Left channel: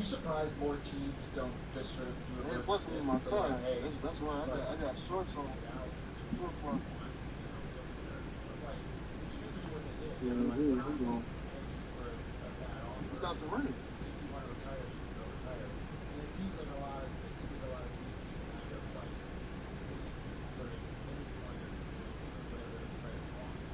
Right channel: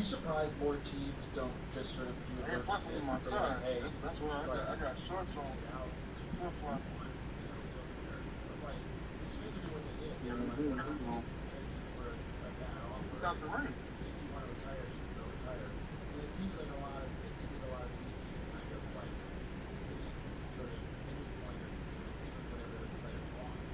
be surprised more teams don't just sort of do a version of this and say like, hey, that's why I got shorts on. Flip flop. Basically what they did. Yeah, Change it for a bad offer. Without the ring. If you want to retire, you can go retire. And it seems like a lot of teams just kind of like they just sort of at this point are doing whatever the player wants.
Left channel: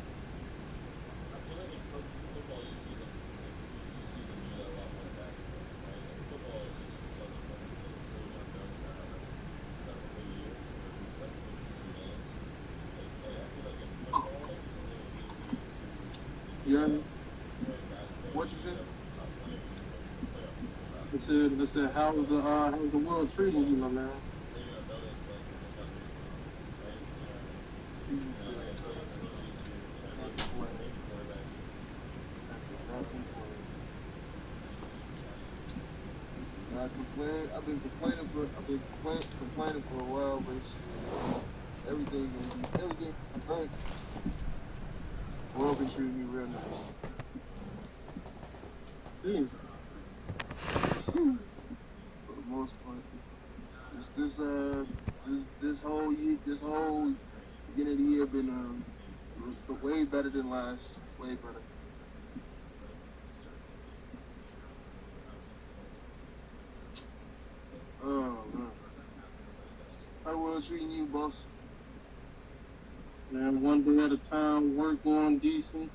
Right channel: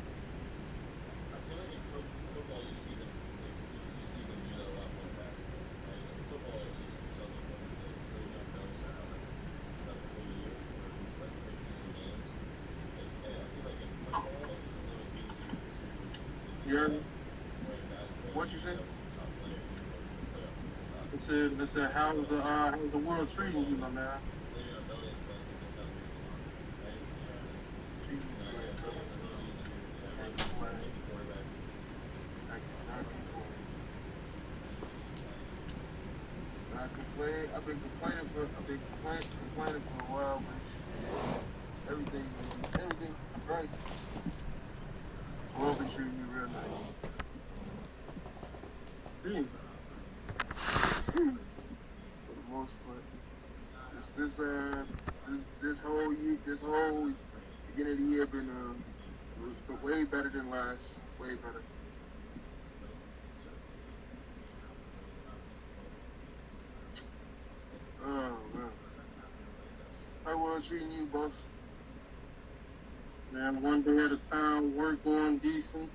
I feel like in football you see them do that a lot more basketball. Right? In football you saw the ones that really young guys out like stuff for a year or just like 15 games. Like I feel like in football like it's a little easier to Yeah. What you said? They said, how's the world treating you, my man? I've been complaining for a while, but everything great. The world been treating me real nice. See. For the most part. This whole beginning of the year been was way better than last. Way better. Oh man. How world treating you, boss? Man, one day at a time, work going decent.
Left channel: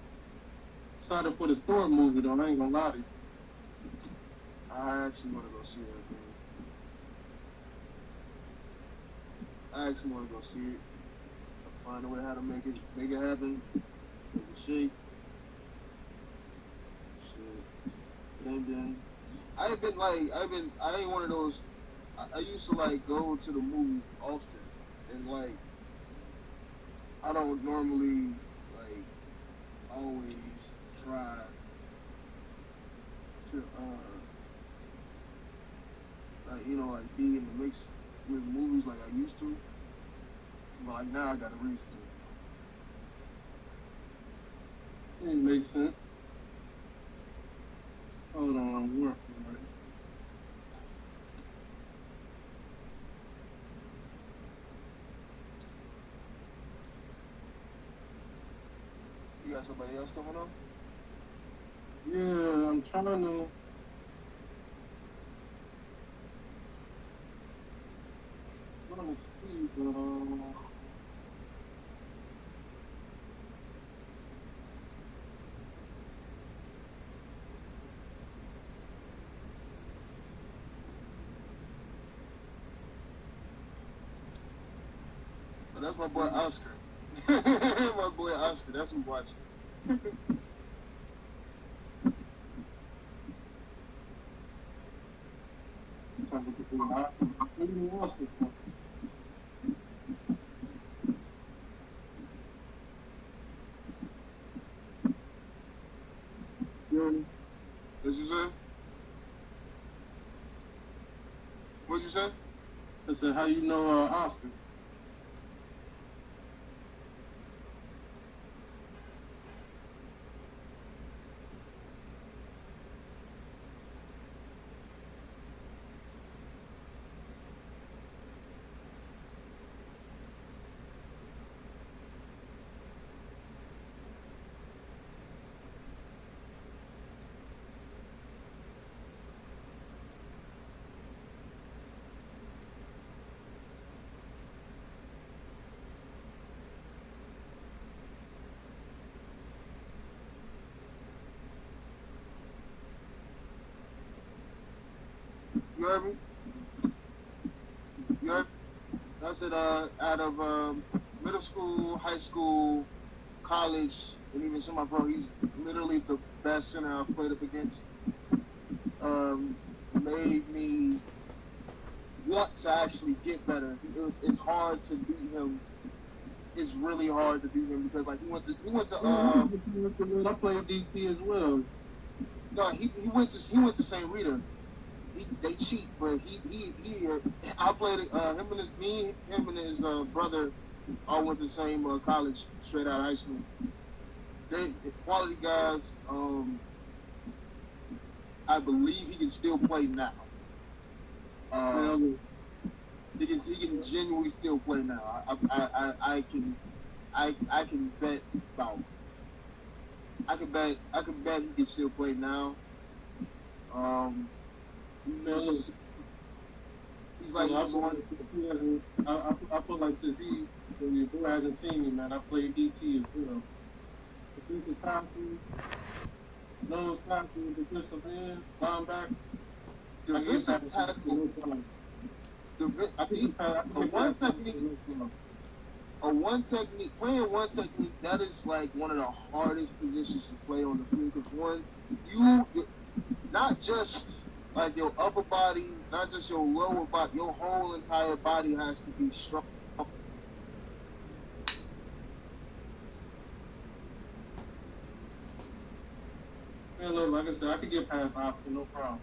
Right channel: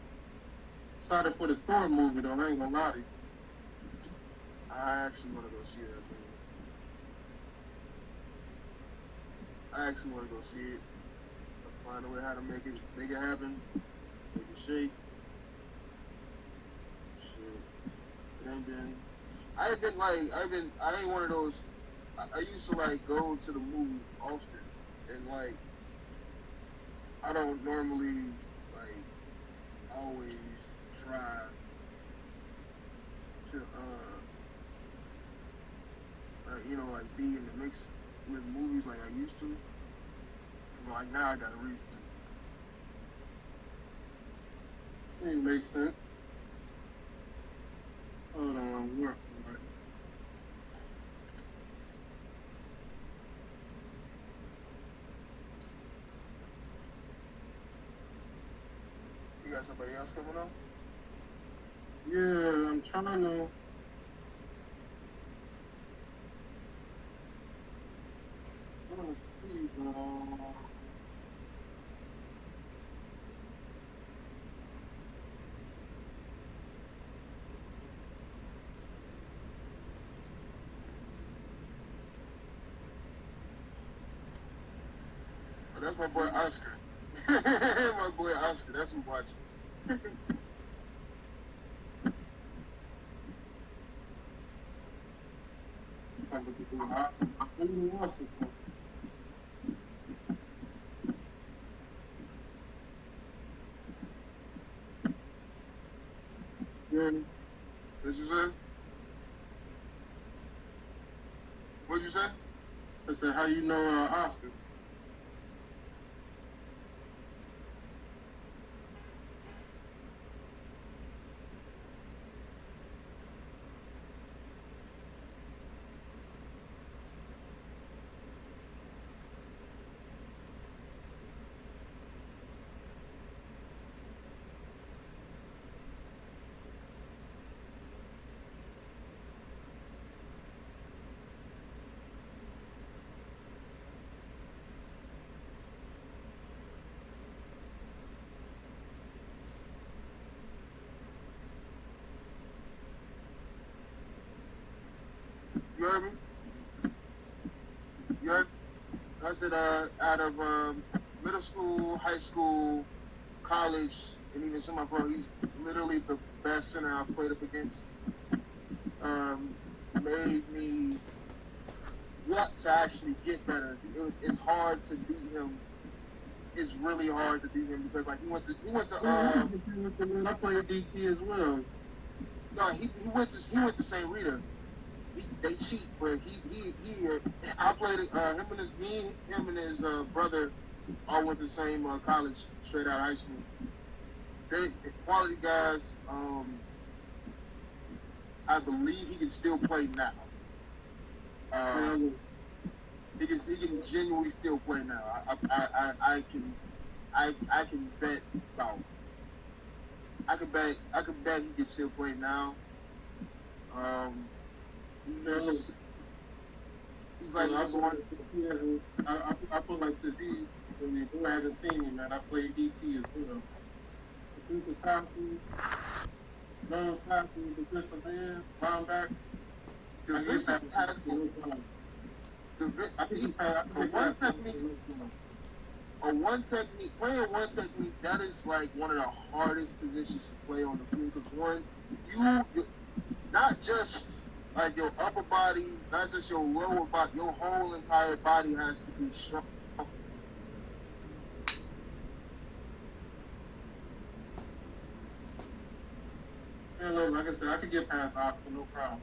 Excited for the Thor movie though, I ain't gonna lie to you. I actually want to go see it. Find a way how to make it happen. Shit. And then I ain't one of those. I used to like go to the movies often, and like I don't normally like always try to like be in the mix with movies like I used to. But like now I got a reason. It makes sense. Hold on, work. You got somebody else coming up? Yeah, I'm trying to. See, But that's my boy Oscar. My boy Oscar, that's who watching. Did you say? What'd you say? I said, how you know Oscar? You heard me? You heard? I said out of middle school, high school, college, and even some of my bro, he's literally the best center I've played up against. Made me want to actually get better. It's hard to beat him. It's really hard to beat him because like he went to I played DP as well. no he went to St. Rita. They cheat, but he I played him and his brother all went to the same college straight out of high school. They quality guys. I believe he can still play now. Um, Man, he can genuinely still play now. I can bet about I can bet he can still play now. Um, man, he's like I he's feel like, one. I feel like this. Who hasn't seen me, man? I played DT as well. Defensive tackle, nose tackle, defensive end, linebacker. I can get past Defensive tackle. no problem. I can He, get past. I a can get one past technique, no problem. playing one technique, that is like one of the hardest positions to play on the field. Because one, you not just like your upper body, not just your lower body, your whole entire body has to be strong. Man, look, like I said, I can get past Oscar, no problem.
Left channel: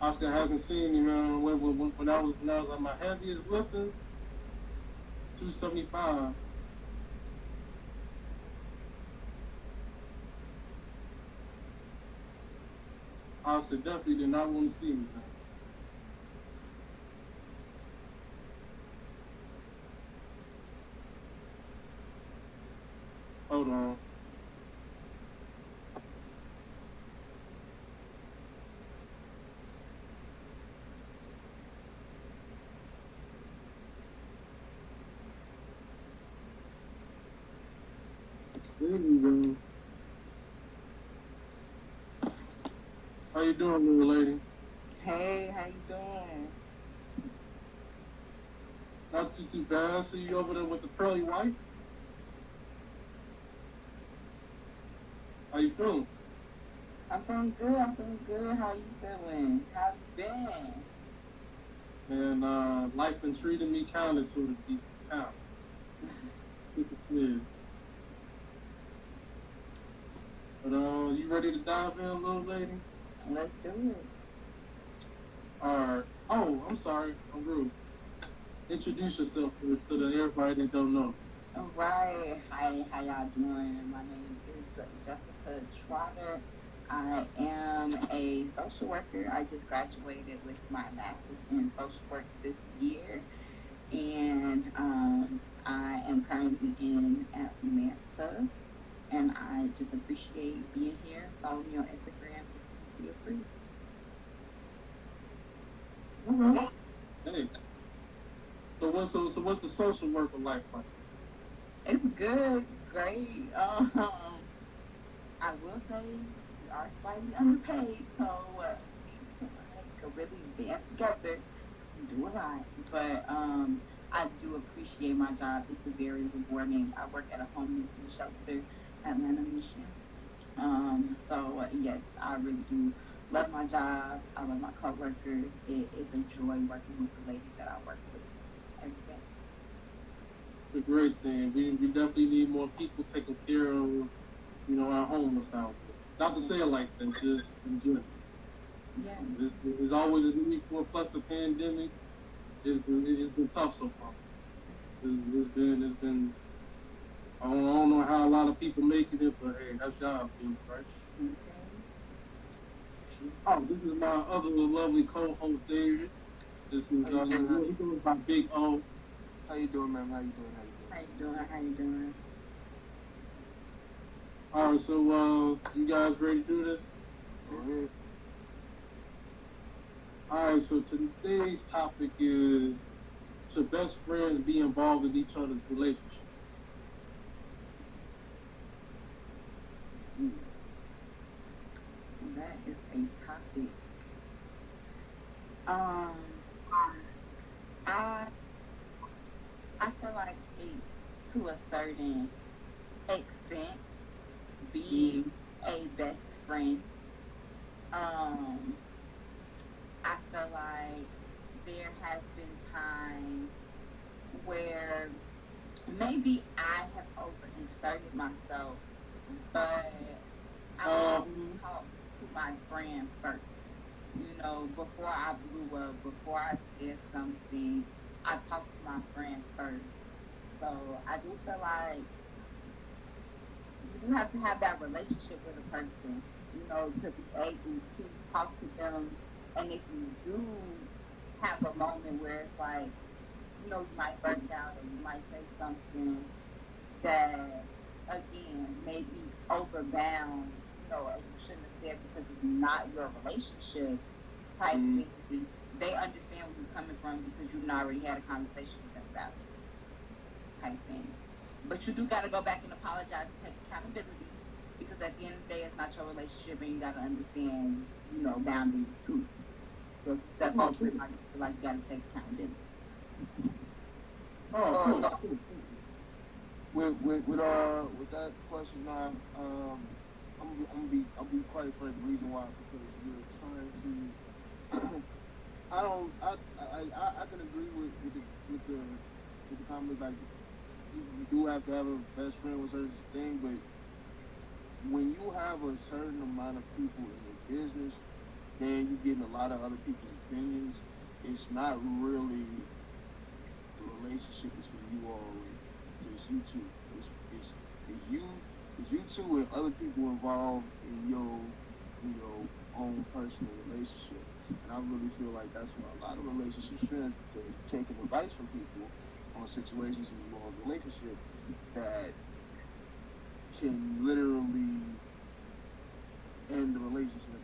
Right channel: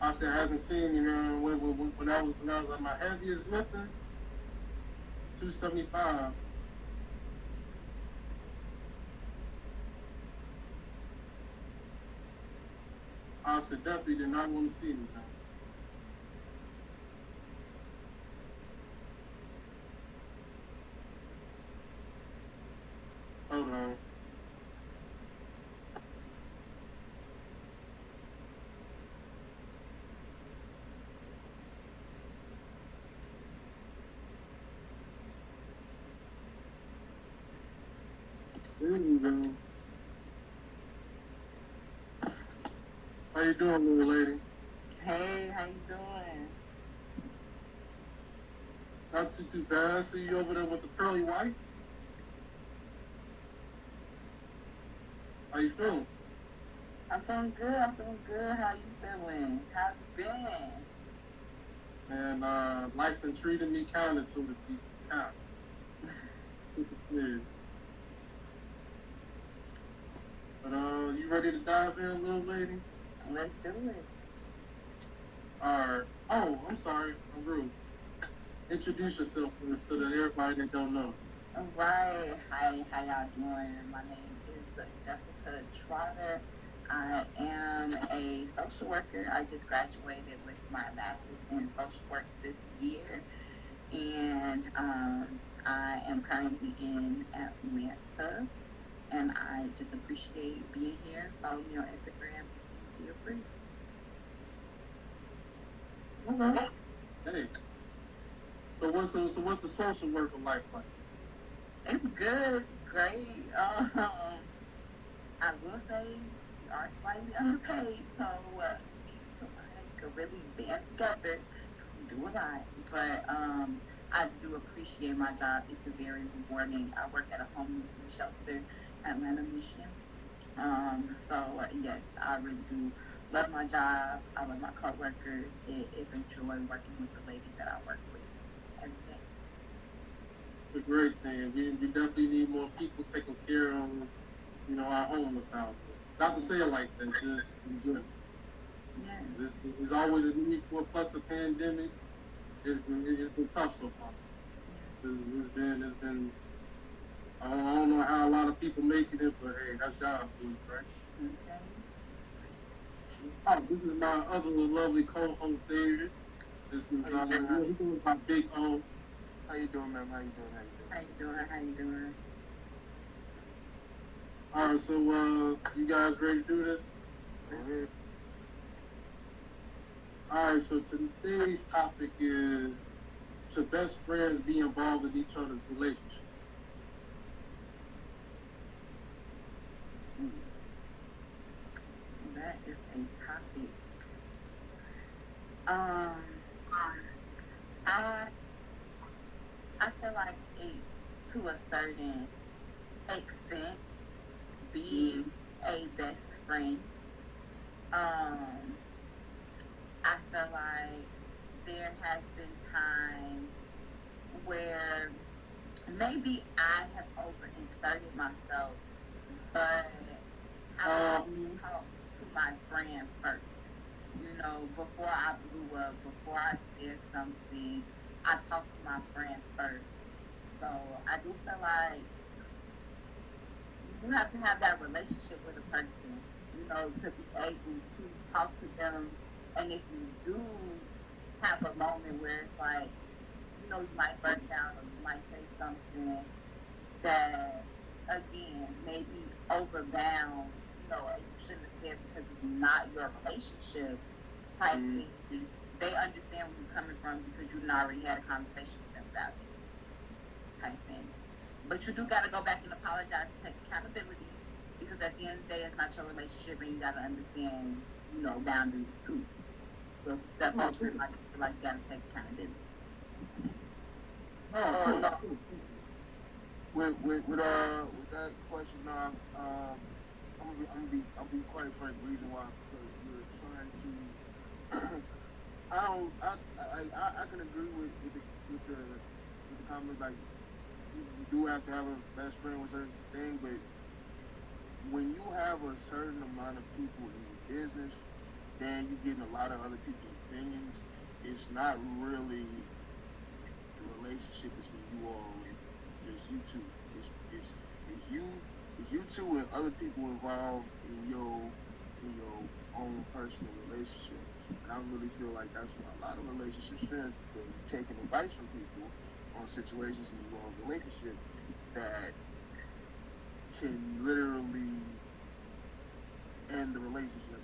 Oscar hasn't seen me, man. When I was on my heaviest lifting, 275. Oscar definitely did not want to see me, man. Hold on. There you go. How you doing, little lady? Hey, how you doing? Not too bad. I see you over there with the pearly whites. How you feeling? I'm feeling good. I'm feeling good. How you feeling? How's you been? Man, life been treating me kind of sort of decent. Kind of. Super smooth. But you ready to dive in, little lady? Let's do it. Alright. Oh, I'm sorry. I'm rude. Introduce yourself so that everybody that don't know. All right. Hi, how y'all doing? My name is Jessica Trotter. I am a social worker. I just graduated with my master's in social work this year. And I am currently in Atlanta. And I just appreciate being here. Follow me on Instagram. Feel free. Okay. Hey. So what's the social worker life like? It's good, great. I will say we are slightly underpaid, so we need somebody to really band together to do a lot. But I do appreciate my job. It's very rewarding. I work at a homeless shelter, Atlanta, Michigan. So yes, I really do love my job. I love my coworkers. It's a joy working with the ladies that I work with every day. It's a great thing. We definitely need more people taking care of, our homeless out. Not to say it like that, just in general. Yeah. There's always a need for it, plus the pandemic. It's been tough so far. It's been I don't know how a lot of people making it, but hey, that's job food, right? Okay. Oh, this is my other lovely co-host, David. This is he goes by Big O. How you doing, man? How you doing? How you doing? How you doing? All right, so you guys ready to do this? Go ahead. All right, so today's topic is: should best friends be involved in each other's relationship? That is a topic. Um, I I feel like it, to a certain extent, being a best friend. Um, I feel like there has been times where maybe I have overexerted myself, but I Uh, talk to my friend first. You know, before I blew up, before I did something, I talked to my friend first. So I do feel like have to have that relationship with a person, to be able to talk to them. And if you do have a moment where it's like, you might burst out or you might say something that, again, may be overbound, you shouldn't have said because it's not your relationship type thing. They understand where you're coming from because you already had a conversation with them about it type thing. But you do got to go back and apologize and take accountability because at the end of the day, it's not your relationship and you got to understand, boundaries too. So if you step over it, like you got to take accountability. No. With that question, I'll be quite frank. The reason why we're trying to, I can agree with the comment. Like you do have to have a best friend with certain thing, but when you have a certain amount of people in your business, then you're getting a lot of other people's opinions. It's not really the relationship is for you all, just you two. It's you two and other people involved in your own personal relationship. And I really feel like that's what a lot of relationships strength is taking advice from people on situations involving relationship that can literally end the relationship.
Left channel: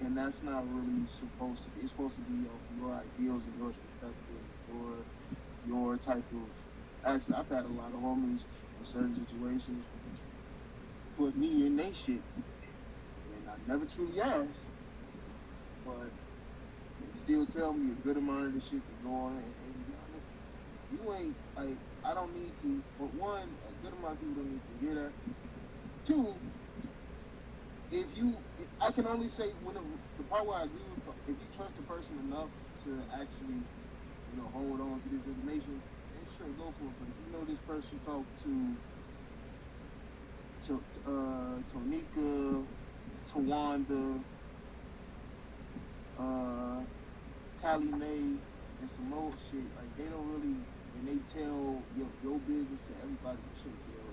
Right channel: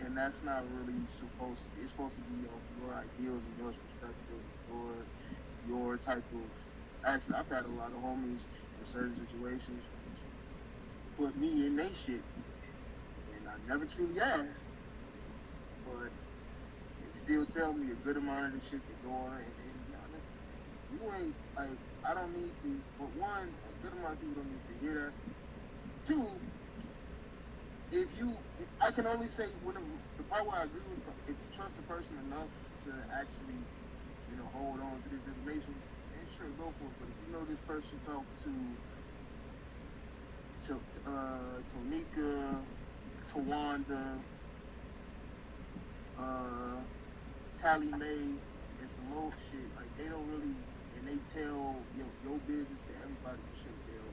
And that's not really supposed to be. It's supposed to be your ideals and your perspective or your type of action. I've had a lot of homies in certain situations put me in their shit, and I never truly asked, but they still tell me a good amount of the shit that go on. And to be honest, you ain't like I don't need to. But one, a good amount of people don't need to hear that. Two, I can only say the part where I agree with, if you trust a person enough to actually, hold on to this information, then sure, go for it. But if you know this person talked to Tonika, Tawanda, Tally Mae, and some more shit, like they don't really, and they tell your business to everybody you should tell.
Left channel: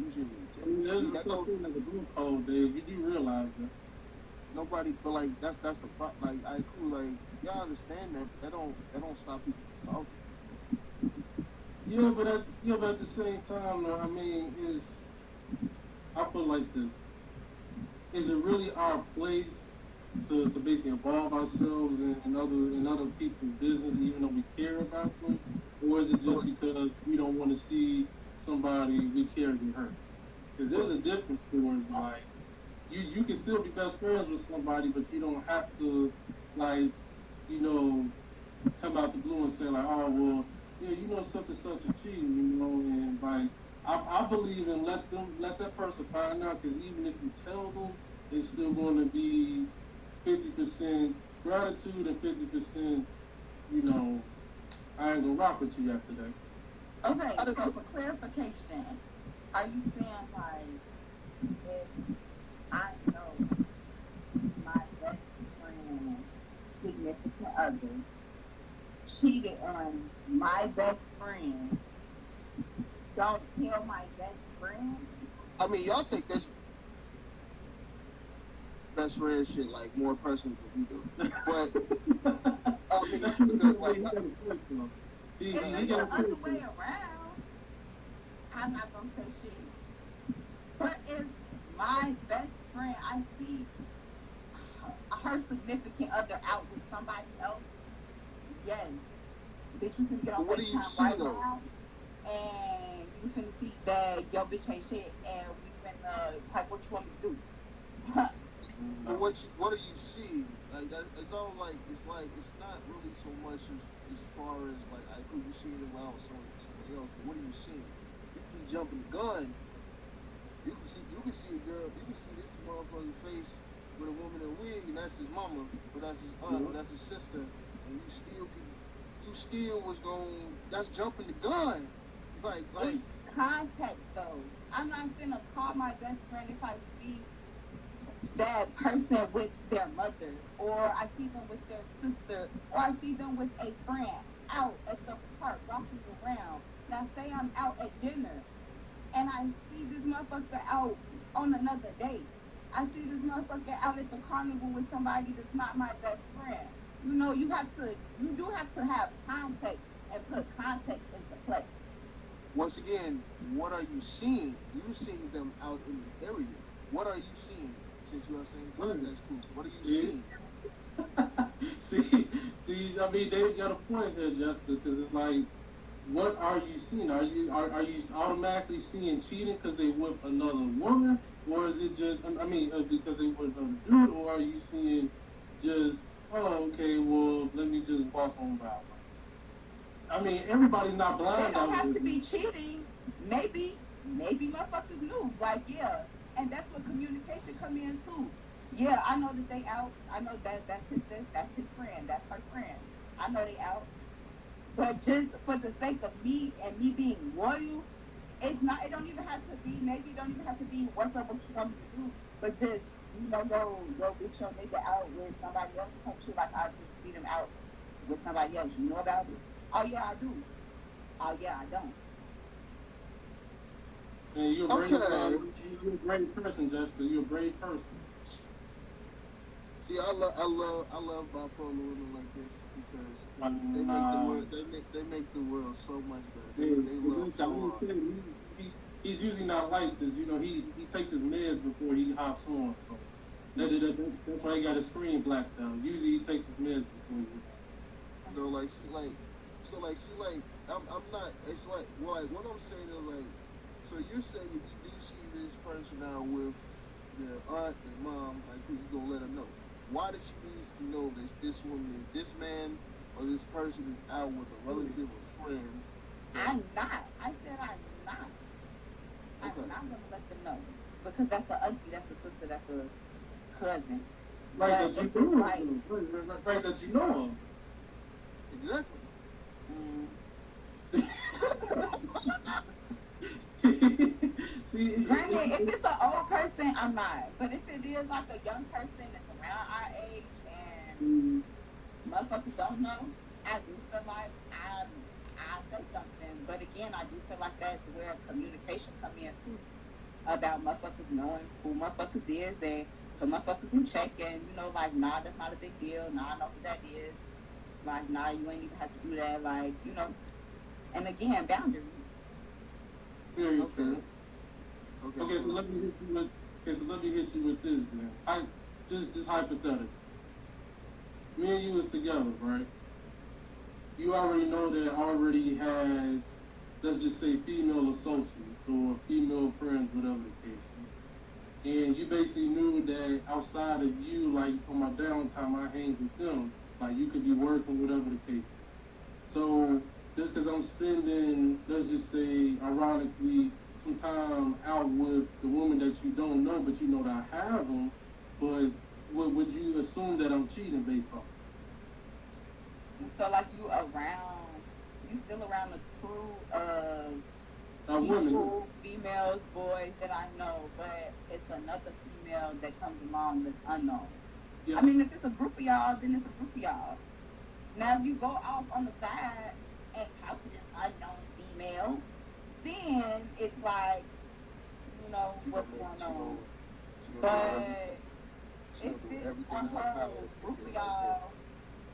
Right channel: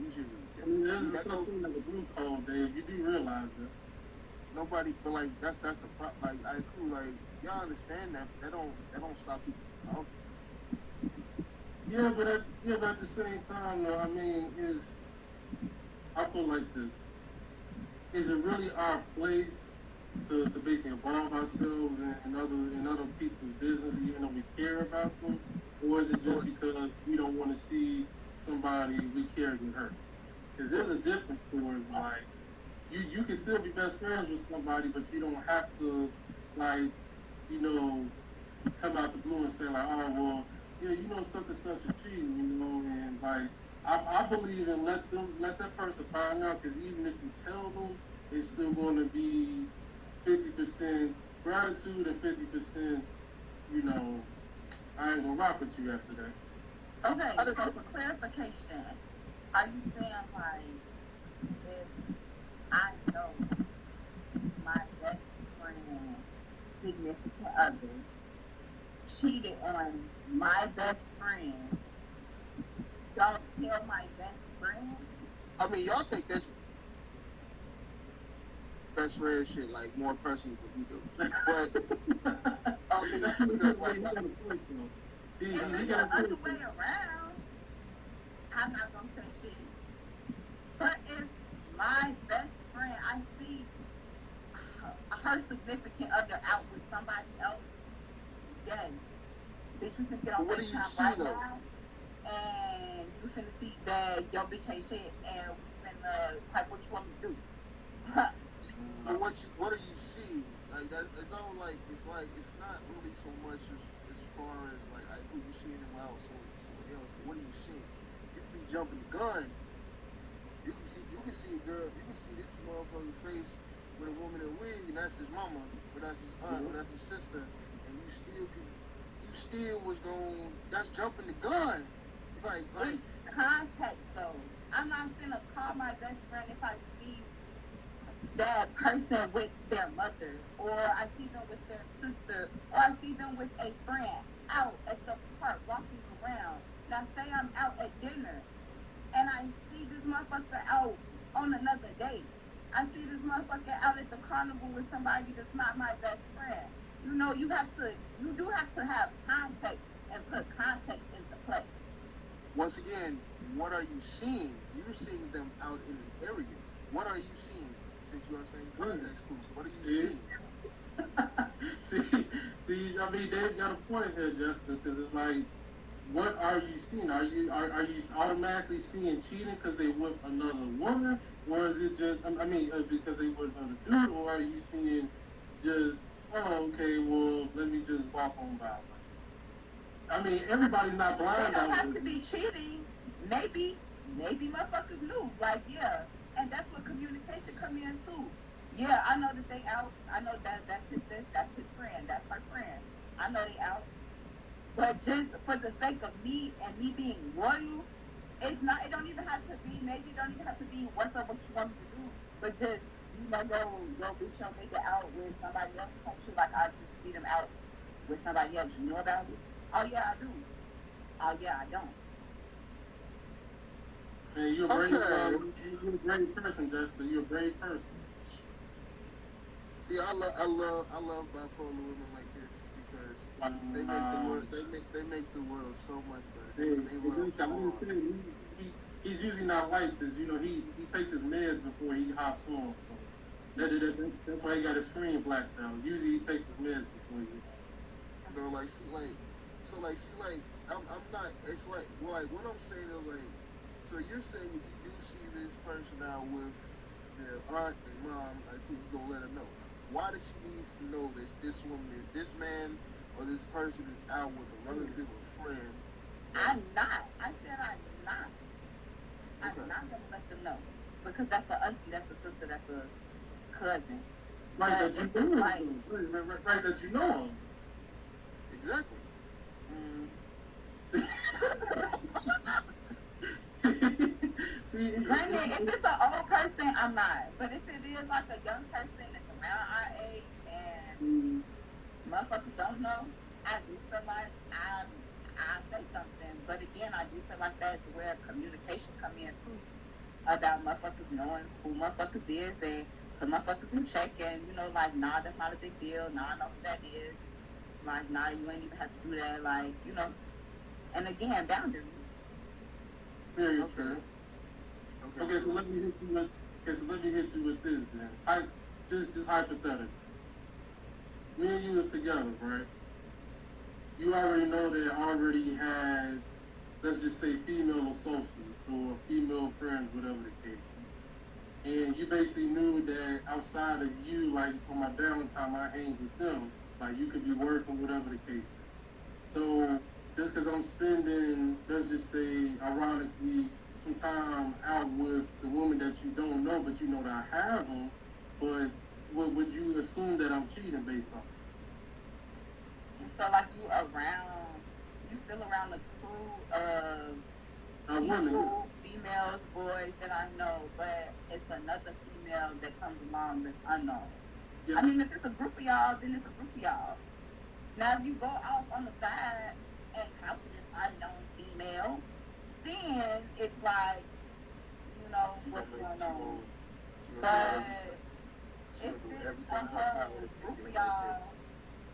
You should really tell. There's something in the group code, Dave. You do realize that. Nobody, but like that's the like I cool like y'all understand that don't stop people from talking. Yeah, but at the same time, though, I mean, I feel like this. Is it really our place to basically involve ourselves in other people's business, even though we care about them, or is it just because we don't want to see somebody we care get hurt? Because there's a difference towards like you can still be best friends with somebody, but you don't have to like come out the blue and say like, oh well, yeah, such and such is cheating, and like I believe in let that person find out, because even if you tell them, it's still going to be 50% gratitude and 50%, I ain't gonna rock with you after that. Okay, so for clarification, are you saying like if I know my best friend, significant other, cheated on my best friend, don't tell my best friend? I mean, y'all take this best friend shit like more personal than we do. But I mean, because like if it's the other way around, I'm not gonna say shit. But if my best friend, I see her significant other out with somebody else, yes, bitch, we can get on FaceTime right now, and you can see that your bitch ain't shit, and we finna like what you want me to do. What do you see? Like that, it's all like it's not really so much as far as like who you see them out with somebody else. What do you see? You be jumping the gun. You can see a girl. You can see this motherfucker's face with a woman in a wig, and that's his mama, or that's his aunt, or that's his sister, and you still was going. That's jumping the gun. Like context though. I'm not gonna call my best friend if I see that person with their mother, or I see them with their sister, or I see them with a friend out at the park walking around. Now say I'm out at dinner and I motherfucker out on another date. I see this motherfucker out at the carnival with somebody that's not my best friend. You know, you do have to have context and put context into play. Once again, what are you seeing? You're seeing them out in the area. What are you seeing? Since you are saying context clues, what are you seeing? see, I mean, they got a point here, Jessica, because it's like, what are you seeing? Are you automatically seeing cheating because they with another woman, or is it just, I mean, because they with another dude, or are you seeing just, oh, okay, well, let me just walk on by? I mean, everybody's not They blind. don't have to be cheating. Maybe motherfuckers knew. Like, yeah. And that's what communication come in too. Yeah, I know that they out. I know that's his friend. That's her friend. I know they out. But just for the sake of me and me being loyal, it don't even have to be, maybe it don't even have to be what's up, what you want me to do. But just, go get your nigga out with somebody else. Like, I just see them out with somebody else. You know about it? Oh yeah, I do. Oh yeah, I don't. And you're a brave person, Jessica. You're a brave person. See, I love bipolar women like this because they make the world so much better. They love so hard. He's usually not like this. You know, he takes his meds before he hops on. So that's why he got his screen blacked out. Usually he takes his meds before he. You know, like I'm not. It's like what I'm saying is like. So you're saying if you do see this person out with their aunt and mom, like you gonna let her know. Why does she need to know this woman, this man, or this person is out with a relative or friend? I'm not. I said I'm not. I'm not gonna let them know because that's a auntie, that's a sister, that's a cousin. Right, that you know. Right, that you know. Exactly. Granted, if it's an old person, I'm not. But if it is like a young person that's around our age and motherfuckers don't know, I do feel like I say something. But again, I do feel like that's where communication come in too. About motherfuckers knowing who motherfuckers is and the motherfuckers in check and, like, nah, that's not a big deal. Nah, I know who that is. Like, nah, you ain't even have to do that. Like, and again, boundaries. Very true. Okay, Okay, so let me hit you with this, man. Just hypothetical. Me and you was together, right? You already know that I already had, let's just say, female associates or female friends, whatever the case is. And you basically knew that outside of you, like on my downtime, I hang with them. Like you could be working, whatever the case is. So just because I'm spending, let's just say, ironically, some time out with the woman that you don't know, but you know that I have them, but would you assume that I'm cheating based on it? So, like, you still around the crew of people, females, boys that I know, but it's another female that comes along that's unknown. Yeah. I mean, if it's a group of y'all, then it's a group of y'all. Now, if you go off on the side and talk to this unknown female, then it's like, what's going on. But if it's a whole group of y'all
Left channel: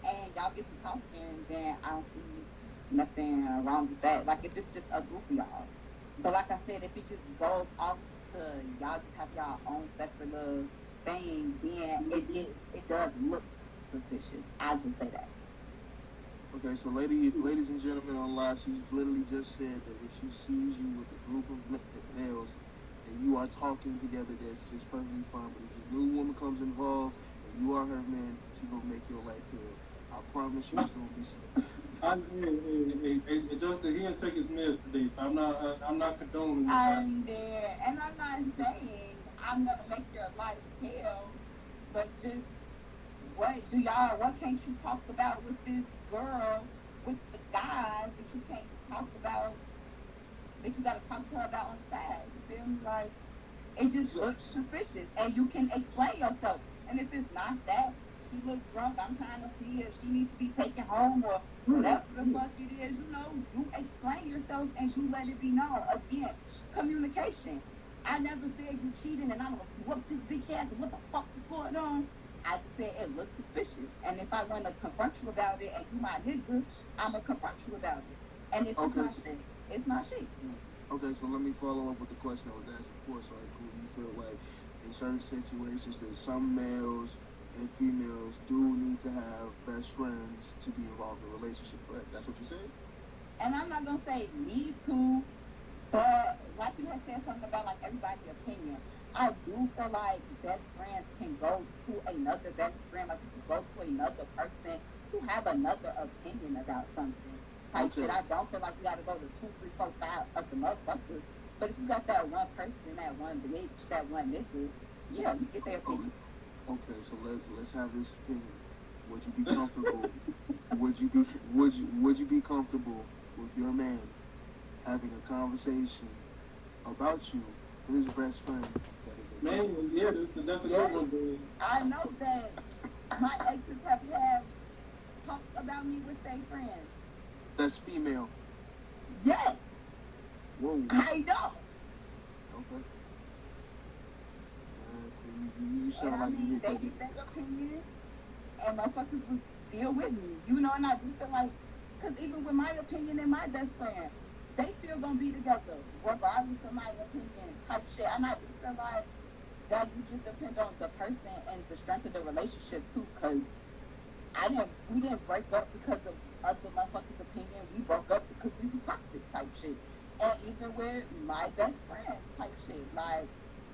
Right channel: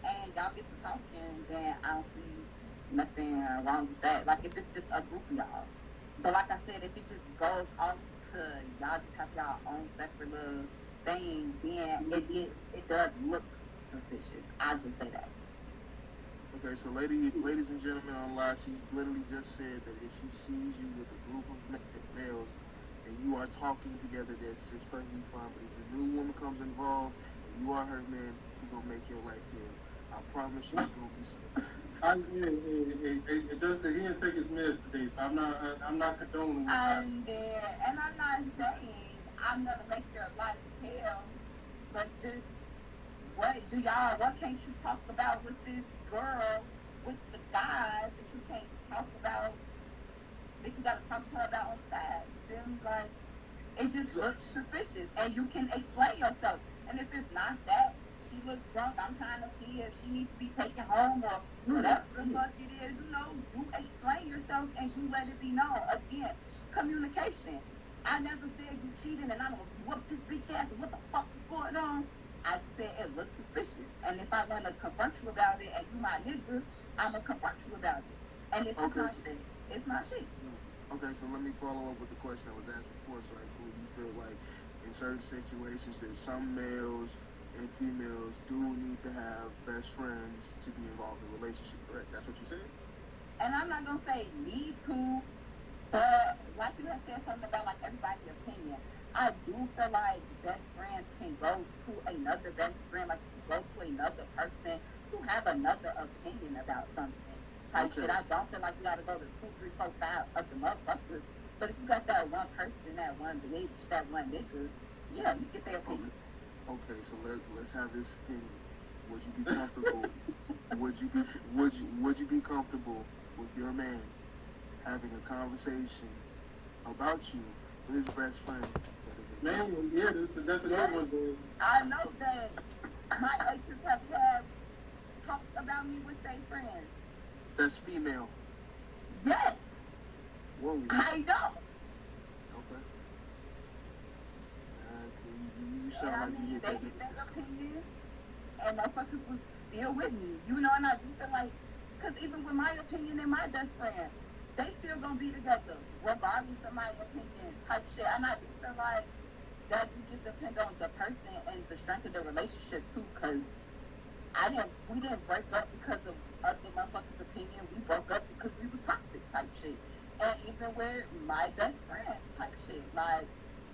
and y'all get to talking, then I don't see nothing wrong with that. Like, if it's just a group of y'all. But like I said, if it just goes off to y'all just have y'all own separate little thing, then it does look suspicious. I'll just say that. Okay, so ladies and gentlemen on live, she literally just said that if she sees you with a group of males and you are talking together, that's just perfectly fine. But if a new woman comes involved and you are her man, she's gonna make your life hell. I promise you, it's gonna be something. Justin, he didn't take his meds today, so I'm not condoning this. I'm there, and I'm not saying I'm gonna make your life hell, but just what can't you talk about with this girl, with the guys that you can't talk about, that you gotta talk to her about on the side? It feels like it just looks suspicious, and you can explain yourself. And if it's not that, she looks drunk, I'm trying to see if she needs to be taken home or whatever the fuck it is, you explain yourself and you let it be known. Again, communication. I never said you cheating and I'm gonna whoop this bitch ass. What the fuck is going on? I just said it looks suspicious. And if I want to confront you about it and you my nigga, I'm gonna confront you about it. And if it's Okay, not shit, it's not shit. okay, so let me follow up with the question I was asked before. So, like, do you feel like in certain situations that some males and females do need to have best friends to be involved in a relationship, correct? That's what you said? And I'm not gonna say need to, but like you had said something about like everybody's opinion. I do feel like best friends can go to another best friend, like you can go to another person to have another opinion about something. Type Okay. shit. I don't feel like you gotta go to 2, 3, 4, 5 of the motherfuckers. But if you got that one person, that one bitch, that one nigga, yeah, you get their Okay. opinion. Okay, so let's have this thing. Would you be comfortable? Would you be comfortable with your man having a conversation about you with his best friend? Man, yeah, that's a Yes. good one, dude. I know that my exes have had talked about me with their friends. That's female. Yes, Whoa. I know. Okay. You And sound I like you mean, hit they that. get their opinion, and motherfuckers was still with me. You know, and I do feel like, because even with my opinion and my best friend, they still gonna be together, regardless of my opinion type shit. And I do feel like that would just depend on the person and the strength of the relationship too, because we didn't break up because of other motherfuckers' opinion. We broke up because we was toxic type shit. And even with my best friend type shit, like,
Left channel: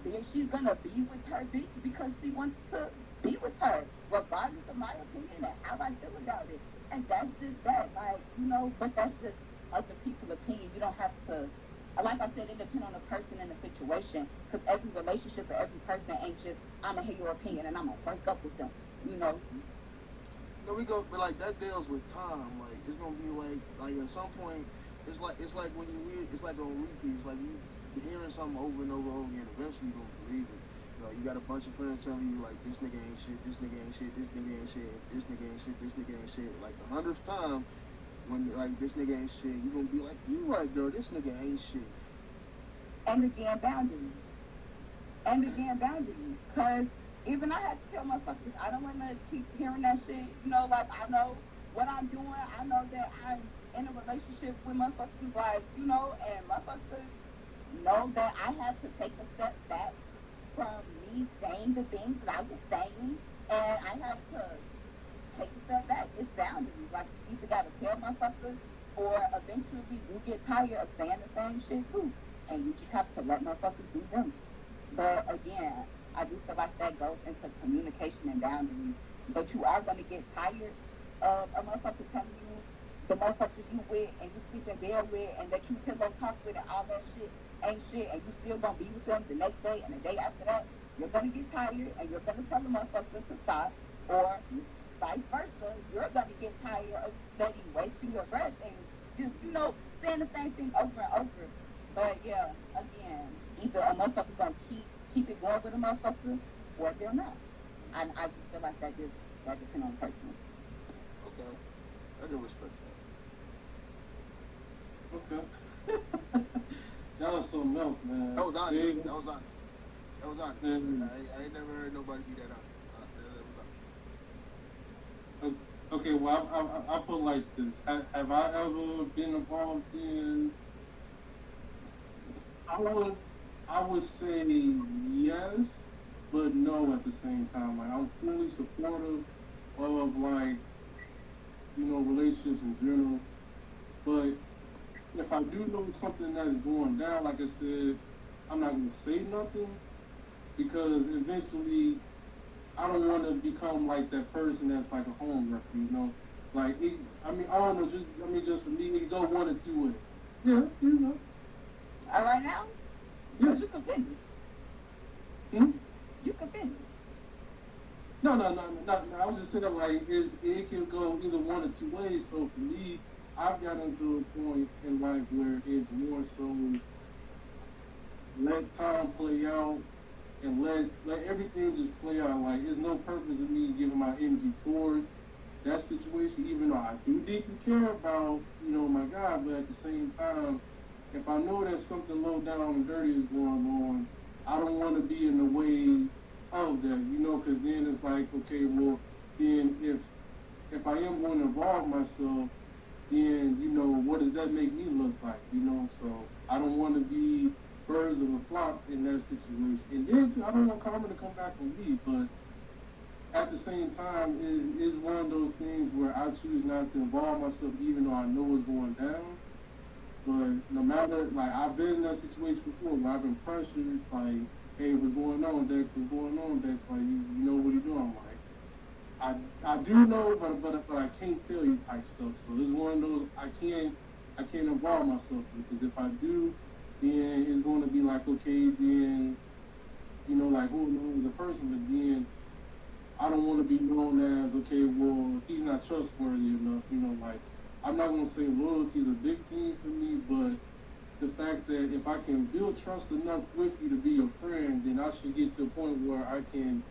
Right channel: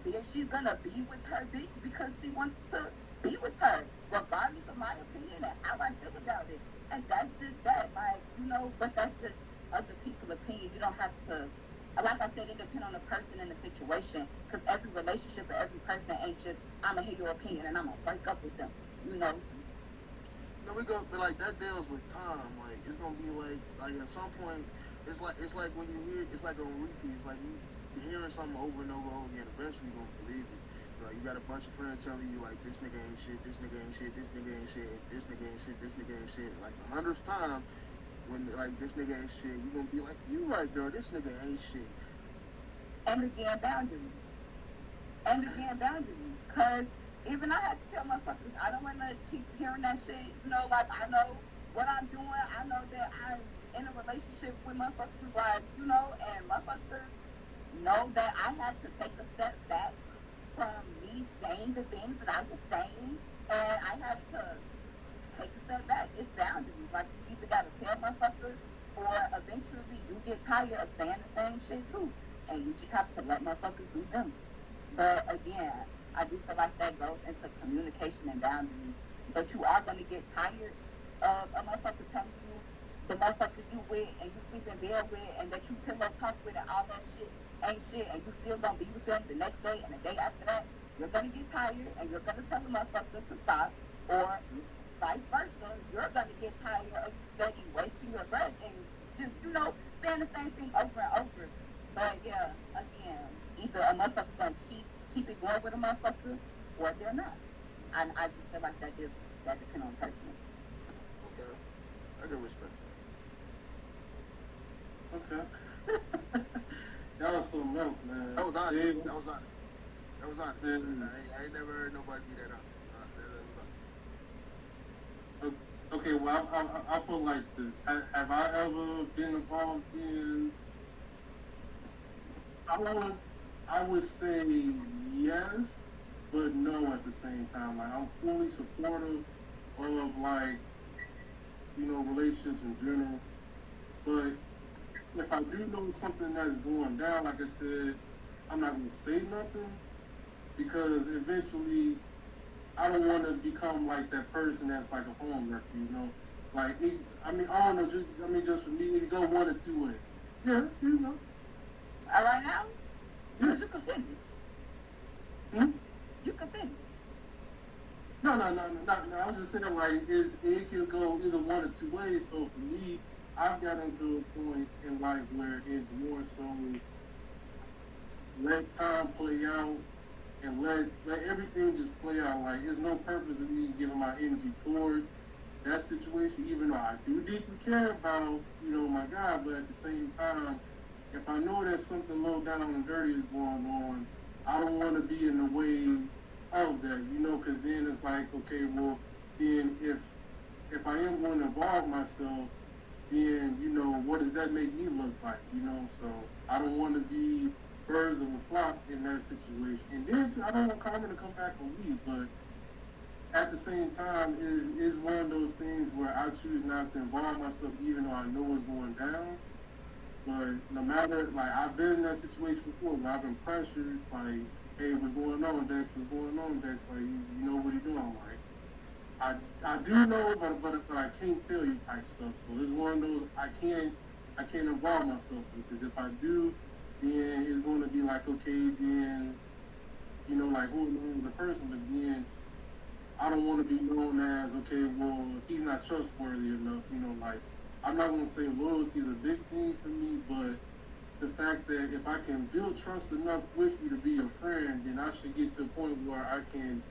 then she's gonna be with her bitch because she wants to be with her, regardless of my opinion and how I feel about it. And that's just that, like, you know, but that's just other people's opinion. You don't have to, like I said, it depends on the person and the situation, because every relationship or every person ain't just, I'm gonna hear your opinion and I'm gonna break up with them, you know. No, we go, but like that deals with time. Like it's gonna be like at some point, it's like when you hear, it's like on repeat. It's like you're hearing something over and over and over again. Eventually, you're gonna believe it. You got a bunch of friends telling you like this nigga ain't shit, this nigga ain't shit, this nigga ain't shit, this nigga ain't shit, this nigga ain't shit. Like the 100th time, when like this nigga ain't shit, you gonna be like, you right, girl, this nigga ain't shit. And again, boundaries. And again, boundaries. Because even I had to tell motherfuckers, I don't want to keep hearing that shit. You know, like, I know what I'm doing. I know that I'm in a relationship with motherfuckers, like, you know, and motherfuckers know that I had to take a step back from me saying the things that I was saying. And I had to take a step back. It's boundaries. Like, you either got to tell motherfuckers, or eventually you get tired of saying the same shit too. And you just have to let motherfuckers do them. But again, I do feel like that goes into communication and boundaries. But you are going to get tired of a motherfucker telling you the motherfucker you with and you sleep in bed with and that you pillow talk with and all that shit ain't shit, and you still going to be with them the next day and the day after that. You're going to get tired and you're going to tell the motherfucker to stop, or vice versa. You're going to get tired of steady wasting your breath and just, you know, saying the same thing over and over. But yeah, again, either a motherfucker's gonna keep it going with a motherfucker, or they're not. And I just feel like that depends on the person. Okay, I can respect Okay. Y'all something else, man. that. That was honest. Yeah. That was honest. That was honest. Mhm. I ain't never heard nobody be that honest. Okay, well, I'll put like this. Have I ever been involved in? I would say yes, but no at the same time. Like I'm fully supportive of like, relationships in general. But if I do know something that's going down, like I said, I'm not gonna say nothing because eventually I don't want to become like that person that's like a home wrecker. Like I don't know. Just for me, it could go one or two ways. Yeah. All right now, Yeah. you can finish. Hmm? You can finish. No. I was just saying like it could go either one or two ways. So for me, I've got into a point in life where it's more so let time play out and let everything just play out. Like there's no purpose in me giving my energy towards that situation, even though I do deeply care about, my God, but at the same time, if I know that something low down and dirty is going on, I don't want to be in the way of that, you know, because then it's like, okay, well, then if I am going to involve myself, then you know, what does that make me look like, you know? So I don't want to be birds of a flock in that situation. And then too, I don't want karma to come back on me, but at the same time, is one of those things where I choose not to involve myself, even though I know what's going down. But no matter, like, I've been in that situation before where I've been pressured, like, hey, what's going on, Dex? What's going on, Dex? Like, you know what you're doing, like. I do know, but I can't tell you type stuff. So this is one of those I can't involve myself in, because if I do, then it's going to be like, okay, then you know, like, who is the person? But then I don't want to be known as, okay, well, he's not trustworthy enough. You know, like, I'm not going to say loyalty is a big thing for me, but the fact that if I can build trust enough with you to be a friend, then I should get to a point where I can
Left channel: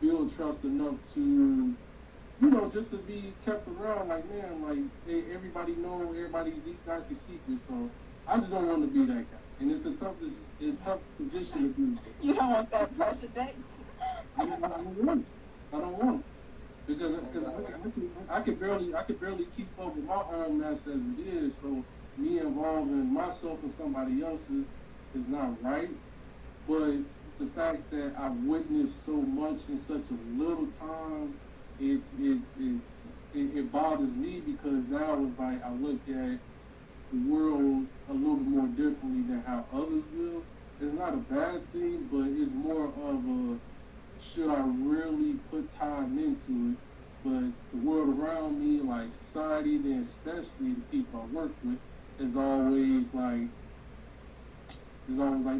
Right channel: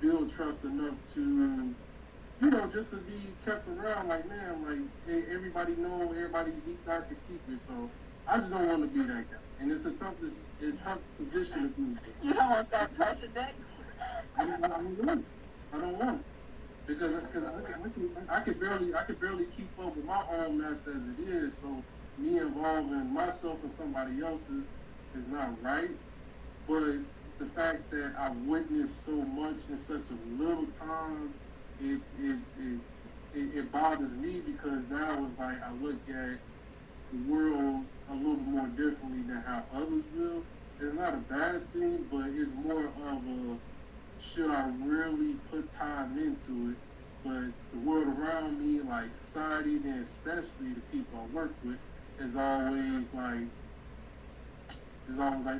build trust enough to, you know, just to be kept around. Like, man, like, hey, everybody know everybody's deep darkest secret. So I just don't want to be that guy, and it's a tough position to be. You don't want that pressure, Dex. I don't want it because I can barely keep up with my own mess as it is. So me involving myself in somebody else's is not right. But the fact that I've witnessed so much in such a little time, it bothers me, because now it's like I look at the world a little bit more differently than how others will. It's not a bad thing, but it's more of a, should I really put time into it? But the world around me, like society, and especially the people I work with, is always like,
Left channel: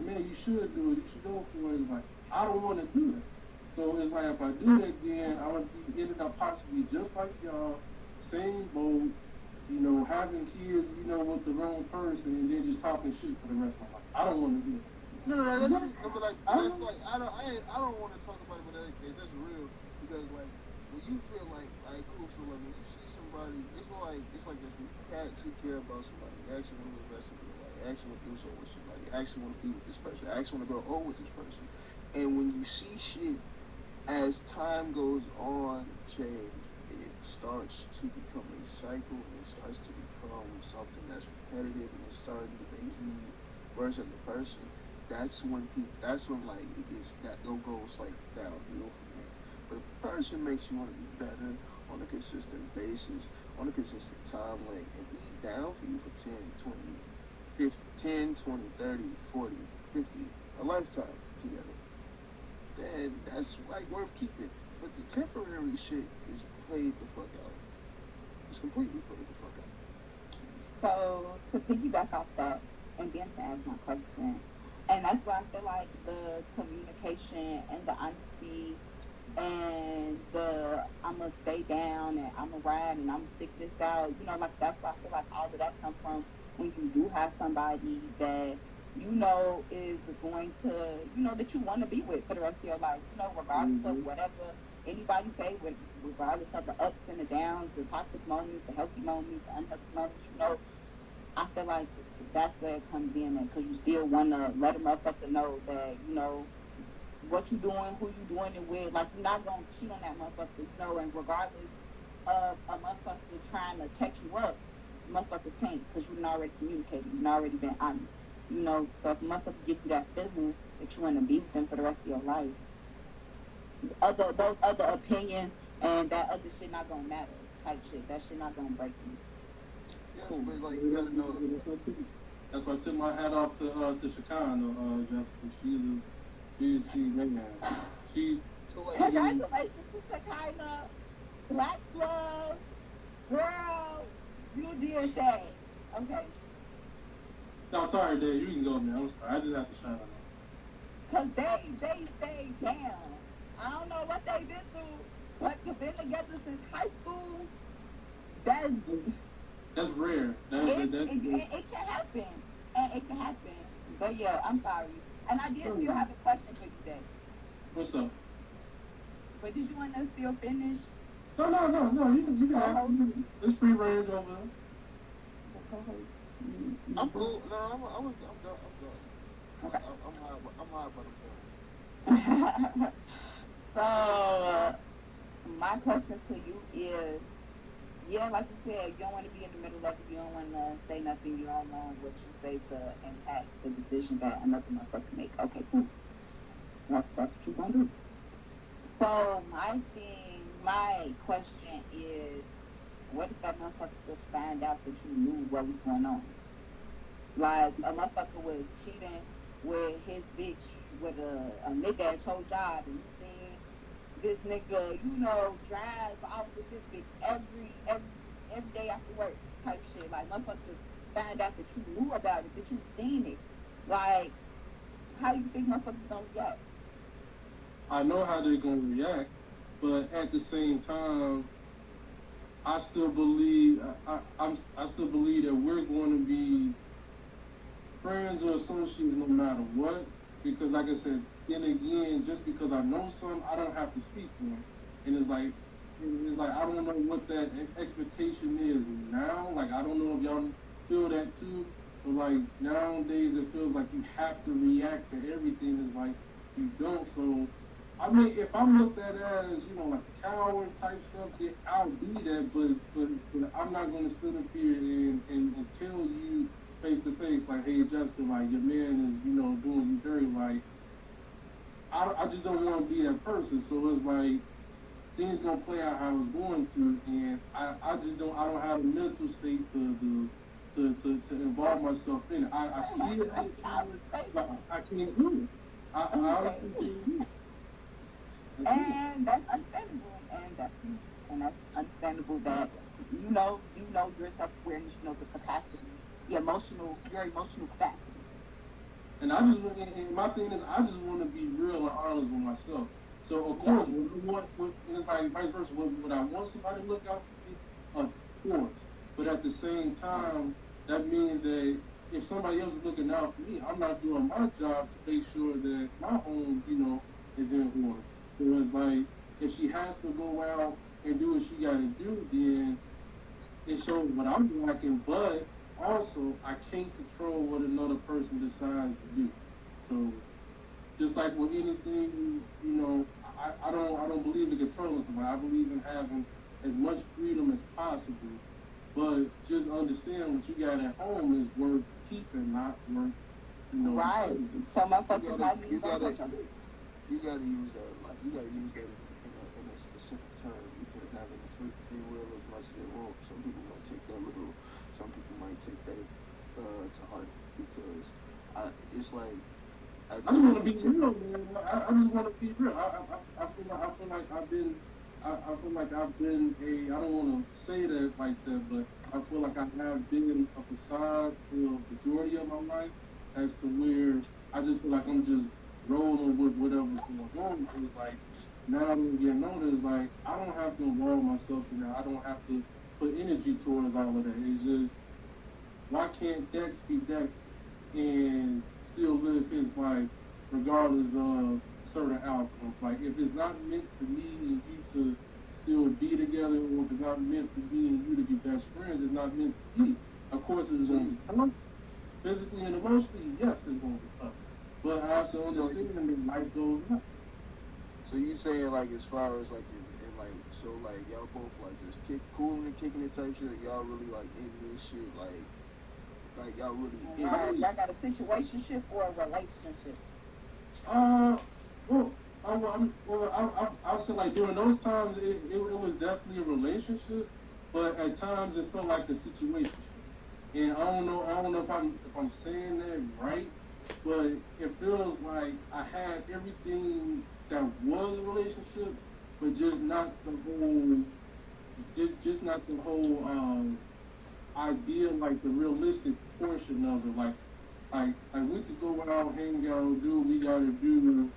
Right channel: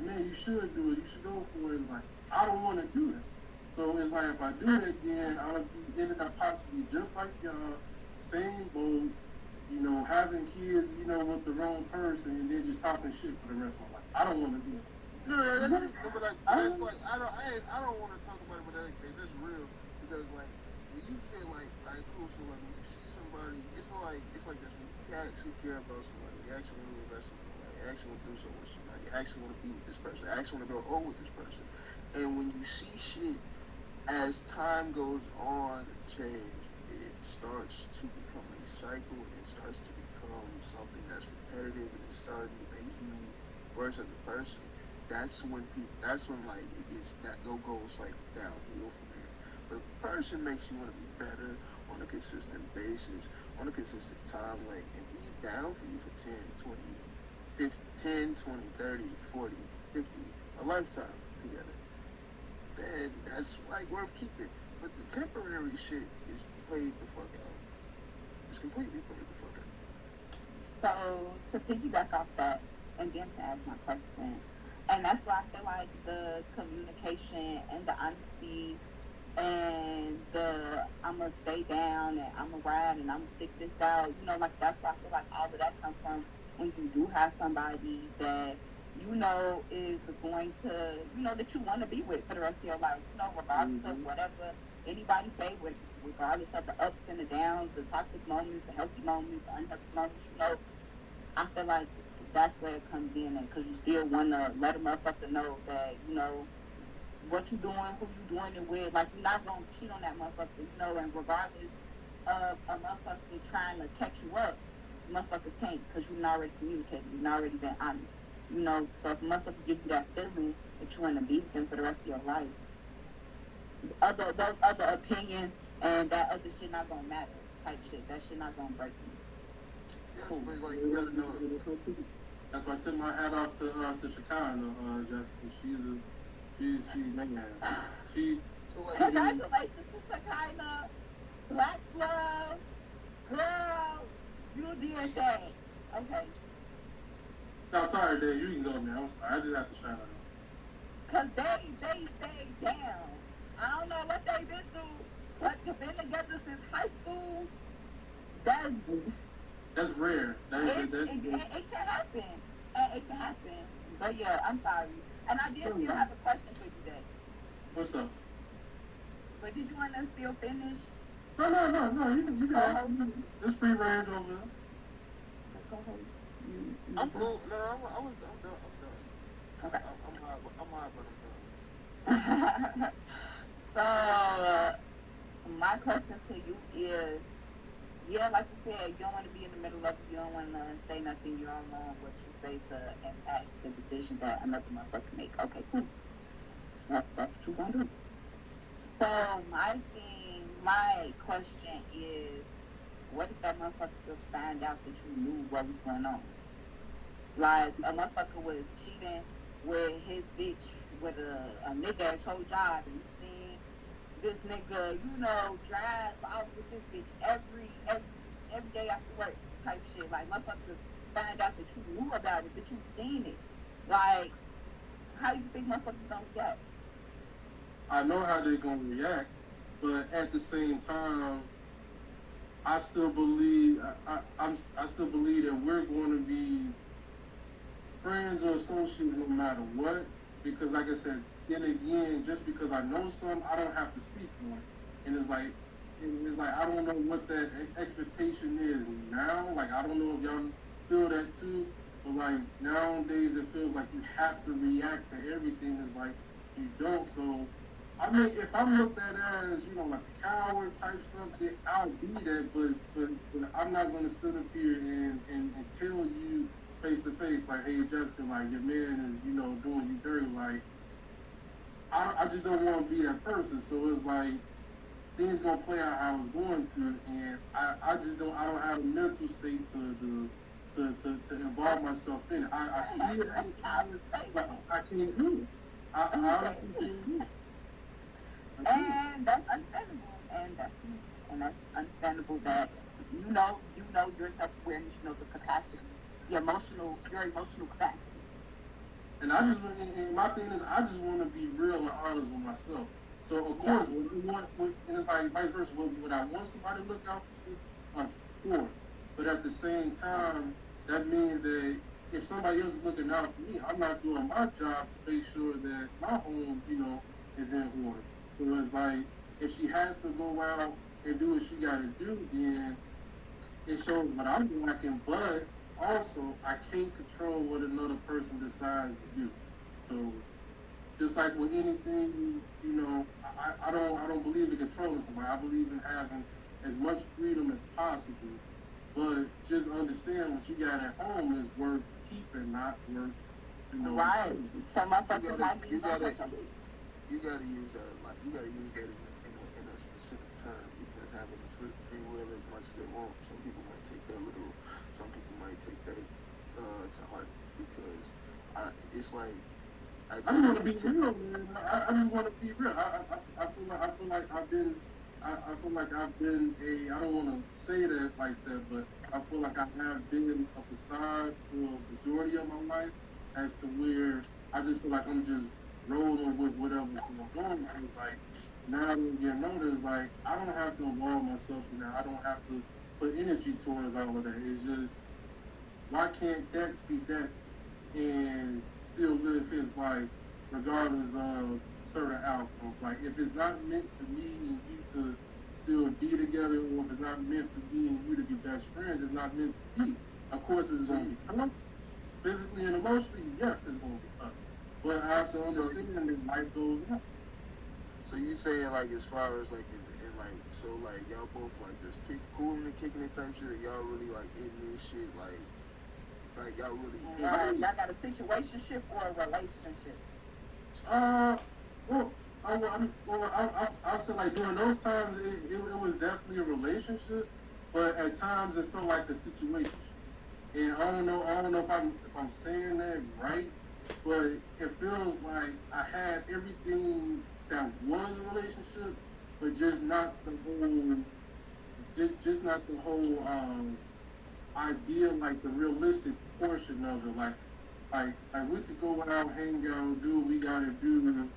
man, you should do it, you should go for it. It's like, I don't want to do that. So it's like, if I do that, then I'm ended up possibly just like y'all, same boat, you know, having kids, you know, with the wrong person, and then just talking shit for the rest of my life. I don't want to do that. No, that's like, that's like, I don't want to talk about it with that kid. That's real, because like when you feel like cool, so like when you see somebody, it's like this. When you actually care about somebody, you actually want to invest in somebody, you actually want to do something with somebody, you actually want to be with this person, you actually want to grow old with this person. And when you see shit as time goes on change, it starts to become a cycle. It starts to become something that's repetitive, and it starts to make you worse as a person. That's when like it gets that goes like downhill from there. But if a person makes you want to be better on a consistent basis, on a consistent time length, and be down for you for 10, 20, 30, 40, 50, a lifetime together, then that's like worth keeping. But the temporary shit is played the fuck out. It's completely played the fuck out. So to piggyback off that, and then to ask my question, and that's why I feel like the communication and the honesty and the I'm gonna stay down and I'm gonna ride and I'm gonna stick this out, you know, like that's why I feel like all of that comes from when you do have somebody that you know is going to, you know, that you want to be with for the rest of your life, you know, regardless of whatever anybody say, regardless of the ups and the downs, the toxic moments, the healthy moments, the unhealthy moments, you know, I feel like that's where it comes in, because you still want to let a motherfucker know that, you know, what you doing, who you doing it with. Like, you're not going to cheat on that motherfucker, you know, and regardless of a motherfucker trying to catch you up, motherfuckers can't, because you've already communicated, you've already been honest, you know. So if a motherfucker gives you that feeling that you want to be with them for the rest of your life, those other opinions and that other shit not going to matter type shit. That shit not going to break you. Cool. Like, you gotta know. That's why I took my hat off to Chicago, Jessica. She's man. She. So like, Congratulations to Shekinah, Black Love, girl, you did that. Okay. No, sorry, Dave. You can go, man. I'm sorry. I just have to shout out. Cause they stayed down. I don't know what they been through, but to been together since high school, that's rare. It can happen. It can happen. But yeah, I'm sorry. And I did still have a question for you, Jess. What's up? But did you want to still finish? No. You got it. There's free range over there. You I'm cool. No, I'm done. I'm done. Okay. I'm high, but I'm done. So, my question to you is, yeah, like you said, you don't want to be in the middle of it. You don't want to say nothing. You don't want what you say to impact the decision that another motherfucker make. Okay, cool. That's what you want to do. So, my question is, what if that motherfucker just find out that you knew what was going on? Like, a motherfucker was cheating with his bitch with a nigga at your job, and seeing this nigga, drive out with his bitch every day after work type shit. Like, motherfuckers find out that you knew about it, that you seen it. Like, how do you think motherfuckers don't react? I know how they're gonna react, but at the same time, I still believe I still believe that we're going to be friends or associates no matter what. Because like I said, then again, just because I know some, I don't have to speak for it. And it's like I don't know what that expectation is now. Like I don't know if y'all feel that too, but like nowadays it feels like you have to react to everything. It's like you don't. So I mean, if I'm looked at as like a coward type stuff, I'll be that. But I'm not gonna sit up here and tell you face to face like, hey Justin, like your man is doing you dirty. Like I just don't want to be that person. So it's like things gonna play out how it's going to, and I don't have the mental state to involve myself in it. I see it, but I can't do it. I can't do it. And that's understandable, and that's understandable that your self-awareness, the capacity, your emotional capacity. And my thing is, I just want to be real and honest with myself. So of course, and it's like vice versa. Would I want somebody to look out for me? Of course. But at the same time, that means that if somebody else is looking out for me, I'm not doing my job to make sure that my home, is in order. So it's like if she has to go out and do what she got to do, then it shows what I'm lacking. But also, I can't control what another person decides to do. So just like with anything, I don't believe in controlling somebody. I believe in having as much freedom as possible. But just understand what you got at home is worth keeping, not worth, Right. So motherfuckers might be You gotta use that like you gotta use that in a specific term because having free will as much as they want. Some people might take that literal. Some people might take that to heart because it's like I just want to be real, man. I just want to be real. I feel like I've been. I feel like I've been I don't want to say that like that, but I feel like I have been a facade for the majority of my life as to where I just feel like I'm just rolling with whatever's going on. It's like now I'm getting older. It's like I don't have to involve myself in that. I don't have to put energy towards all of that. It's just why can't Dex be Dex and still live his life regardless of certain outcomes? Like if it's not meant for me and you to still be together, or if it's not meant for me and you to be best friends, it's not meant to be. Of course, it's going to be tough. Physically and emotionally, yes, it's going to be tough. But I have to understand that life goes up. so you saying like as far as like and like so like y'all both like just cooling and kicking it type shit. Y'all really like into this shit like y'all really Right. Y'all got a situationship or a relationship? Well, I'll say like during those times it was definitely a relationship, but at times it felt like a situation. And I don't know if I'm saying that right, but it feels like I had everything that was a relationship, but just not the whole, just not the whole idea, like the realistic portion of it, like we could go out, hang out, do what we gotta do,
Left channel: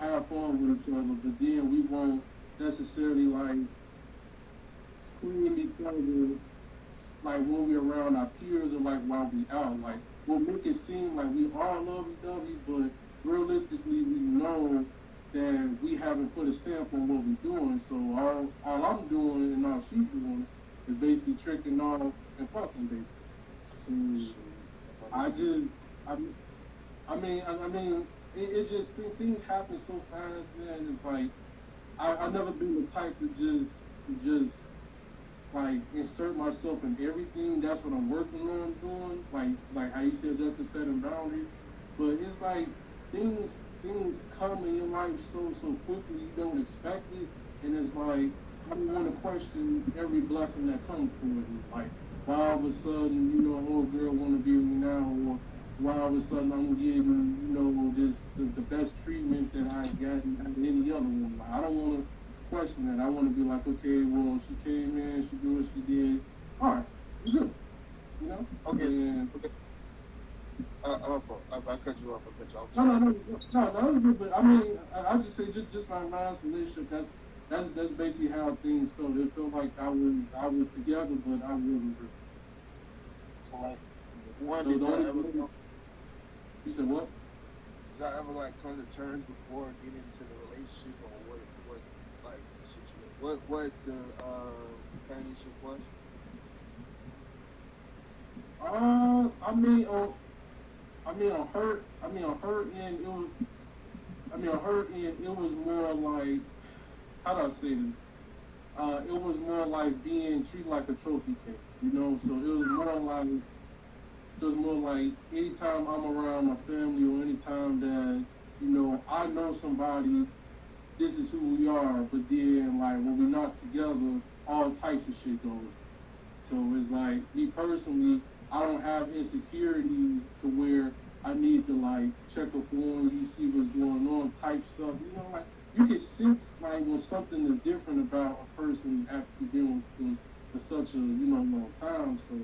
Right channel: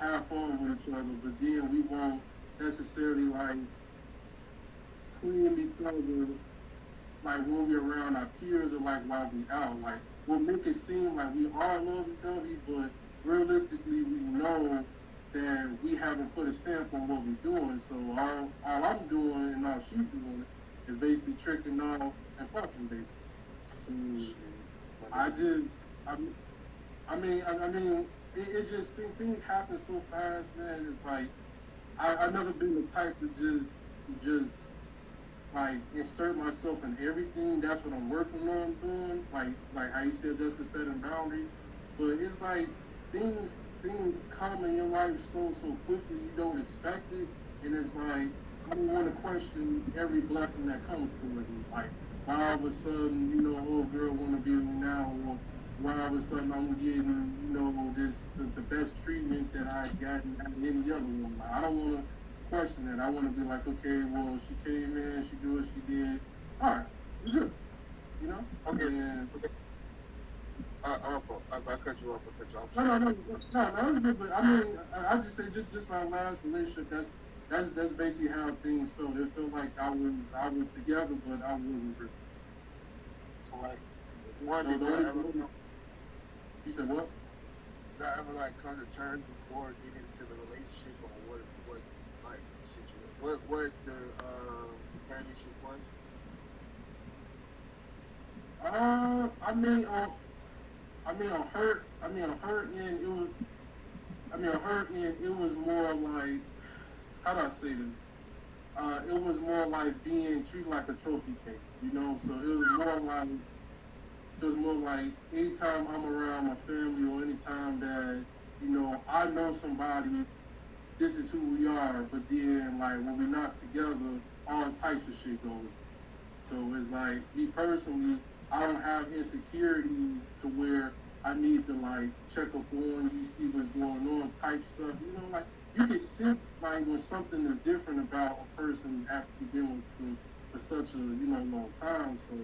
have fun with each other, but then we won't necessarily like clean each other like when we're around our peers or like while we out. Like we'll make it seem like we all love each other, but realistically we know that we haven't put a stamp on what we're doing. So all I'm doing and all she's doing is basically tricking off and fucking basically. I just, I mean, it just things happen so fast, man. It's like I never been the type to just like insert myself in everything. That's what I'm working on doing. Like how you said, just to setting boundaries. But it's like things things come in your life so quickly you don't expect it, and it's like I don't want to question every blessing that comes to it. Like why all of a sudden old girl want to be with me now, or why all of a sudden I'm getting this the best treatment that I gotten at any other one. Like, I don't want to question that. I want to be like, okay, well, she came in, she did what she did. All right, it's good. You know? Okay. And, I cut you off. I cut you off. no, that was good. But I mean, I just say just my last relationship. That's basically how things felt. It felt like I was together, but I wasn't. So like, one did that ever come? You said what? Did I ever like come to terms before getting into the relationship, or what the companionship was? On her end, it was. On her end, it was more like, how do I say this? It was more like being treated like a trophy case, So it was more like anytime I'm around my family or anytime that I know somebody, this is who we are. But then like when we're not together, all types of shit goes. So it's like me personally, I don't have insecurities to where I need to like check up on you, see what's going on, type stuff. Like you can sense like when something is different about a person after being with them for such a long time. So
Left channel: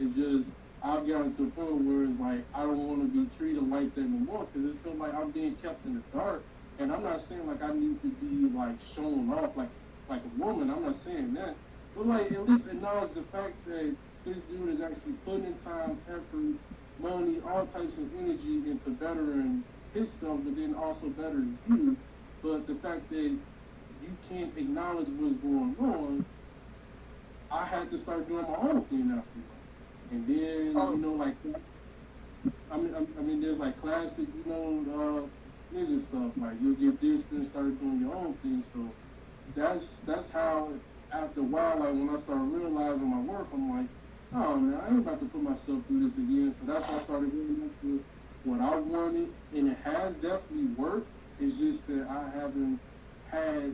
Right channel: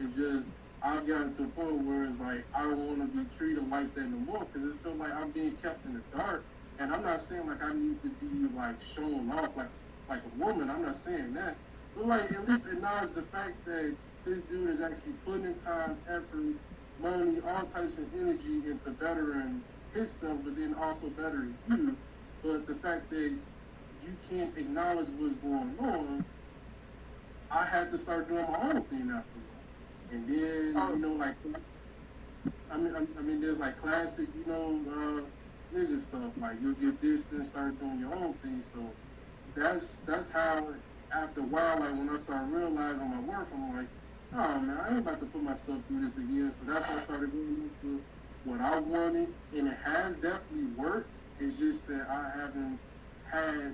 it's just I've gotten to a point where it's like I don't want to be treated like that no more because it feels like I'm being kept in the dark. And I'm not saying like I need to be like shown off like a woman. I'm not saying that. But like at least acknowledge the fact that this dude is actually putting in time, effort, money, all types of energy into bettering himself, but then also bettering you. But the fact that you can't acknowledge what's going on, I had to start doing my own thing after. And then like there's like classic nigga stuff like you get this and start doing your own thing. So that's how after a while, like when I started realizing my worth, I'm like, oh man, I ain't about to put myself through this again. So that's when I started really into what I wanted, and it has definitely worked. It's just that I haven't had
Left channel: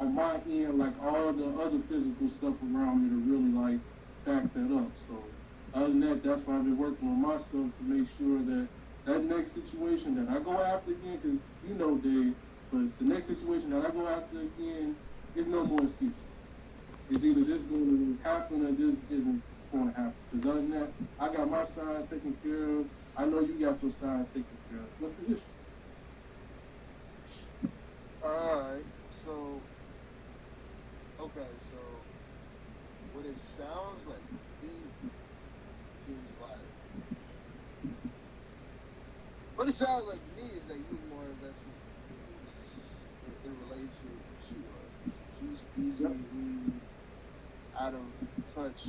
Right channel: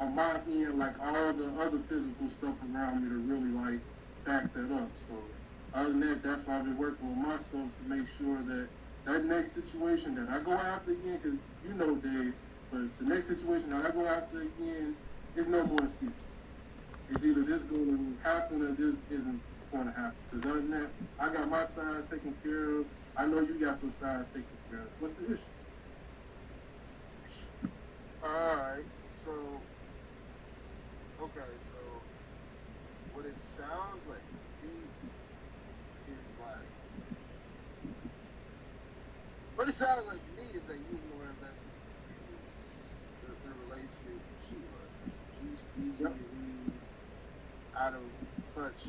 on my end like all the other physical stuff around me to really like back that up. So other than that, that's why I've been working on myself to make sure that that next situation that I go after again, because Dave, but the next situation that I go after again, it's no more excuses. It's either this going to happen or this isn't going to happen. Because other than that, I got my side taken care of. I know you got your side taken care of. What's the issue? Alright, so what it sounds like to me is like what it sounds like to me is that you more invested in the relationship than she was. She's easily out of touch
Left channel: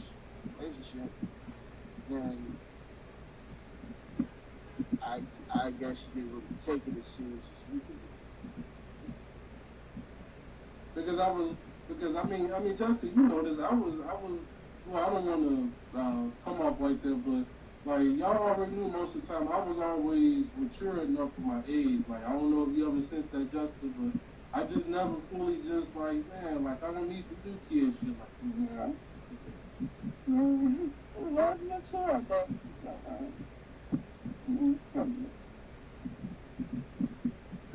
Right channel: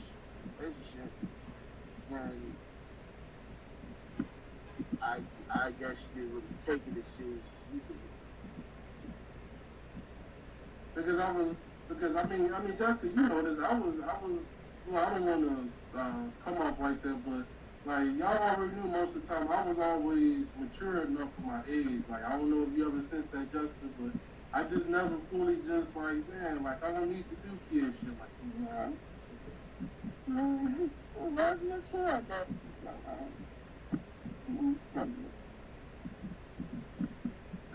relationship, then I guess she didn't really take it as serious as you did. Because Justin, you know this. I was. Well, I don't want to come off like that, but like y'all already knew most of the time I was always mature enough for my age. Like I don't know if you ever sensed that, Justin, but I just never fully just like man, like I don't need to do kid shit like that. Love your children.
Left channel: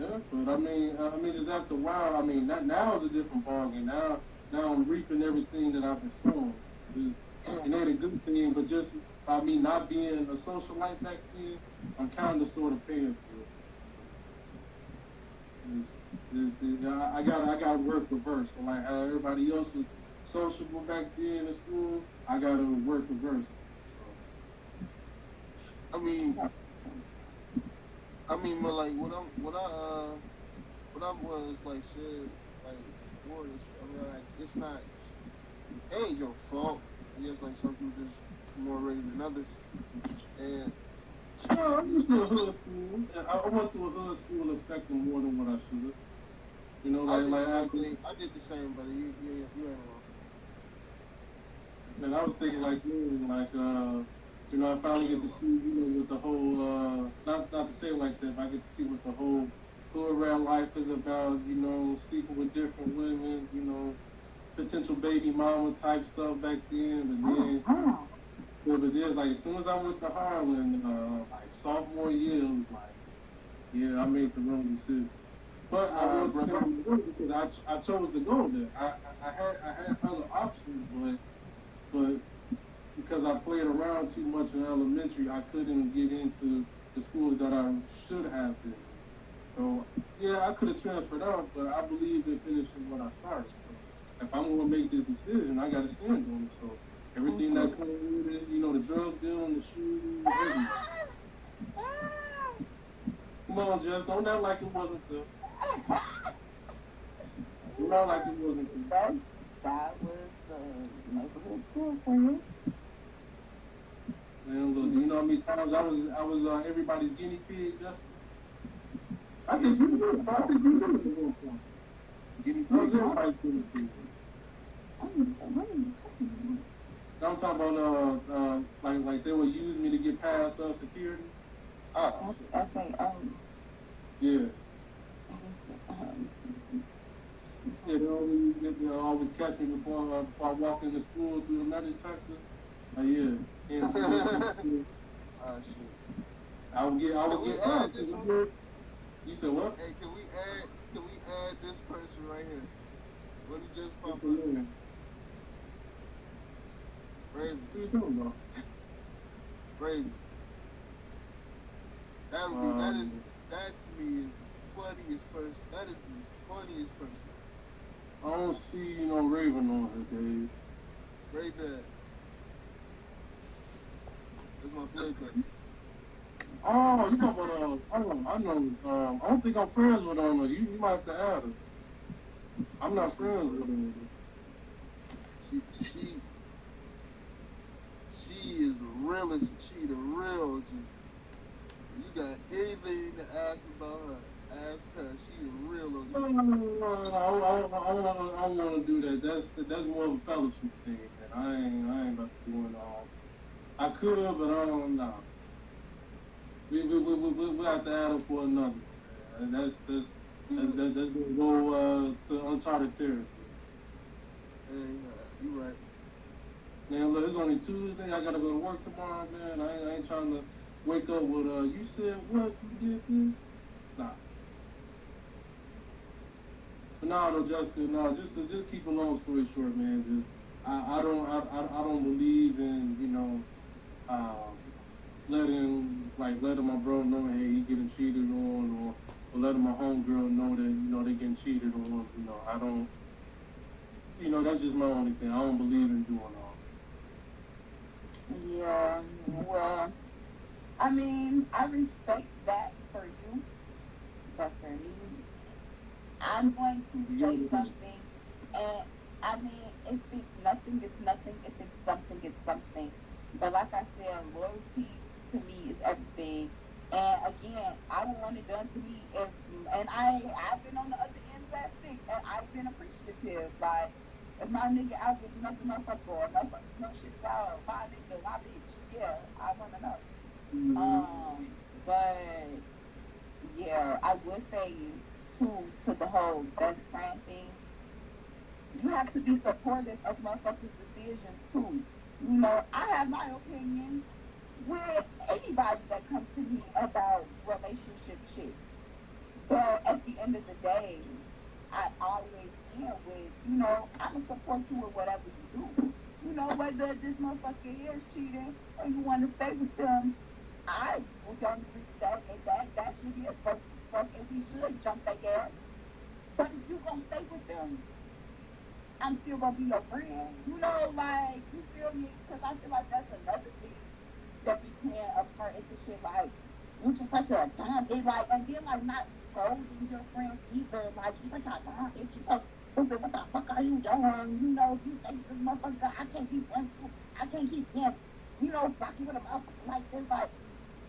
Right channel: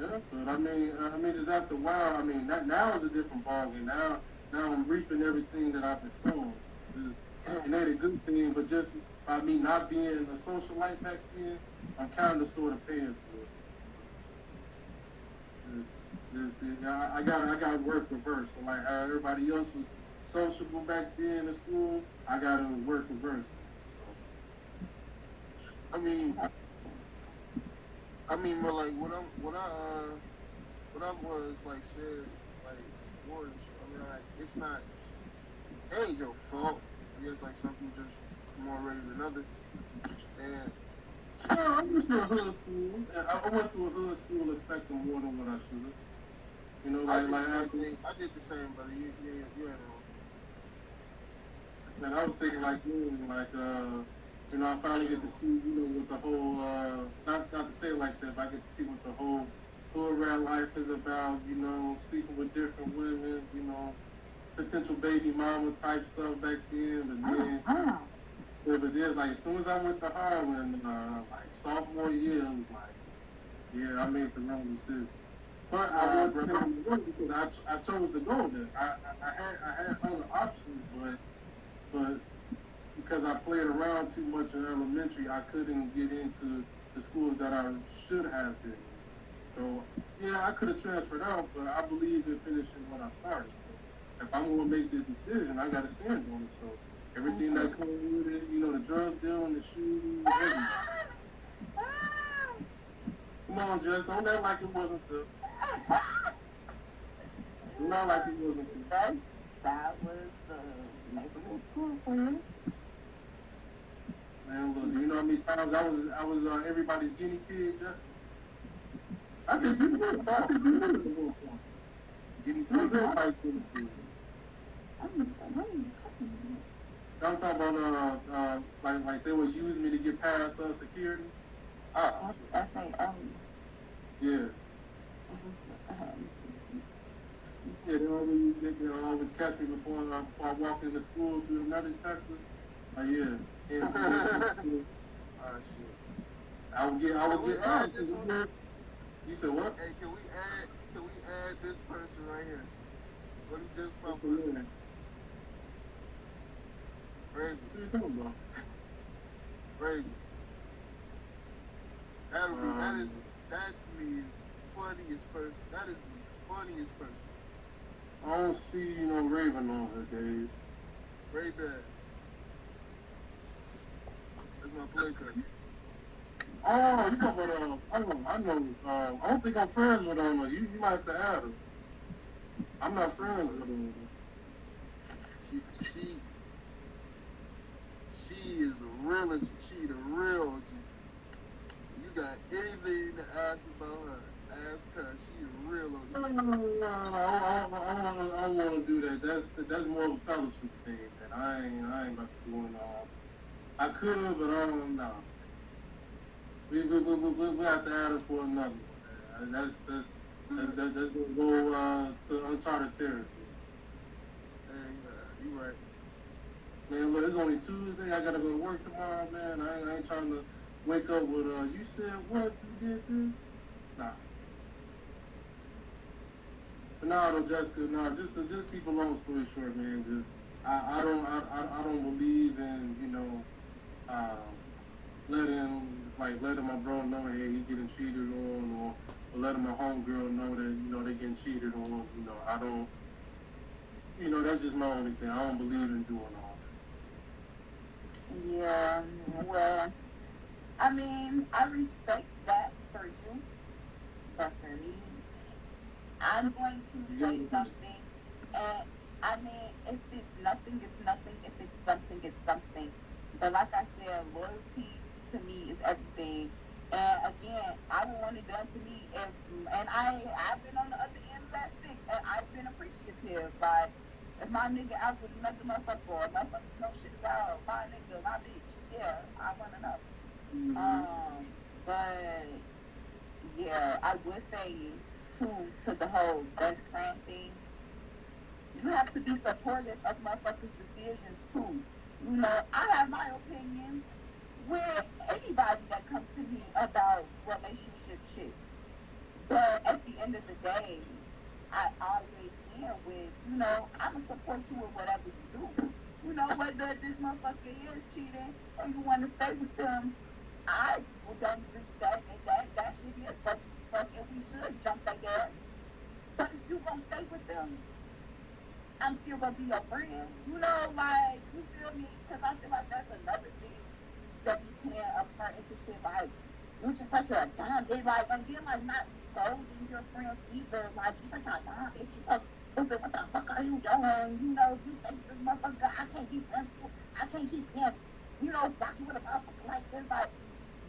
Yeah, but I mean, it's after a while. I mean, now is a different ballgame. Now I'm reaping everything that I've been sowing. It ain't a good thing, but just by me not being a socialite back then, I'm kind of sort of paying for it. I got to work reverse. So like how everybody else was sociable back then in school, I got to work reverse. But like what I was like said like Morris, like it's not it ain't your fault. It's like some people just more ready than others. And No, I'm just a hood school. I went to a hood school expecting more than what I should have. You know, I did the like same after, thing. I did the same, brother. You ain't wrong. and I was thinking like you, like you know, I finally get to see you know what the whole not to say it like that, but I get to see what the whole hood rat life is about. You know, sleeping with different women. You know, potential baby mama type stuff back then. But then, but there's like as soon as I went to Harlan, like sophomore year, it was like, yeah, I made the wrong decision. But I went to Brother. San Antonio because I chose to go there. I had other options, but because I played around too much in elementary, I couldn't get into the schools that I should have been. So yeah, I could have transferred out, but I believe in finishing what I started. If I'm gonna make this decision, I gotta stand on it. So everything that comes with it, you know, the drug dealing, the shooting, everything. Come on, Jess, don't act like it wasn't the. Don't act like it wasn't the. That was the neighborhood school for you. Man, look, do you know how many times I was everybody's guinea pig, Justin? I think you did. I think you did at one point. Guinea I was pig. everybody's guinea pig. I'm talking about like they would use me to get past security. Oh, I say, Yeah. They always catch me before I walk into school through the metal detector. Yeah. And shit. I would get Can we add this one? You said what? Hey, can we add this person right here? What he just popped What up? Raven. are you talking about? Raven. That to me is funniest person. That is the funniest person. I don't see no Raven on her, Dave. Raven. That's my play cousin. Oh, you talking about I know. I don't think I'm friends with her. You might have to add her. I'm not friends with her. She is the realest. She the real G. You got anything to ask about her? Ask her. She the real OG. No, I don't want to do that. That's more of a fellowship thing, man. I ain't about to go into all. I could, but I don't know. We have to add her for another. That's gonna go to uncharted territory. Hey, you right. Man, look, it's only Tuesday. I gotta go to work tomorrow, man. I ain't trying to wake up with you said what? You did this? Nah. Nah, though, Jessica. Nah, just keep a long story short, man. Just I don't believe in letting my bro know hey he getting cheated on or letting my homegirl know that they getting cheated on. I don't. That's just my only thing. I don't believe in doing all that. yeah, well, I mean, I respect that for you, but for me, I'm going to say something, and I mean, if it's nothing, it's nothing. If it's something, it's something. But like I said, loyalty to me is everything. And again, I don't want it done to me and I've been on the other end of that stick, and I've been appreciative. Like, if my nigga out there nothing motherfucker or motherfuckers know shit about my nigga, my bitch, yeah, I want to know. But yeah, I would say to the whole best friend thing, you have to be supportive of motherfuckers' decisions too. I have my opinions with anybody that comes to me about relationship shit. But at the end of the day, I always end with, I'm going to support you in whatever you do. Whether this motherfucker is cheating and you want to stay with them, I don't respect that shit is fucking we should jump their ass. But if you going to stay with them, I'm still going to be your friend. You feel me? Because I feel like that's another thing that you can't apply into shit. Like, you're just such a dumb bitch. Like, again, like, not scolding your friends either. Like, you're such a dumb bitch. You're so stupid. What the fuck are you doing? You stay with this motherfucker. I can't keep friends. I can't keep him. Fucking with a motherfucker like this. Like,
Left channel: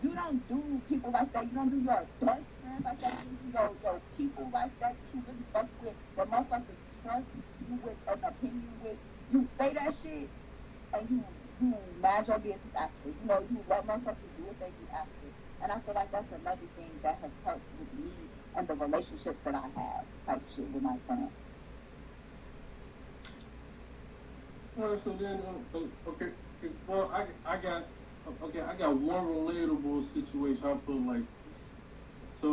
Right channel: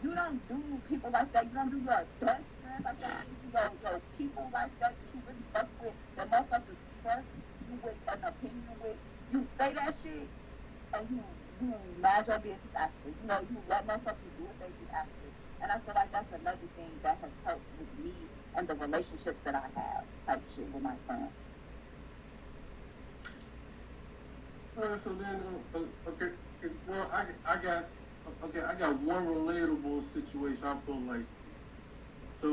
you don't do people like that. You don't do your best friends like that. You do your people like that that you really fuck with, that motherfuckers trust you with an opinion with. You say that shit and you mind your business after. You know, you let motherfuckers do what they do after. And I feel like that's another thing that has helped with me and the relationships that I have, type shit with my friends. So then, okay, well, I got, okay, I got one relatable situation. I feel like, so,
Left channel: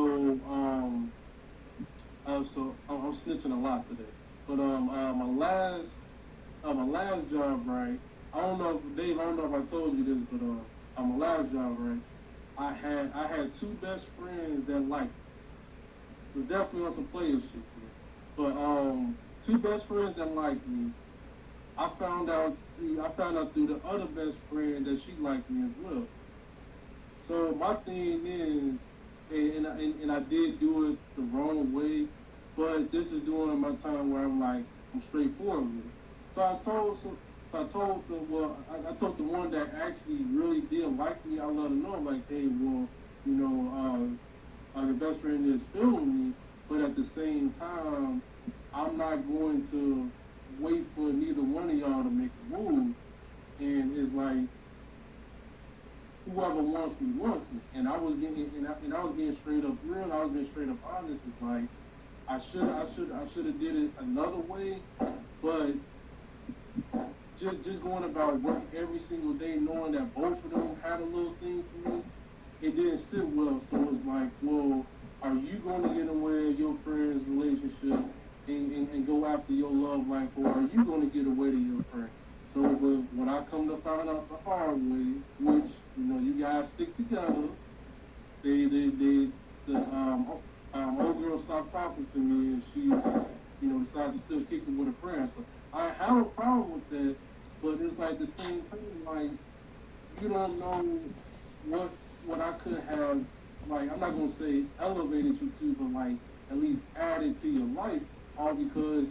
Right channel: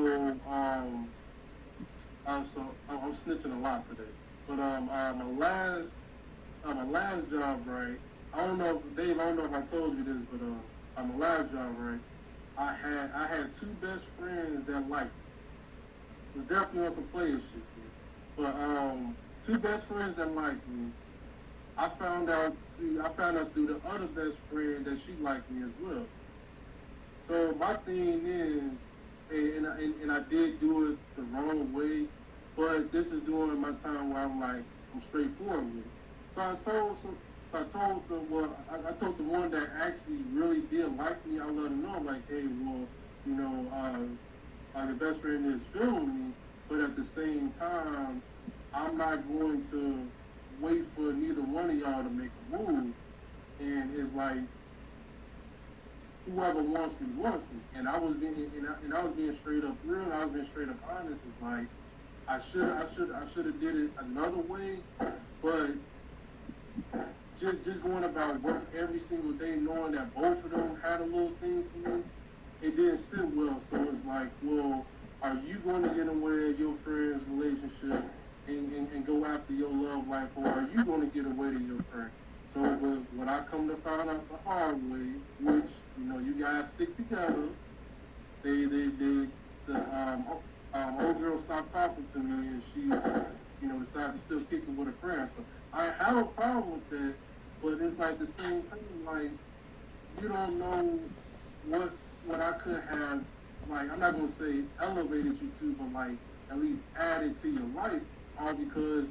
so I'm snitching a lot today, but my last job, right? I don't know, Dave. I don't know if I told you this, but my last job, right? I had two best friends that liked me. It was definitely on some player shit, but two best friends that liked me. I found out through the other best friend that she liked me as well. So my thing is, and I did do it the wrong way, but this is during my time where I'm straightforward with it. So I told the one that actually really did like me. I let her know, like, hey, well, you know, the best friend is feeling me, but at the same time, I'm not going to wait for neither one of y'all to make a move. And it's like whoever wants me. And I was being straight up real. I was being straight up honest. It's like I should have did it another way, but just going about work every single day, knowing that both of them had a little thing for me, it didn't sit well. So it's like, well, are you going to get away your friend's relationship and go after your love life, or are you going to get away to your friend? So when I come to find out the hard way, which you guys stick together, old girl stopped talking to me, and she decided to still kick it with a friend. So I have a problem with that, but it's like the same thing, like you don't know what I could have, like, I'm not gonna say elevated you to, but like at least added to your life, all because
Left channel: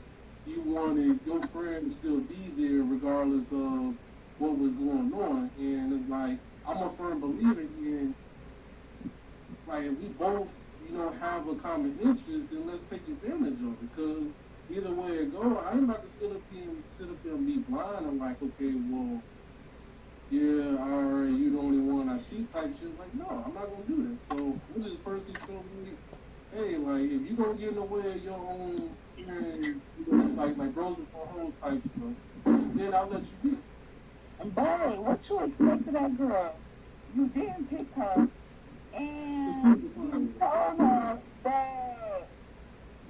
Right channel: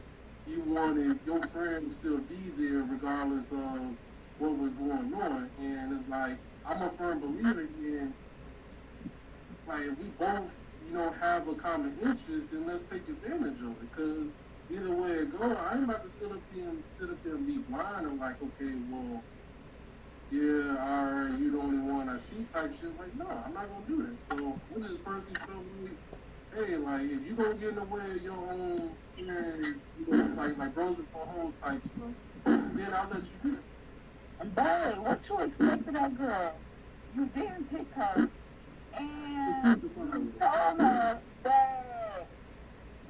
you wanted your friend to still be there regardless of what was going on. And it's like I'm a firm believer in, like, if we both have a common interest, then let's take advantage of it. Because either way it go, I ain't about to sit up there and be blind. I'm like, okay, well, yeah, alright, you the only one I see type shit. Like, no, I'm not gonna do that. So I'm just person feel me, hey, like, if you gonna get in the way of your own and like brothers before hoes type stuff, then I'll let you be. Babe, what you expect of that girl? You didn't pick her, and you told her that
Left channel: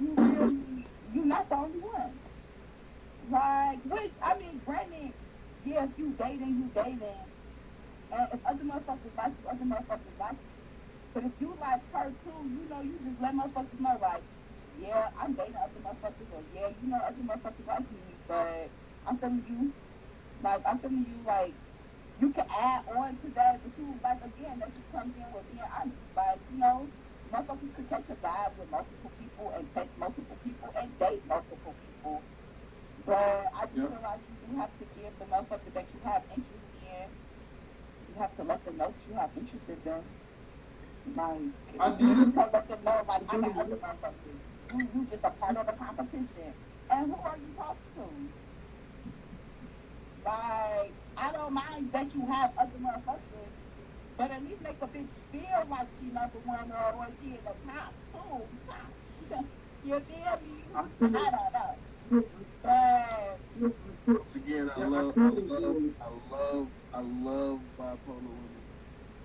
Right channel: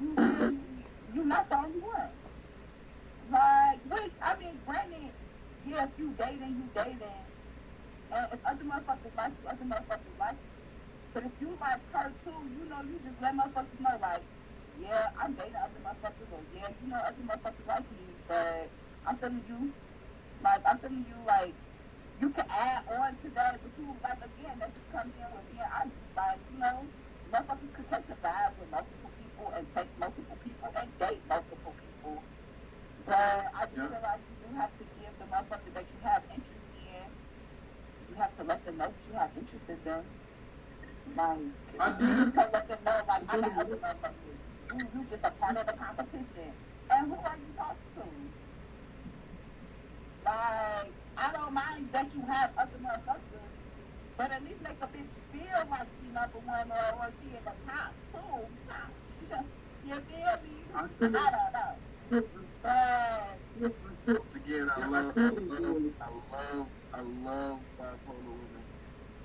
you're not the only one. Like, which, I mean, granted, yeah, if you dating, and if other motherfuckers like you, other motherfuckers like you. But if you like her too, you just let motherfuckers know, like, yeah, I'm dating other motherfuckers, or yeah, other motherfuckers like me, but I'm telling you, like, you can add on to that, but you, like, again, that just comes in with being honest. Like, motherfuckers could catch a vibe with multiple people and take multiple people and date multiple people. But I just feel like you have to give the motherfucker that you have interest in, you have to let them know that you have interest in them. Like, you just can't let them know, like, I got other motherfuckers. You just a part of the competition. And who are you talking to? Like, I don't mind that you have other motherfuckers, but at least make a bitch feel like she number one, or she in the top two. You feel me? I don't know. But Once again, I love bipolar women.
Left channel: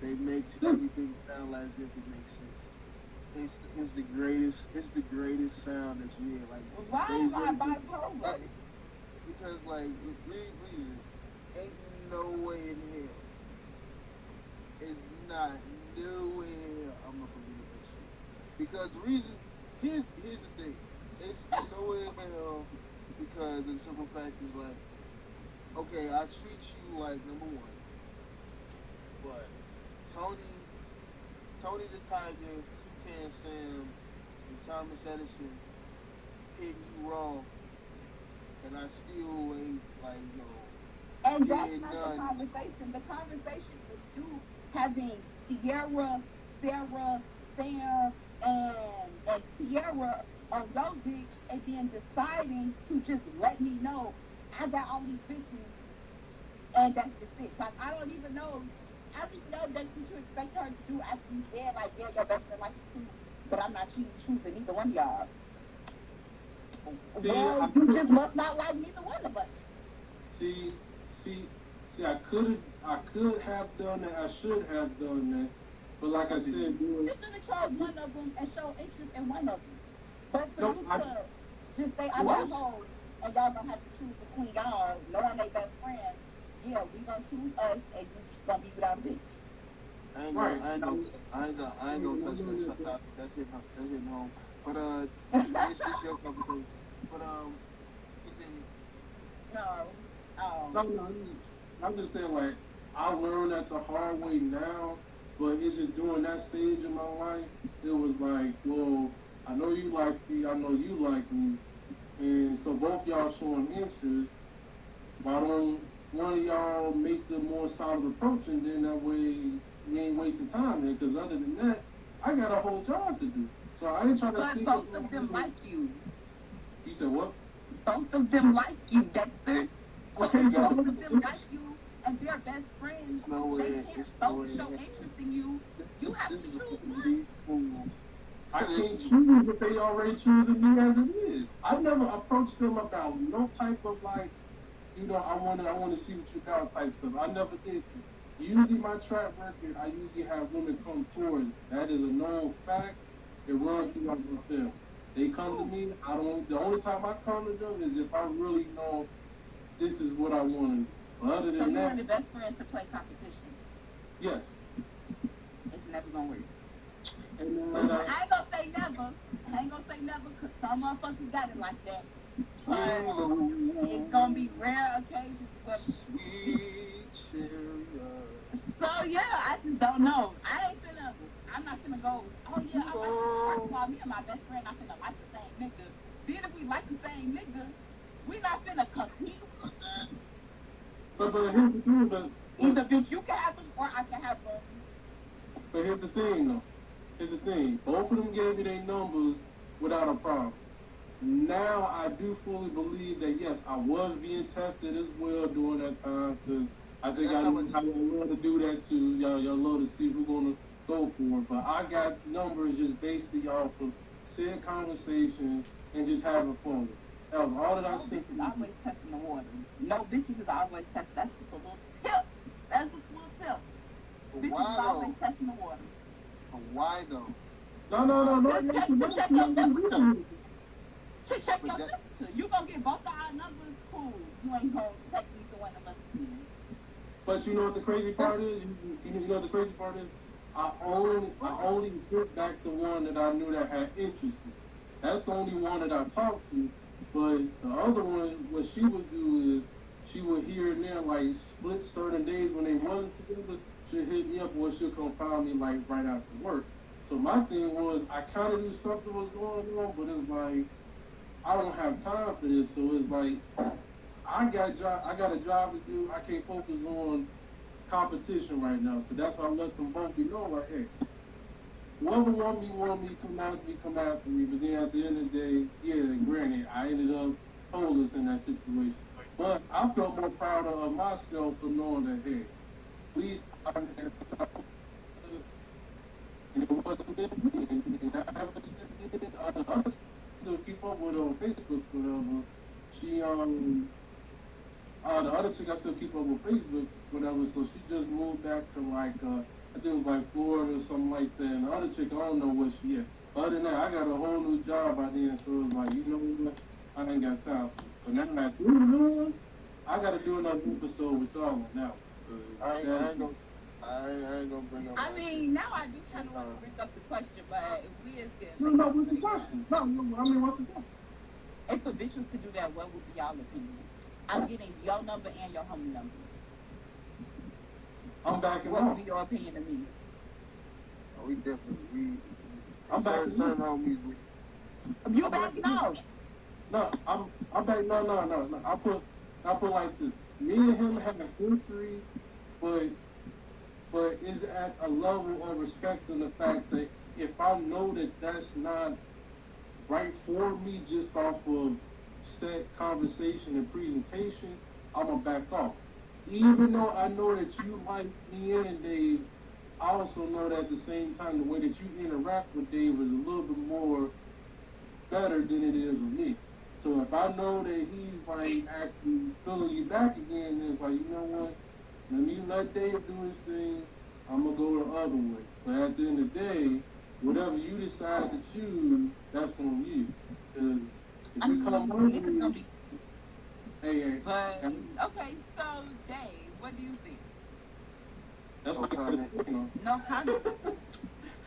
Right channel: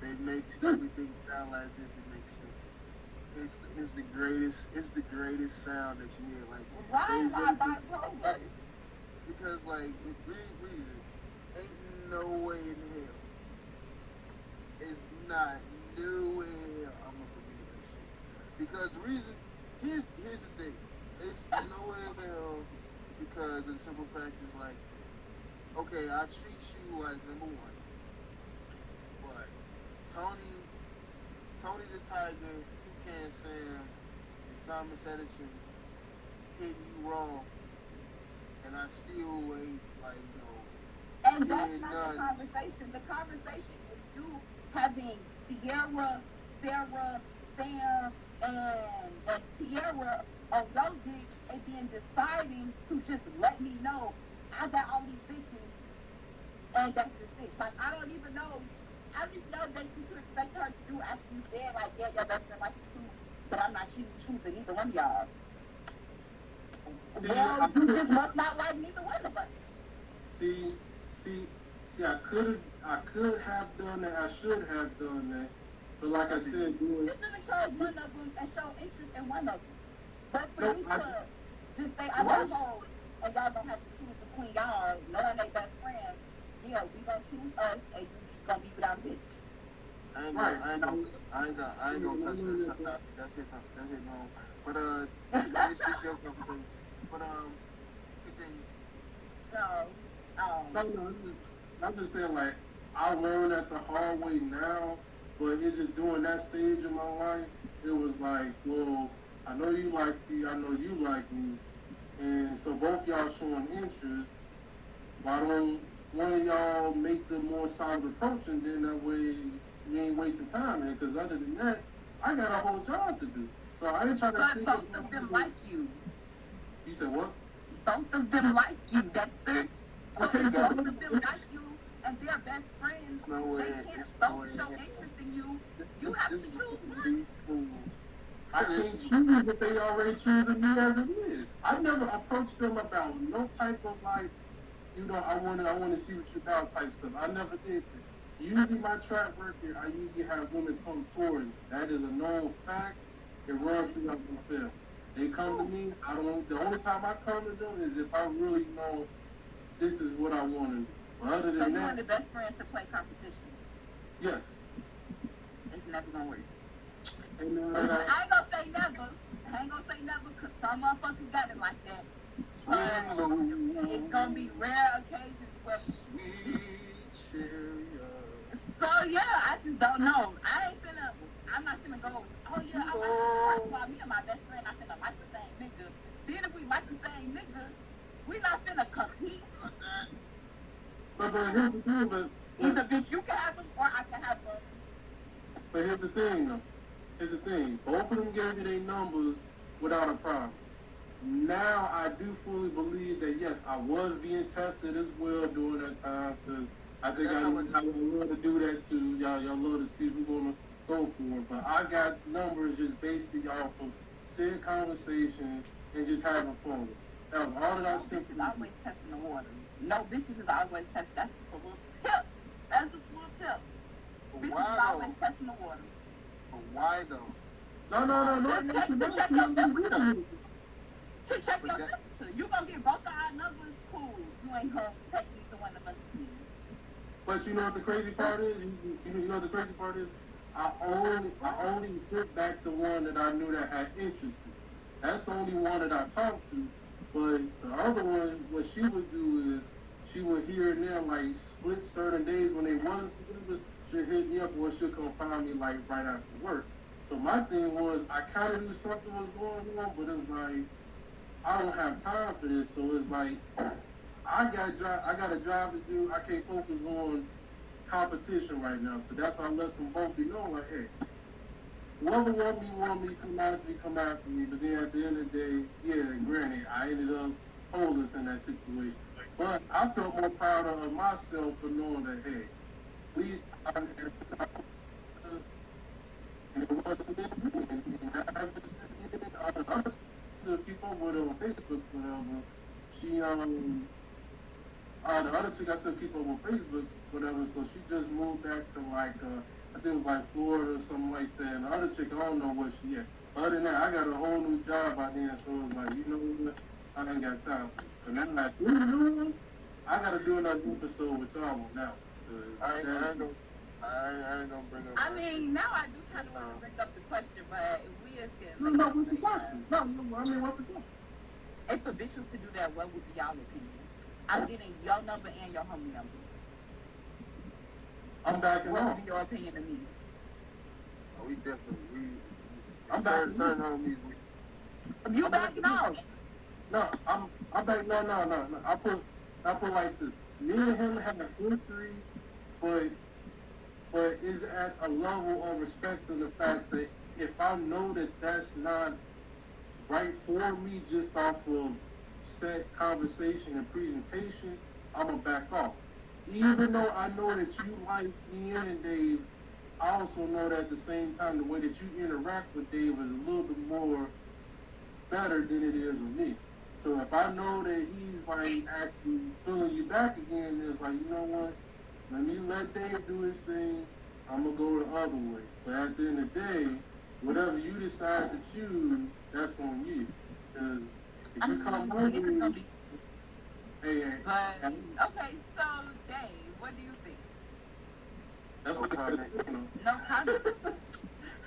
They make everything sound like as if it makes sense. It's the greatest sound that you hear. Like, why am I bipolar? Like, because like reason, ain't no way in hell. It's not no way in hell I'm gonna believe this shit. Because the reason, here's the thing. It's no way in hell, because the simple fact is, like, okay, I treat you like number one, but Tony the Tiger, Toucan Sam, and Thomas Edison hit you wrong, and I still ain't, like, and that's not the conversation. The conversation is you having Sierra, Sarah, Sam, and Tierra on your dick, and then deciding to just let me know I got all these bitches, and that's just it. Like, I don't even know. I don't even know that you expect her to do after you said, like, yeah, your best friend likes you too, but I'm not choosing either one of y'all. Well, you just must not like neither one of us. See, see, I could have done that. I should have done that. But like I said, you should have chose one of them and show interest in one of them. But for you to just say I'm at home and y'all don't have to choose between y'all, knowing they best friends, yeah, we gonna choose us and you just gonna be without bitch. I ain't gonna touch that. Shut up. That's it. No. But it's your company. But continue. No. I'm just saying, like, I learned that the hard way now, but it's just during that stage in my life, it was like, well, I know you like me, I know you like me, and so both y'all showing interest. Why don't one of y'all make the more solid approach, and then that way we ain't wasting time there? Because other than that, I got a whole job to do. So I ain't trying to. But both of them like you. You said what? Both of them like you, Dexter. So Okay, if so both of them like you and they're best friends, they can't both show interest in you. You have to choose one. I can't choose if they already choosing me as it is. I never approached them about no type of like, I want to see what you got type stuff. I never did that. Usually my track record, I usually have women come towards me. That is a known fact. It runs throughout the film. They come to me. The only time I come to them is if I really know this is what I want to do. Other than so you that, want the best friends to play competition? Yes. It's never gonna work. And, I ain't gonna say never, because some motherfuckers got it like that. But it's gonna be rare occasions where. So yeah, I just don't know. I'm not gonna go, oh yeah, first of all, me and my best friend not finna like the same nigga. Then if we like the same nigga, we not finna compete. But here's the thing, Either bitch you can have them or I can have them. But here's the thing, though. Both of them gave you their numbers without a problem. Now I do fully believe that yes, I was being tested as well during that time. Cause I think I love to do that too. Y'all love to see who's gonna go for it. But I got numbers just basically off of said conversations and just having fun. That was all that I sent. Bitches always testing the water. No, bitches is always testing. That's just a little tip. That's just a little tip. Bitches is always testing the water. But why though? No. To check your temperature. To check your temperature. You gonna get both of our numbers, cool. You ain't gonna take either one of us. But you know what the crazy part is? You know what the crazy part is? I only put back the one that I knew that had interest in. That's the only one that I talked to. But the other one, what she would do is she would here and there like split certain days when they wasn't together. She'd hit me up or she'll come find me like right after work. So my thing was I kind of knew something was going on, but it's like I don't have time for this. So it's like I got a job to do. I can't focus on competition right now. So that's why I let them both be going like, hey, whoever want me, come after me. But then at the end of the day, yeah, granted, I ended up homeless in that situation. But I felt more proud of myself for knowing that, hey, please, I'm here to talk. And it wasn't me. And I haven't seen others to keep up with her on Facebook, whatever. She, the other chick I still keep up with Facebook, whatever, so she just moved back to like, I think it was like Florida or something like that. And the other chick, I don't know where she at. Other than that, I got a whole new job by then, so it was like, you know what, I ain't got time. And then like, I gotta do another episode with y'all on that one. I ain't gonna bring up. I mean, now I do kind of want to bring up the question, but if we as No, what's the question? No, I mean, what's the question? if a bitch was to do that, what would be y'all opinion? I'm getting your number and your homie number. I'm backing What off. would be your opinion of me? We different. I'm backing certain off. homies. You backing off? No, I'm back. No. I put like this. Me and him have a history, but but is at a level of respecting the fact that if I know that that's not right for me just off of set conversation and presentation, I'm gonna back off. Even though I know that you like Ian and Dave, I also know that at the same time the way that you interact with Dave is a little bit more better than it is with me. So if I know that he's like actually pulling you back again, it's like, you know what? Let me let Dave do his thing. I'm gonna go the other way. But at the end of the day, whatever you decide to choose, that's on you. Because if you come home, This is gonna be. hey, But okay, so Dave, what do you think? that's No what comment. you know. No comment.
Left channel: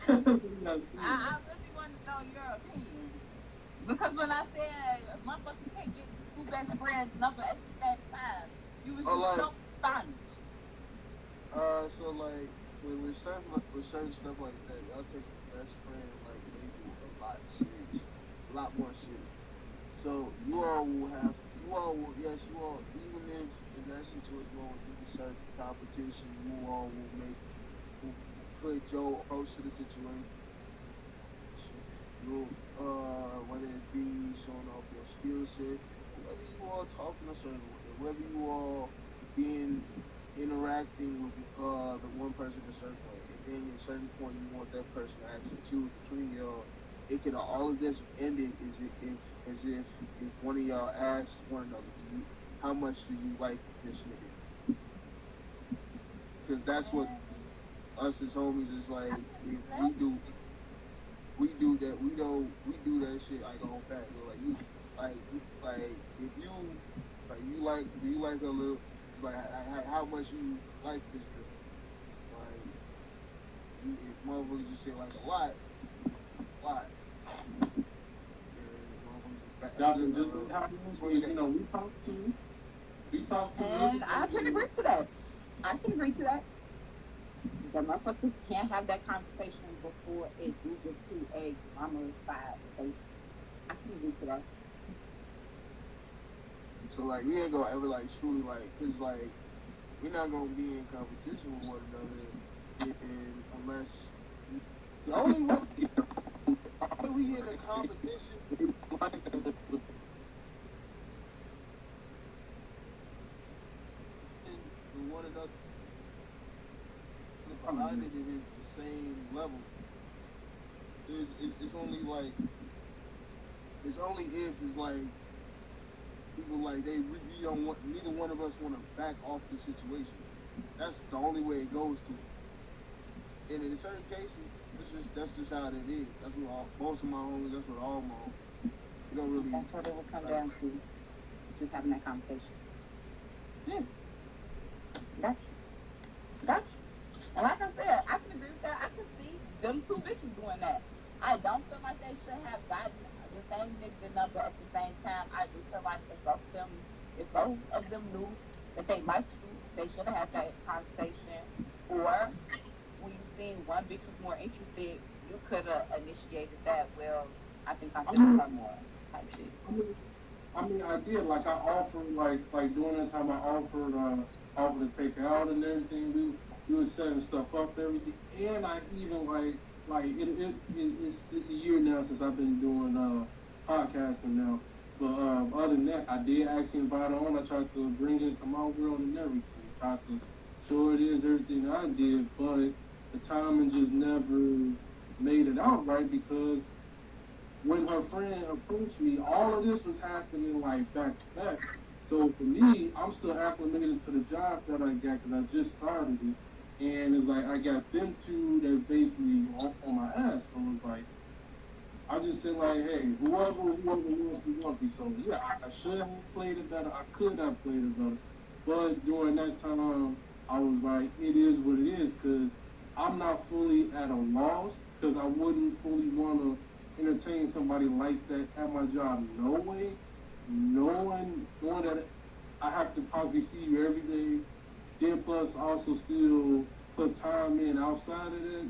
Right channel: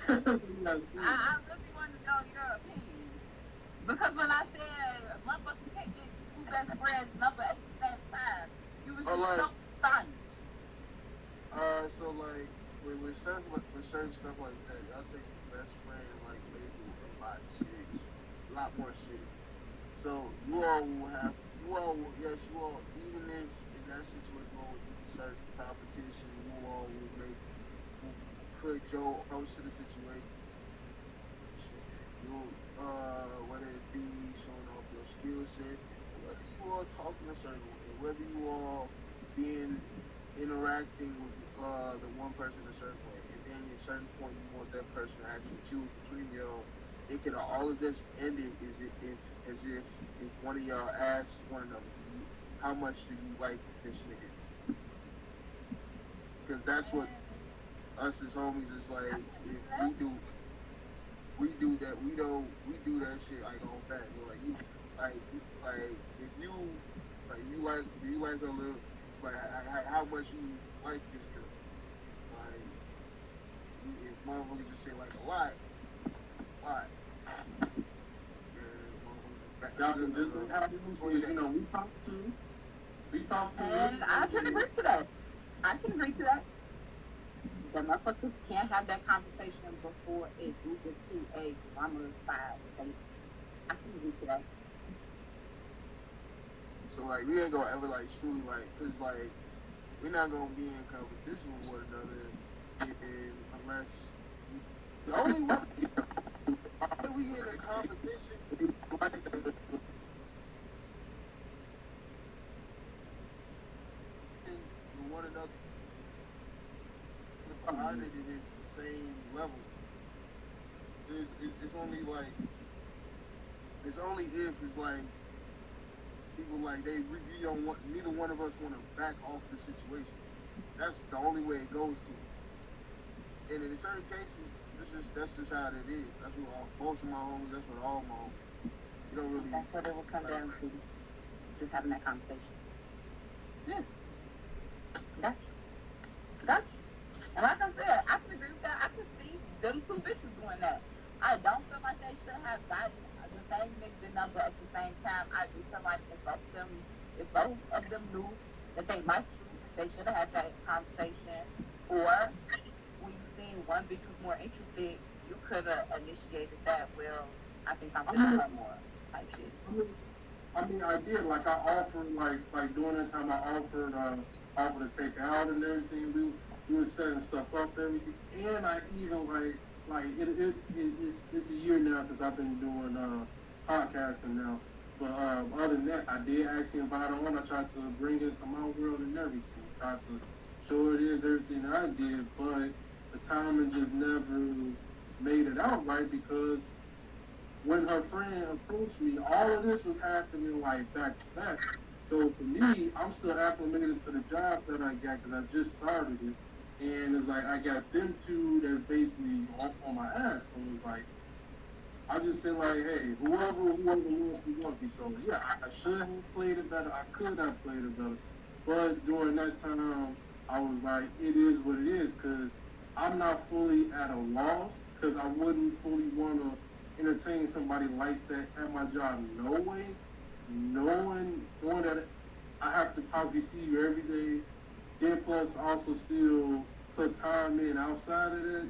I That's really want to know your opinion because when I said motherfuckers can't get two best friends number at the same time, you was Oh, just like- so stunned. So like with certain stuff like that, I take the best friend and like label a lot serious, a lot more serious. So you all will, yes, you all, even if in that situation you all do certain competition, you all will put your approach to the situation. You, whether it be showing off your skill set, whether you all talking a certain way, whether you all being interacting with the one person a certain way, and then at a certain point you want that person to actually choose between y'all. It could all of this ended as if one of y'all asked one another, how much do you like this nigga? Because that's what us as homies is like. If we do that. We do that shit like on back. Like you, like if you like a little, like how much you like this girl. Like if motherfuckers just say like a lot. Y'all can just you know, we talk to And I can agree to that. I can agree to that. The motherfuckers can't have that conversation before it moves into a dramatized state. I can agree to that. So like we ain't gonna ever like truly like, cause like we're not gonna be in competition with one another unless the only way we in a competition with one another behind it is the same level. It's only like it's only if it's like people like we don't want, neither one of us want to back off the situation. That's the only way it goes to. And in certain cases, that's just how it is. That's what most of my homies. That's what all my homies. You don't really. That's what it will come down to. Just having that conversation. Yeah. Gotcha. And like I said, I can agree with that. I can see them two bitches doing that. I don't feel like they should have gotten the same nigga number at the same time. I just feel like if both of them knew that they liked you, they should have had that conversation. Or when you seen one bitch was more interested, you could have initiated that. Well, I think I'm feeling her more type shit. I mean, I did. Like, I offered, like during that time, I offered to take her out and everything. We were setting stuff up and everything. And I even, it's a year now since I've been doing podcasting now. But other than that, I did actually invite her on. I tried to bring it to my world and everything. Tried to show it is everything that I did, but the timing just never made it out right because when her friend approached me, all of this was happening like back to back. So for me, I'm still acclimated to the job that I got because I just started it. And it's like I got them two that's basically on my ass. So it's like, I just said like, hey, whoever wants me. So yeah, I should have played it better. I could have played it better. But during that time, I was like, it is what it is because I'm not fully at a loss because I wouldn't fully want to entertain somebody like that at my job. No way. Knowing that I have to probably see you every day, then plus also still put time in outside of that,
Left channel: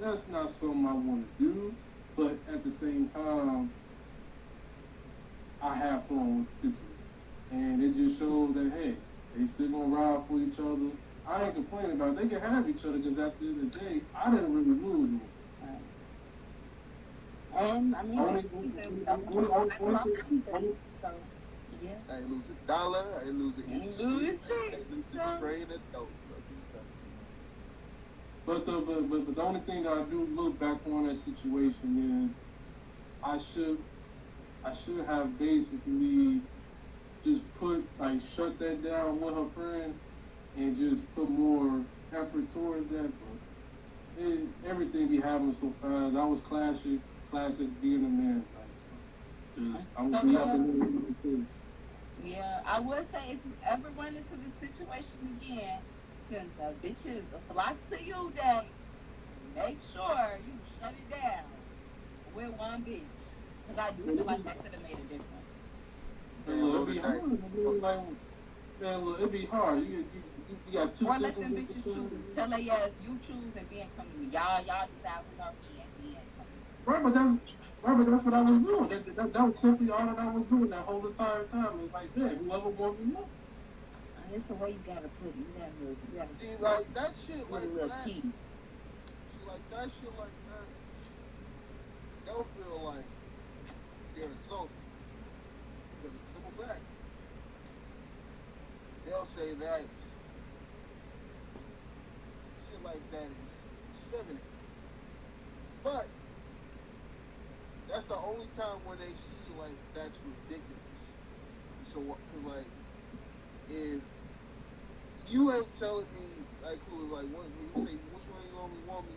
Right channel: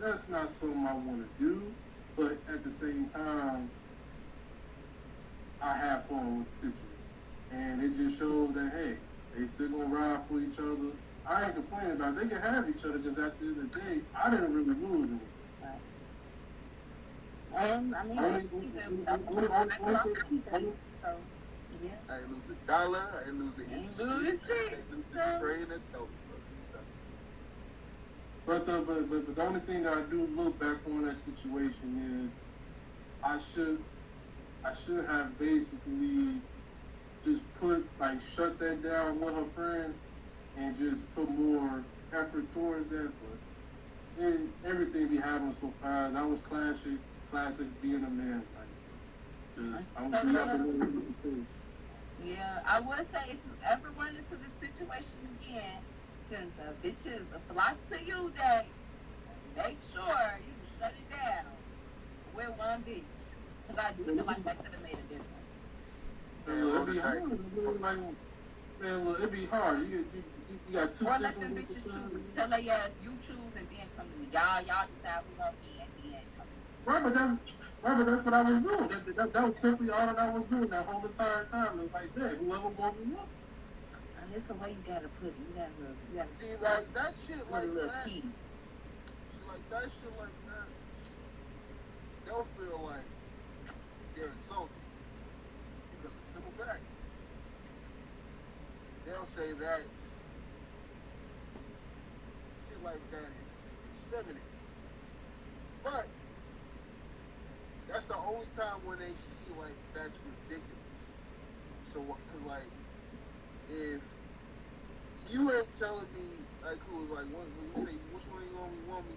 that's not something I want to do. But at the same time, I have fun with the situation. And it just shows that, hey, they still gonna ride for each other. I ain't complaining about it. They can have each other because at the end of the day, I didn't really lose anything. And I mean, Only, so yeah. I ain't lose $1. I ain't lose an inch Ain't of lose shit. shit. I ain't lose a train of dope. but the only thing that I do look back on that situation is I should have basically just shut that down with her friend and just put more effort towards that. And everything be happening so fast. I was classic being a man. I'm gonna be up in the face. Yeah, I would say if you ever run into this situation again, since the bitches flock to you, that make sure you shut it down with one bitch. Because I do feel like that could have made a difference. It'd be hard. It'd be hard. You got two. Or let them bitches choose. Tell her, yes, you choose and then come to me. Y'all decide what's up and then come to me. Right, but that's what I was doing. That was simply all that I was doing that whole entire time. It's like, man, whoever wants to know. It's the way you gotta put it. You gotta See, like that shit put like a little that. key. Like that shit like that. They'll feel like you're insulted. Because it's simple fact. They'll say that shit like that is feminine. But that's the only time when they see like that's ridiculous. So like if you ain't telling me like who like what you say which one you want me,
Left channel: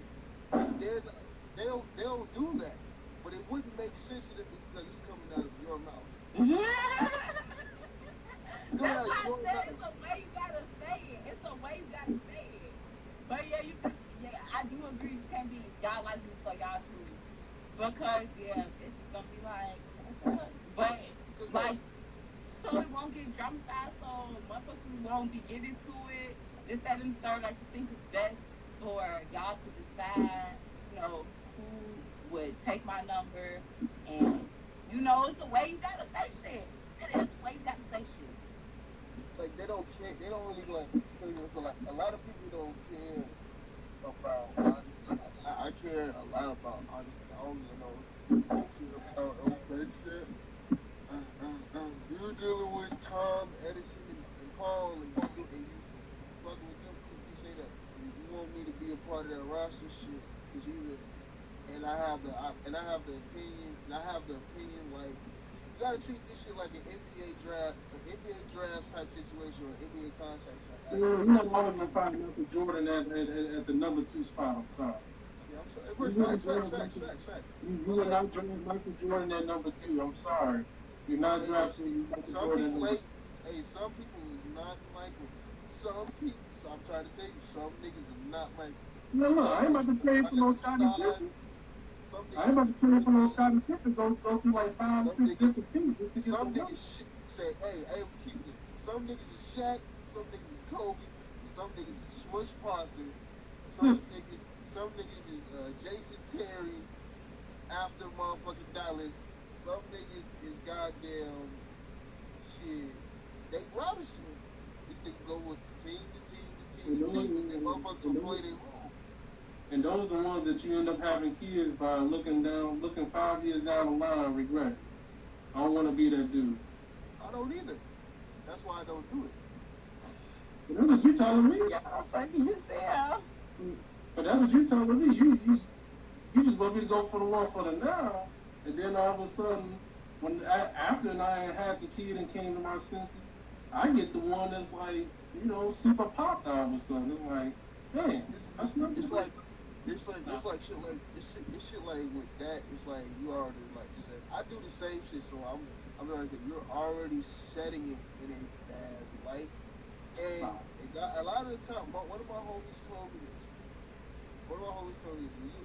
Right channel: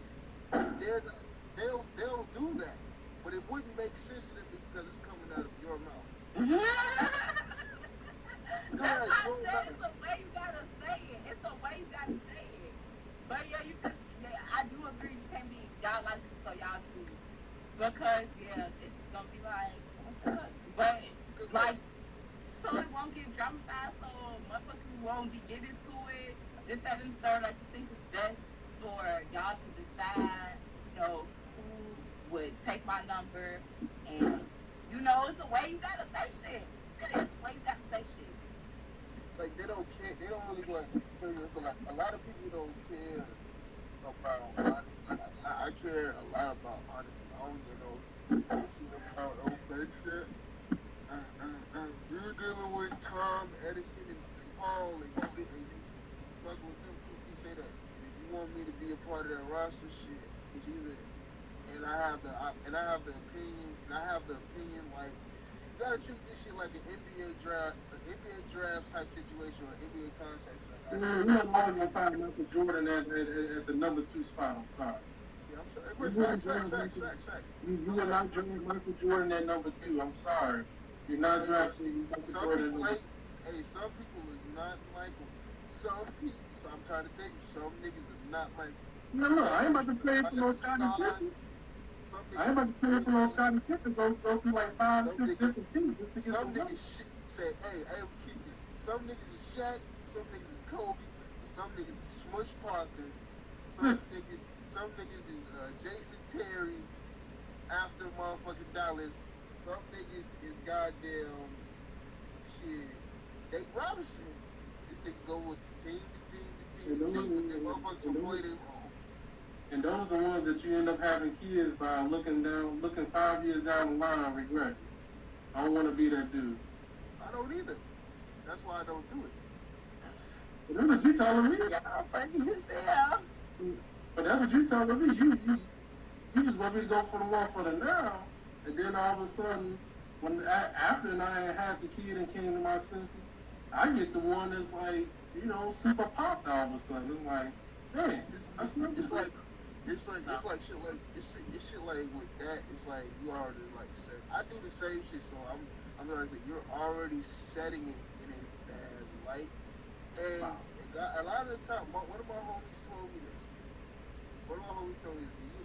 they'll do that. But it wouldn't make sense to them because it's coming out of your mouth. That's why I said it's a way you gotta say it. It's a way you gotta say it. But I do agree you can't be y'all like this so y'all choose. Because it's just gonna be like but like so it won't get dramatized so motherfuckers won't be getting to it. This, that, and the third, I just think it's best for y'all to decide, who would take my number and it's a way you gotta say shit. It is a way you gotta say shit. Like they don't care. They don't really like. So like a lot of people don't care about honesty. I care a lot about honesty. I don't about no bullshit. You're dealing with Tom Edison and Paul, and you fucking with them. You say that. And if you want me to be a part of that roster shit, it's either. And I have the opinion. And I have the opinion like you gotta treat this shit like an NBA draft type situation or NBA contract. You're not always gonna find Michael Jordan at the number 2 spot. I'm sorry. Yeah, I'm sorry. Facts. You are not drafting Michael Jordan at number 2. I'm sorry. You're not drafting Michael Jordan. Some people is not Michael. Some people. So I'm trying to tell you, some niggas are not Michael. No, I ain't about to play for no Scottie Pippen. I ain't about to play for no Scottie Pippen. Go through like 5, 6 different teams just to get some the niggas say, hey, we keep it. Some niggas is Shaq, some niggas is Kobe, some niggas is Smush Parker, some niggas is Jason Terry after motherfucking Dallas, some niggas is goddamn shit. Dave Robinson. If they go with team to team, but the motherfuckers will play their role. And those are the ones that you end up having kids by looking 5 years down the line and regret. I don't want to be that dude. I don't either. That's why I don't do it. That's what you telling me. Y'all funny as hell. But that's what you telling me. You just want me to go for the one for the now, and then all of a sudden, after I had the kid and came to my senses, I get the one that's like, super popped all of a sudden. It's like, man, that's not just like. It's like shit like with that. It's like you already like said. I do the same shit, so I'm gonna say you're already setting it in a bad light. And a lot of the time, one of my homies told me this.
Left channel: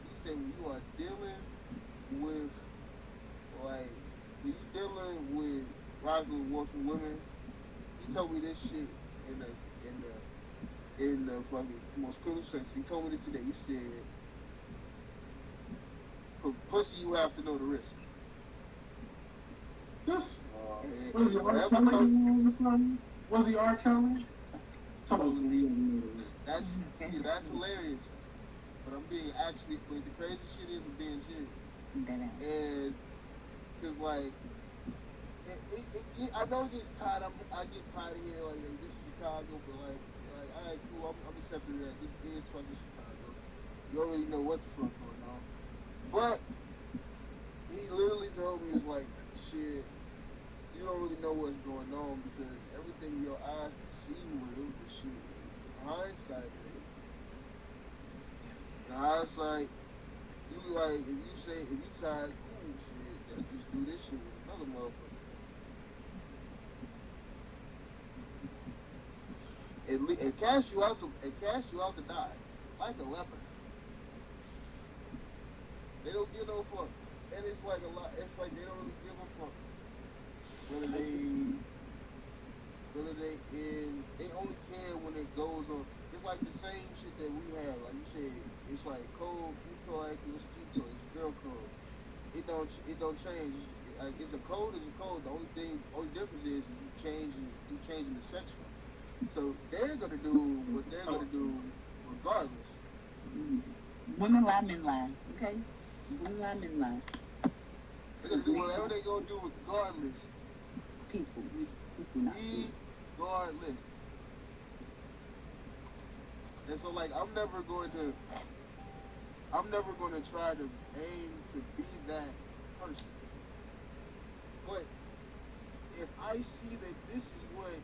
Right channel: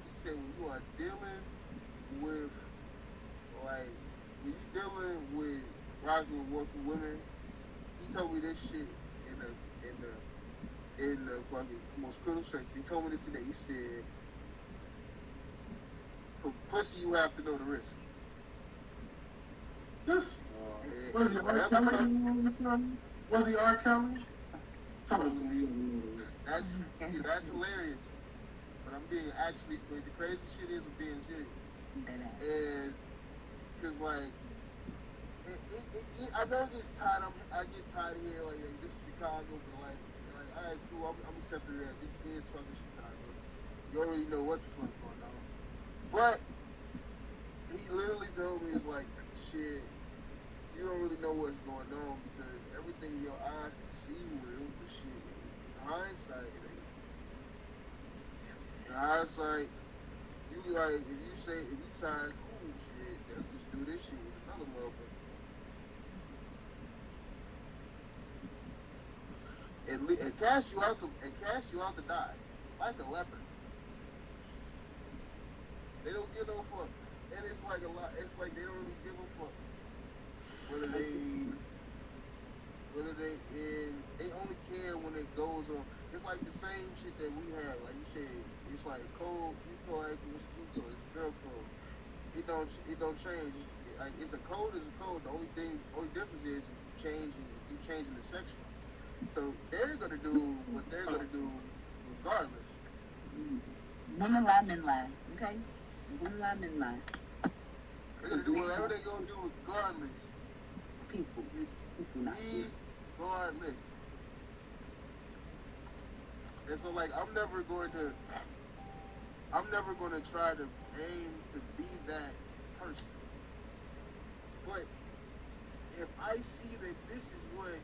He said when you are dealing with rocking with women, he told me this shit in the fucking most critical sense. He told me this today. He said, for pussy, you have to know the risk. Was he R. Kelly? Was he R. Kelly? Tell us me. That's see, that's hilarious. But I'm being actually. Wait, the crazy shit is I'm being serious. And cause like, I know it gets tired. I get tired of hearing like this is Chicago, but all right, cool. I'm accepting that. This is fucking Chicago. You already know what the fuck going on. But he literally told me it's like shit. You don't really know what's going on because everything in your eyes can see with shit. Hindsight. In hindsight, you like if you try cool shit, just do this shit with another motherfucker. It casts you out to die. Like a leopard. They don't give no fuck. And it's like a lot it's like they don't really give a fuck. They only care when it goes on. It's like the same shit that we have. Like you said, it's like cold, like it's girl code. It don't change. Like it's a code is a code. The only difference is you changing the sex from. So they're gonna do what they're gonna do regardless. Women lie, men lie. Okay? Women lie, men lie. They're gonna do whatever they're gonna do regardless. People not. Regardless. And so like I'm never going to try to aim to be that person. But if I see that this is what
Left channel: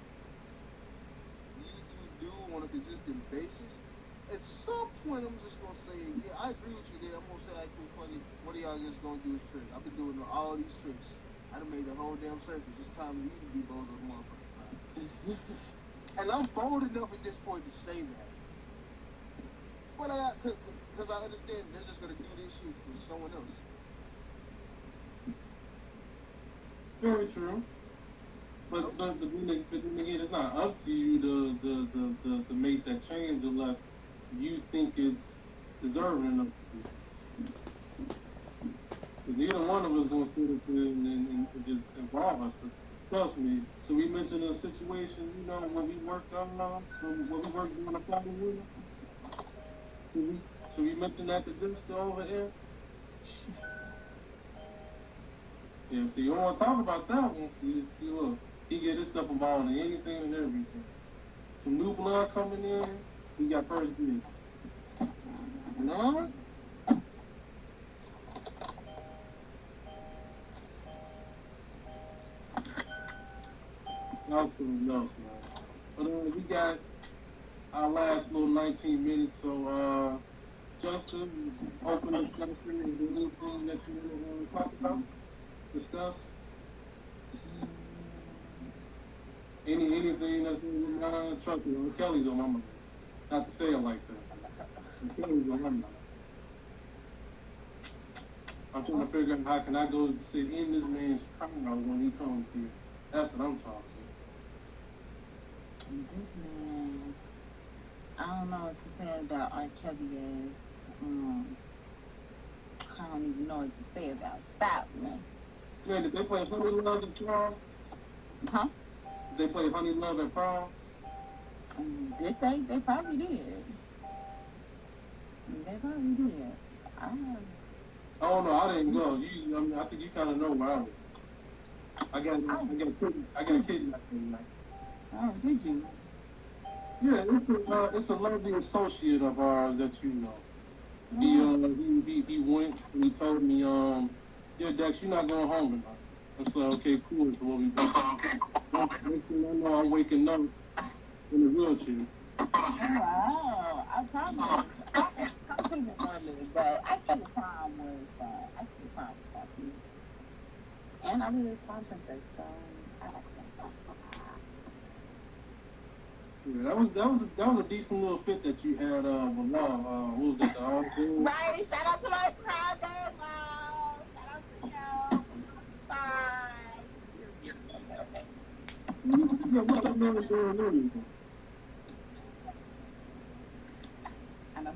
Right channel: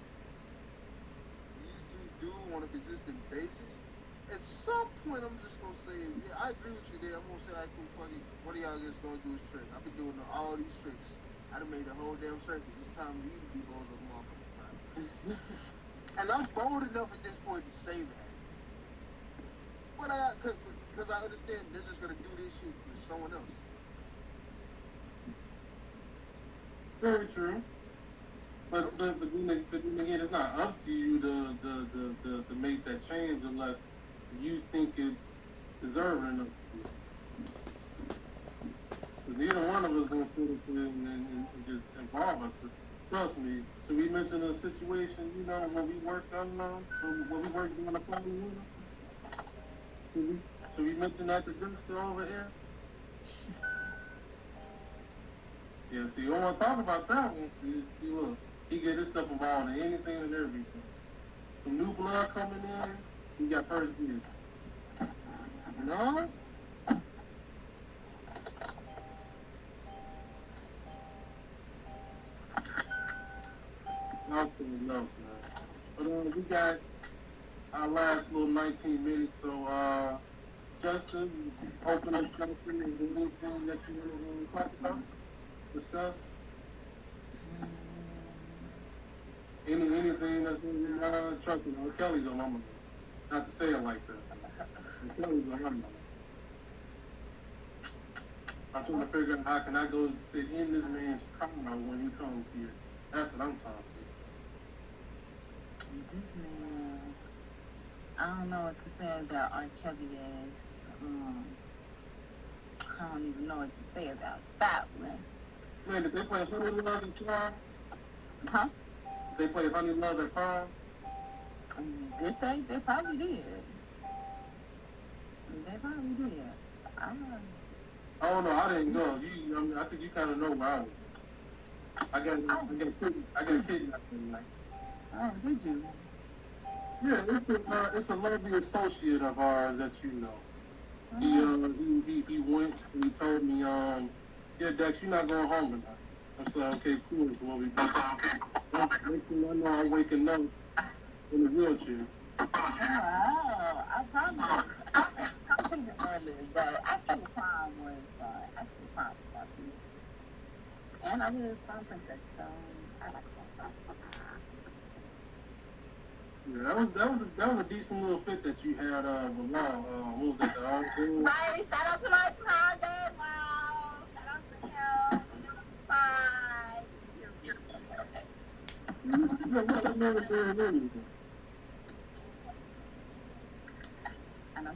you do on a consistent basis, at some point I'm just gonna say, yeah, I agree with you there. I'm gonna say like one of y'all is gonna do his tricks. I've been doing all these tricks. I done made the whole damn circus. It's time you can be both of them motherfuckers. And I'm bold enough at this point to say that. But because I understand they're just gonna do this shit for someone else. Very true. But again, it's not up to you to make that change unless you think it's deserving of. But neither one of us gonna sit and just involve us. Trust me. So we mentioned a situation, when we worked on a problem with them. So we mentioned that the good stuff over here. Yeah, see, you don't want to talk about that one. See, look, he get himself involved in anything and everything. Some new blood coming in, he got first dibs. No? No. But we got our last little 19 minutes, so Justin, open up anything that you talk about, discuss. Anything that's Chuck, Kelly's on my mind. Not to say it like that. Kelly's on my mind. I'm trying to figure out how can I go sit in this man's car when he comes here. That's what I'm talking. This man, I don't know what to say about R. Kelly is. I don't even know what to say about that one. Wait, did they play Honey Love at prom? Huh? Did they play Honey Love at prom? Did they? They probably did. They probably did. I don't know. Oh no, I didn't go. I think you kind of know where I was. I got kidnapped. Oh, did you? Yeah, it's a lovely associate of ours that you know. He went and he told me, yeah, Dex, you're not going home tonight. I said, okay, cool. So what we do? I know I'm waking up in the wheelchair. Wow, I promise. I think it's early, but I think the prom was something. And I was a princess, so I like that. Yeah, that was a decent little fit that you had with Mom. Who was that? Right, shout out to my project. Wow, shout out to him. Bye. I know.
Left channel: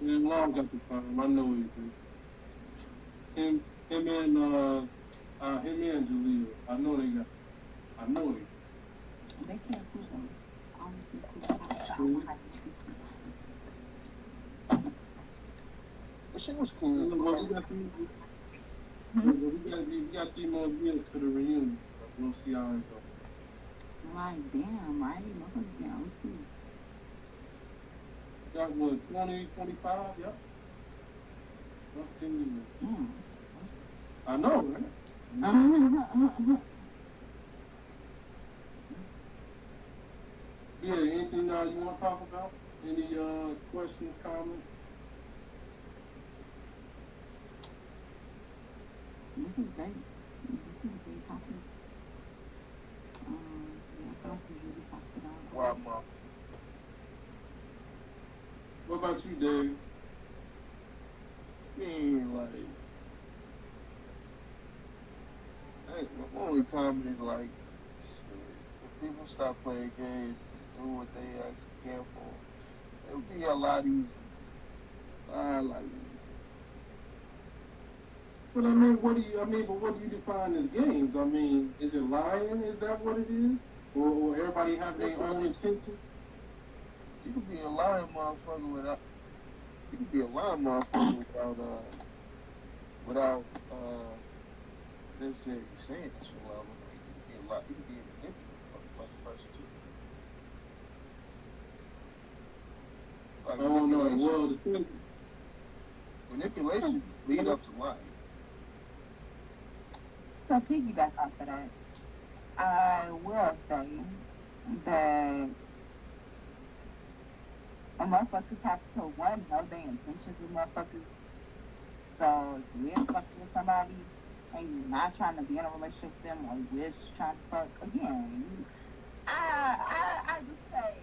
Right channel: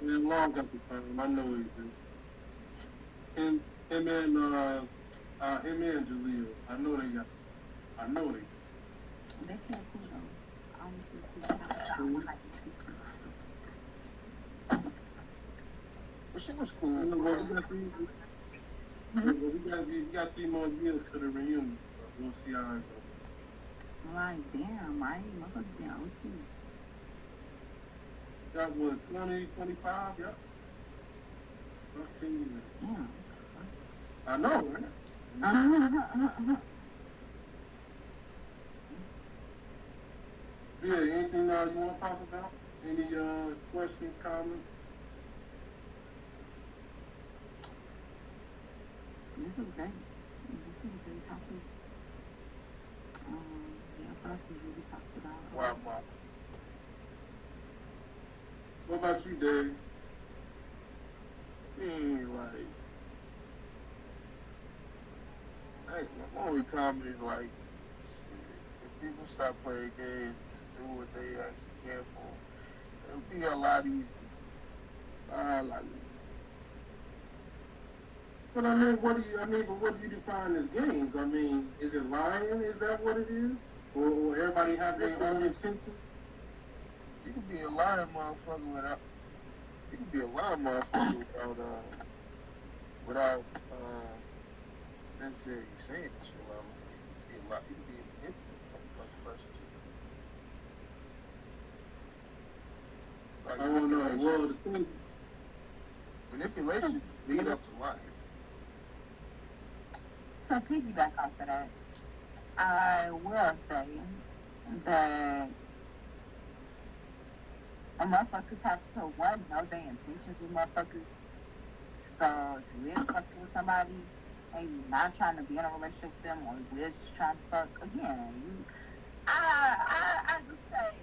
And Mom got the time. I know it. Him and Jaleel. I know they. they can't cool though. I don't think cool. I don't like But she was cool. Well, we got 3 more years to the reunion, so we'll see how it goes. Like, damn, right? Motherfuckers down. Got what, 20, 25? Yep. 15 years. Damn. I know, man. Yeah, anything you want to talk about? Any questions, comments? This is great. This is a great topic. Yeah, what else did you talk about? Wow, mom. What about you, Dave? Yeah, like, my only comment is like, shit, if people stop playing games, do what they actually can for, it would be a lot easier. Like, But what do you define as games? I mean, is it lying? Is that what it is? Or will everybody have their own intention? you could be a lying motherfucker without, you could be a lying motherfucker without necessarily saying that you love them. You could be a lot, you could be a manipulative person too. Like, I don't know. Well, the thing, manipulation lead up to lying. So piggyback off of that, I will say that motherfuckers have to, one, know their intentions with motherfuckers. So if you is fucking with somebody and you're not trying to be in a relationship with them, or you is just trying to fuck, again, I just say,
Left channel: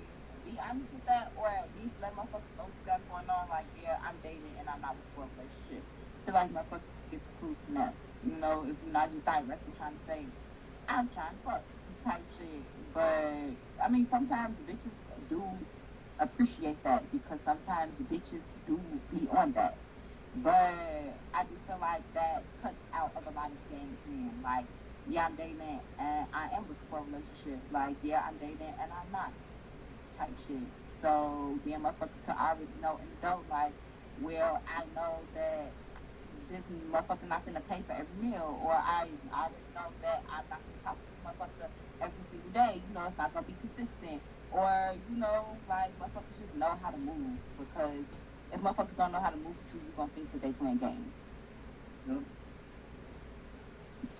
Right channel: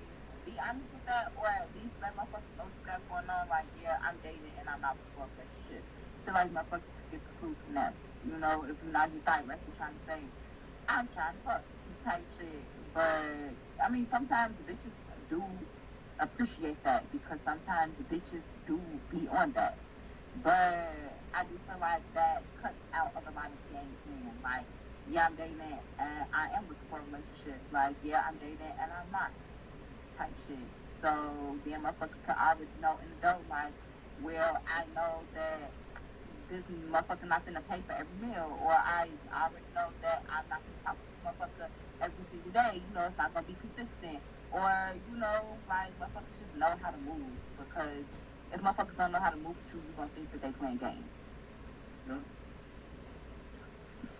be honest with that, or at least let motherfuckers know what you got going on. Like, yeah, I'm dating and I'm not looking for a relationship. I feel like motherfuckers get the truth from that. You know, if you're not just directly trying to say, I'm trying to fuck type shit. But, I mean, sometimes bitches do appreciate that because sometimes bitches do be on that. But I just feel like that cuts out of a lot of games, man. Like, yeah, I'm dating and I am looking for a relationship. Like, yeah, I'm dating and I'm not type shit. So, then motherfuckers could already know in the dope, like, well, I know that this motherfucker not finna pay for every meal, or I already know that I'm not gonna talk to this motherfucker every single day. You know, it's not gonna be consistent. Or, you know, like, motherfuckers just know how to move, because if motherfuckers don't know how to move with you, you're gonna think that they playing games. yeah.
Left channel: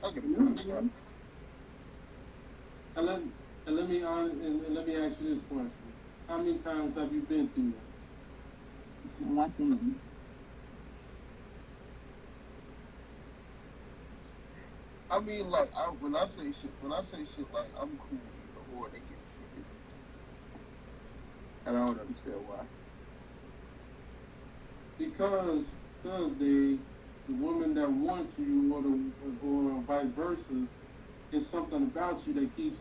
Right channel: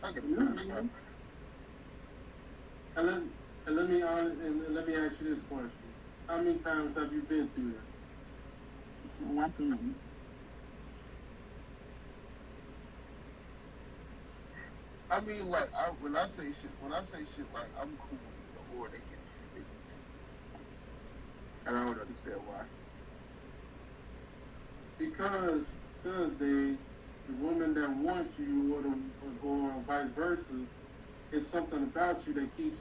Okay. And let me ask you this question: how many times have you been through that? Once a minute. I mean, like, when I say shit like, I'm cool with you, or they get offended. And I don't understand why. Because the woman that wants you, or vice versa, is something about you that keeps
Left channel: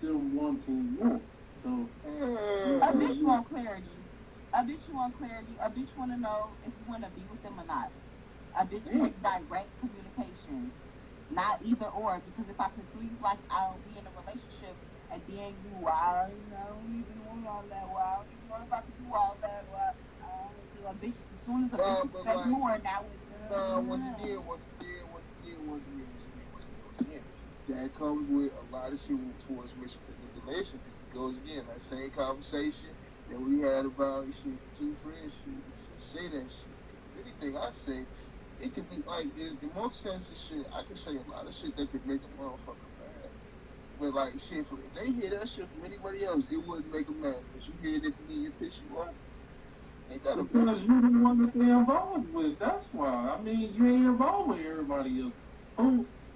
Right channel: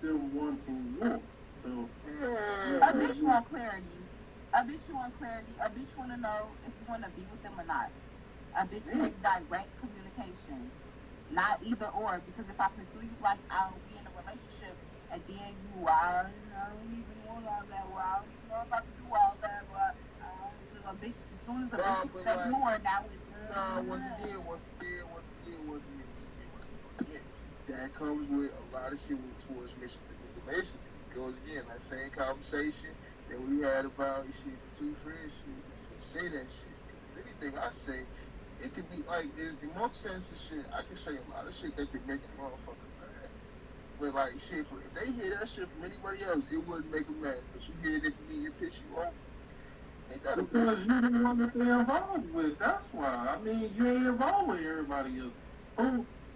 them wanting you. So A bitch want clarity. A bitch want clarity. A bitch want to know if you want to be with them or not. A bitch wants direct communication. Not either or, because if I pursue you like I'll be in a relationship, at the end you are, I don't even want all that. Well, I don't even know about to do all that. Well, a bitch, as soon as a bitch expects more, now it's once again, that comes with a lot of shit towards manipulation. It goes again, that same conversation that we had about shit, the two friends, say that shit. Anything I say, it could be like the most sensitive shit. I can say a lot of shit that could make a motherfucker mad. But like shit, if they hear that shit from anybody else, it wouldn't make them mad. But you hear it if it piss you off. Ain't that a because bitch? you the one that they involved with. That's why. I mean, you ain't involved with everybody else.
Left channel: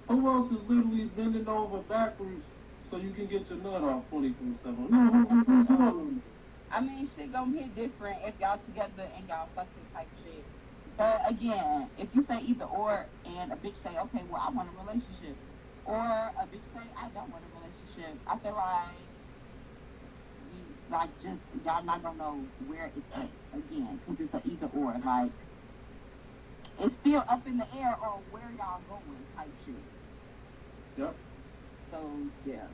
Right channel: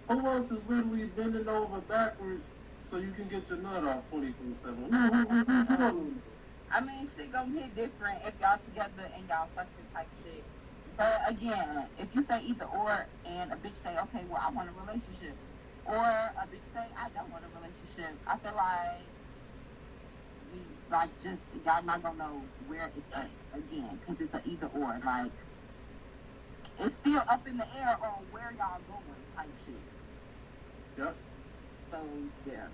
Who else is literally bending over backwards so you can get your nut off 24/7? I mean, shit gonna hit different if y'all together and y'all fucking type shit. But again, if you say either or, and a bitch say, okay, well, I want a relationship, or a bitch say, I don't want a relationship, I feel like just y'all not gonna know where it's at again, because it's a either or. Like, it's still up in the air on where y'all going type shit. Yep. So yeah,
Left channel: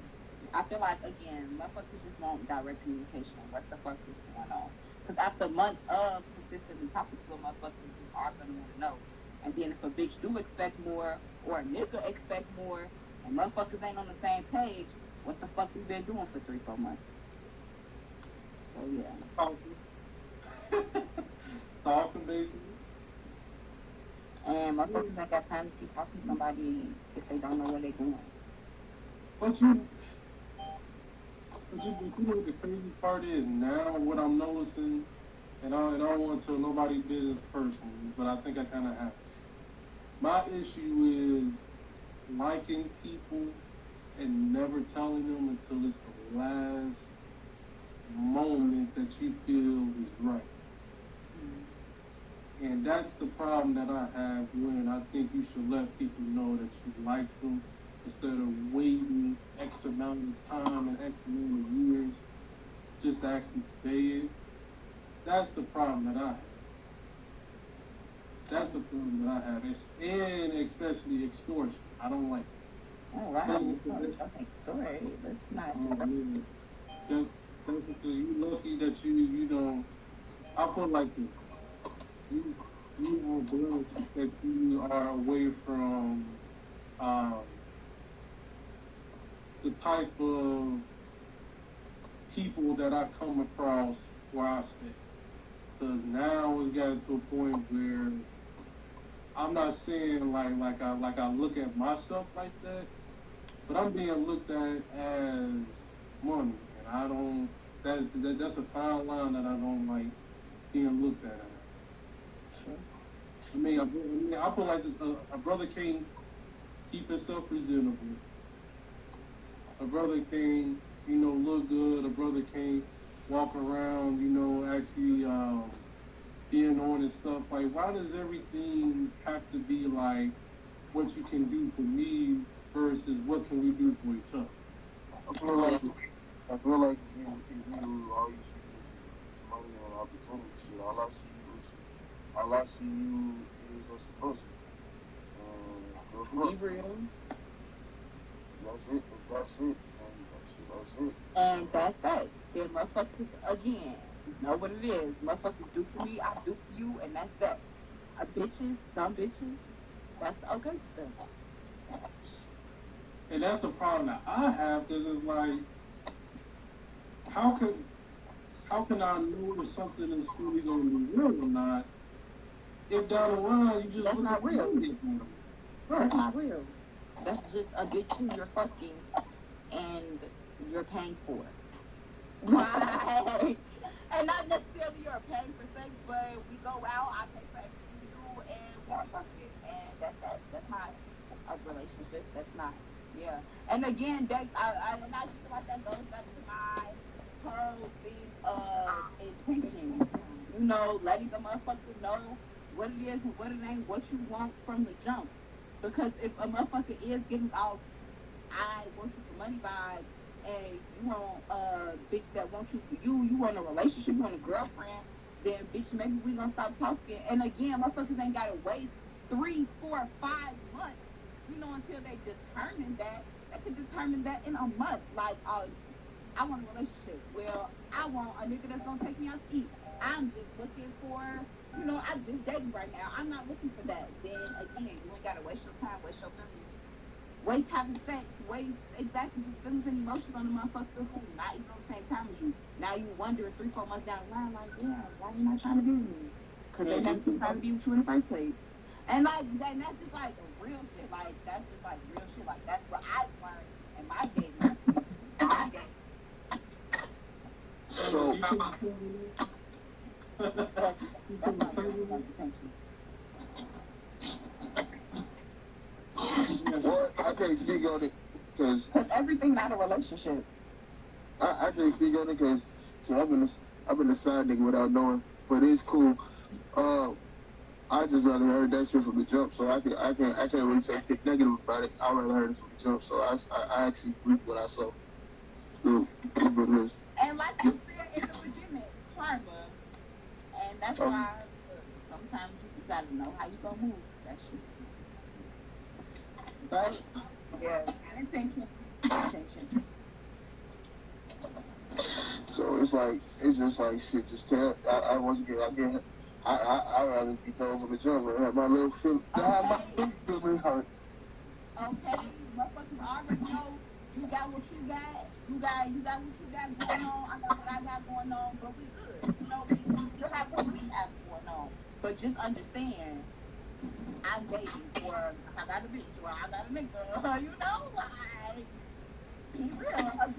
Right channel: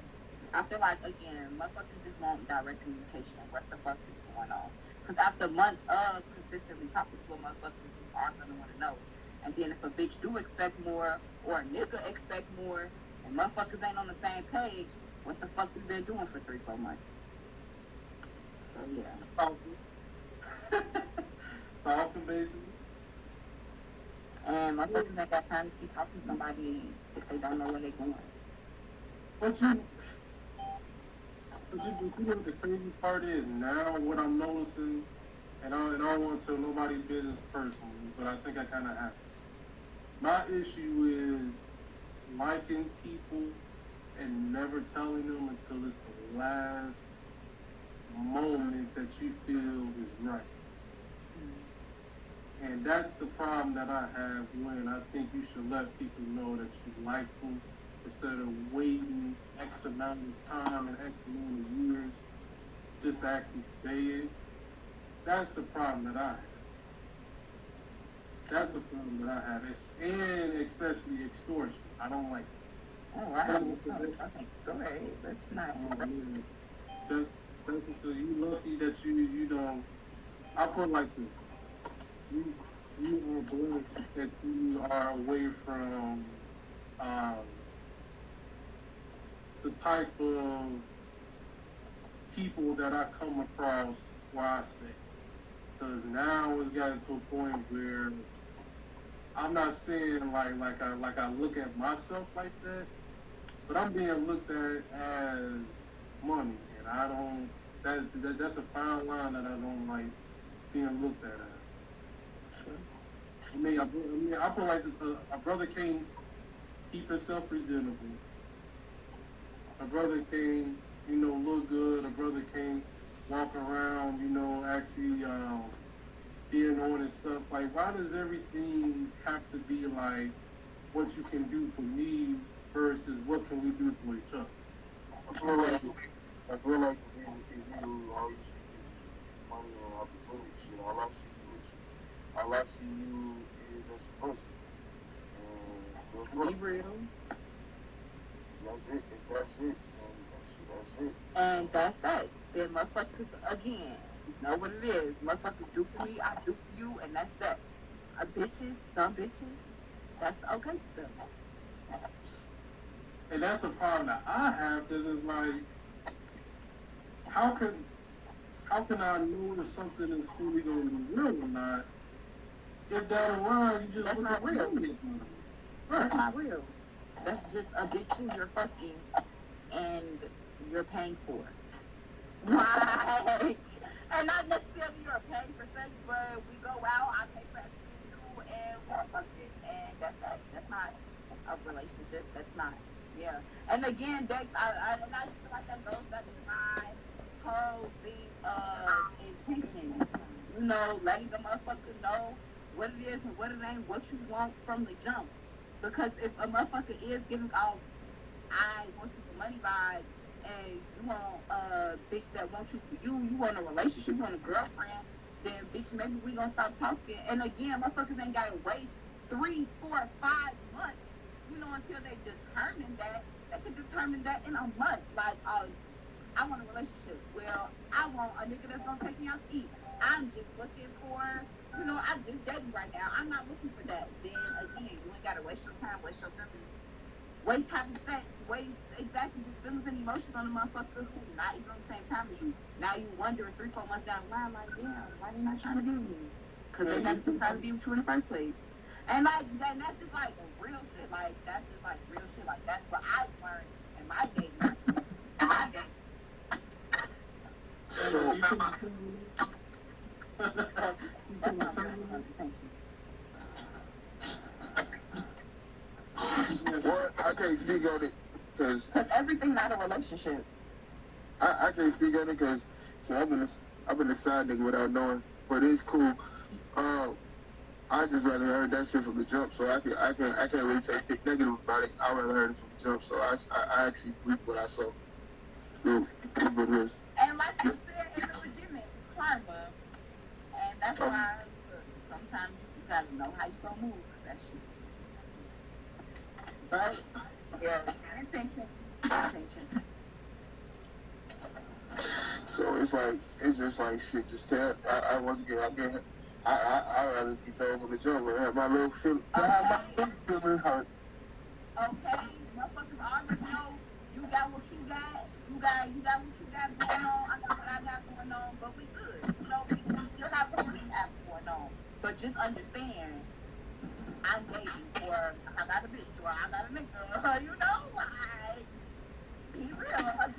I feel like, again, motherfuckers just want direct communication. What the fuck is going on? Because after months of consistently talking to a motherfucker, you are going to want to know. And then if a bitch do expect more, or a nigga expect more, and motherfuckers ain't on the same page, what the fuck we been doing for 3-4 months? So, yeah. Talking, basically. And motherfuckers ain't got time to keep talking to somebody if they don't know where they going. But you know what the crazy part is now, what I'm noticing, and I don't want to tell nobody's business personally, but I think I kind of have to. My issue is liking people and never telling them until it's the last moment that you feel is right. And that's the problem that I have when I think you should let people know that you like them instead of waiting X amount of time and X amount of years just to actually say it. That's the problem that I have. That's the problem that I have. And especially extortion. I don't like it. Oh, wow. Okay, story. That's not. Just because you lucky that you know, I'll put it like this. You are blessed that you are away from the type of people that I come across where I stay. Because now it's gotten to a point where I'm not saying like I look at myself like that, but I'm being looked at as money, and I don't. That's a fine line that I don't like being looked at. I mean, I feel like this, a brother can't keep himself presentable. A brother can't, look good. A brother can't walk around, actually being on and stuff. Like, why does everything have to be like what you can do for me versus what can we do for each other? I feel like if you always money and opportunities, all I see you is just a person. And Be real. that's it. That's it. And that's that. Then motherfuckers, again, know what it is. Motherfuckers do for me, I do for you, and that's that. Some bitches, that's okay for them. And that's the problem that I have, because it's like, how can I know if something is really going to be real or not if down the line you just That's not real. Right. That's not real. That's just a bitch who you're fucking and you're paying for. Right. And not necessarily you're paying for sex, but we go out, I pay for everything we do, and we're fucking, and that's that. That's not a relationship. That's not. Yeah. And again, Dex, I'm not sure like that goes back to my whole thing of intention. Letting the motherfucker know what it is and what it ain't, what you want from the jump. Because if a motherfucker is giving off, I want you for money vibes, and you want a bitch that wants you for you want a relationship, you want a girlfriend, then bitch, maybe we gonna stop talking. And again, motherfuckers ain't gotta wait 3, 4, 5 months, until they determine that. They can determine that in a month. Like, I want a relationship. Well, I want a nigga that's gonna take me out to eat. I'm just looking for, I'm just dating right now. I'm not looking for that. Then again, you ain't gotta waste your time, waste your feelings, waste having sex, waste exactly just feelings and emotions on the motherfucker who's not even on the same time as you. Now you wondering 3, 4 months down the line, like, damn, why you not trying to be with me? Because they never decided to be with you in the first place. And like, that's just like real shit. Like, that's just like real shit. Like, that's what I've learned in my dating. So, That's not real attention. well, I can't speak on it because Everything not a relationship. I can't speak on it because I've been a side nigga without knowing, but it's cool. I just rather heard that shit from the jump, so I can't really say anything negative about it. I rather heard it from the jump, so I actually agree with what I saw. And like you said in the beginning, karma. And that's why sometimes you gotta know how you gonna move that shit. But yeah, intention. So it's just like shit. Just tell. I wasn't get. I rather be told from the jump. I have my little feel. I have my little feeling hurt. Okay, motherfuckers already know you got what you got. You got what you got going on. I got what I got going on, but we good. You know, we still have what we have going on. But just understand, I'm dating for I got a bitch or I got a nigga. You know, like be real again.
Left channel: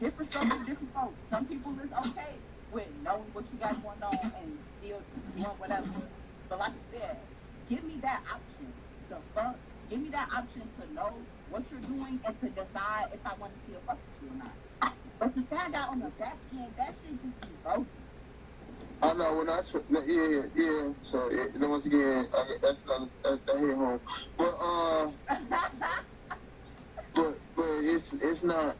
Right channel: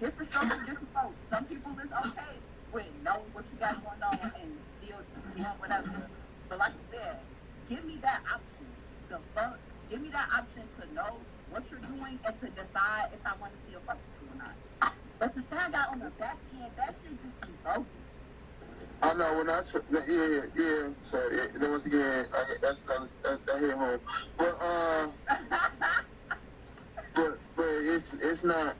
Different strokes for different folks. Some people is okay with knowing what you got going on and still doing whatever. But like you said, give me that option. The fuck. Give me that option to know what you're doing and to decide if I want to still fuck with you or not. But to find out on the back end, that should just be bogus. I know when yeah. So once again, that's that hit home. But it's not.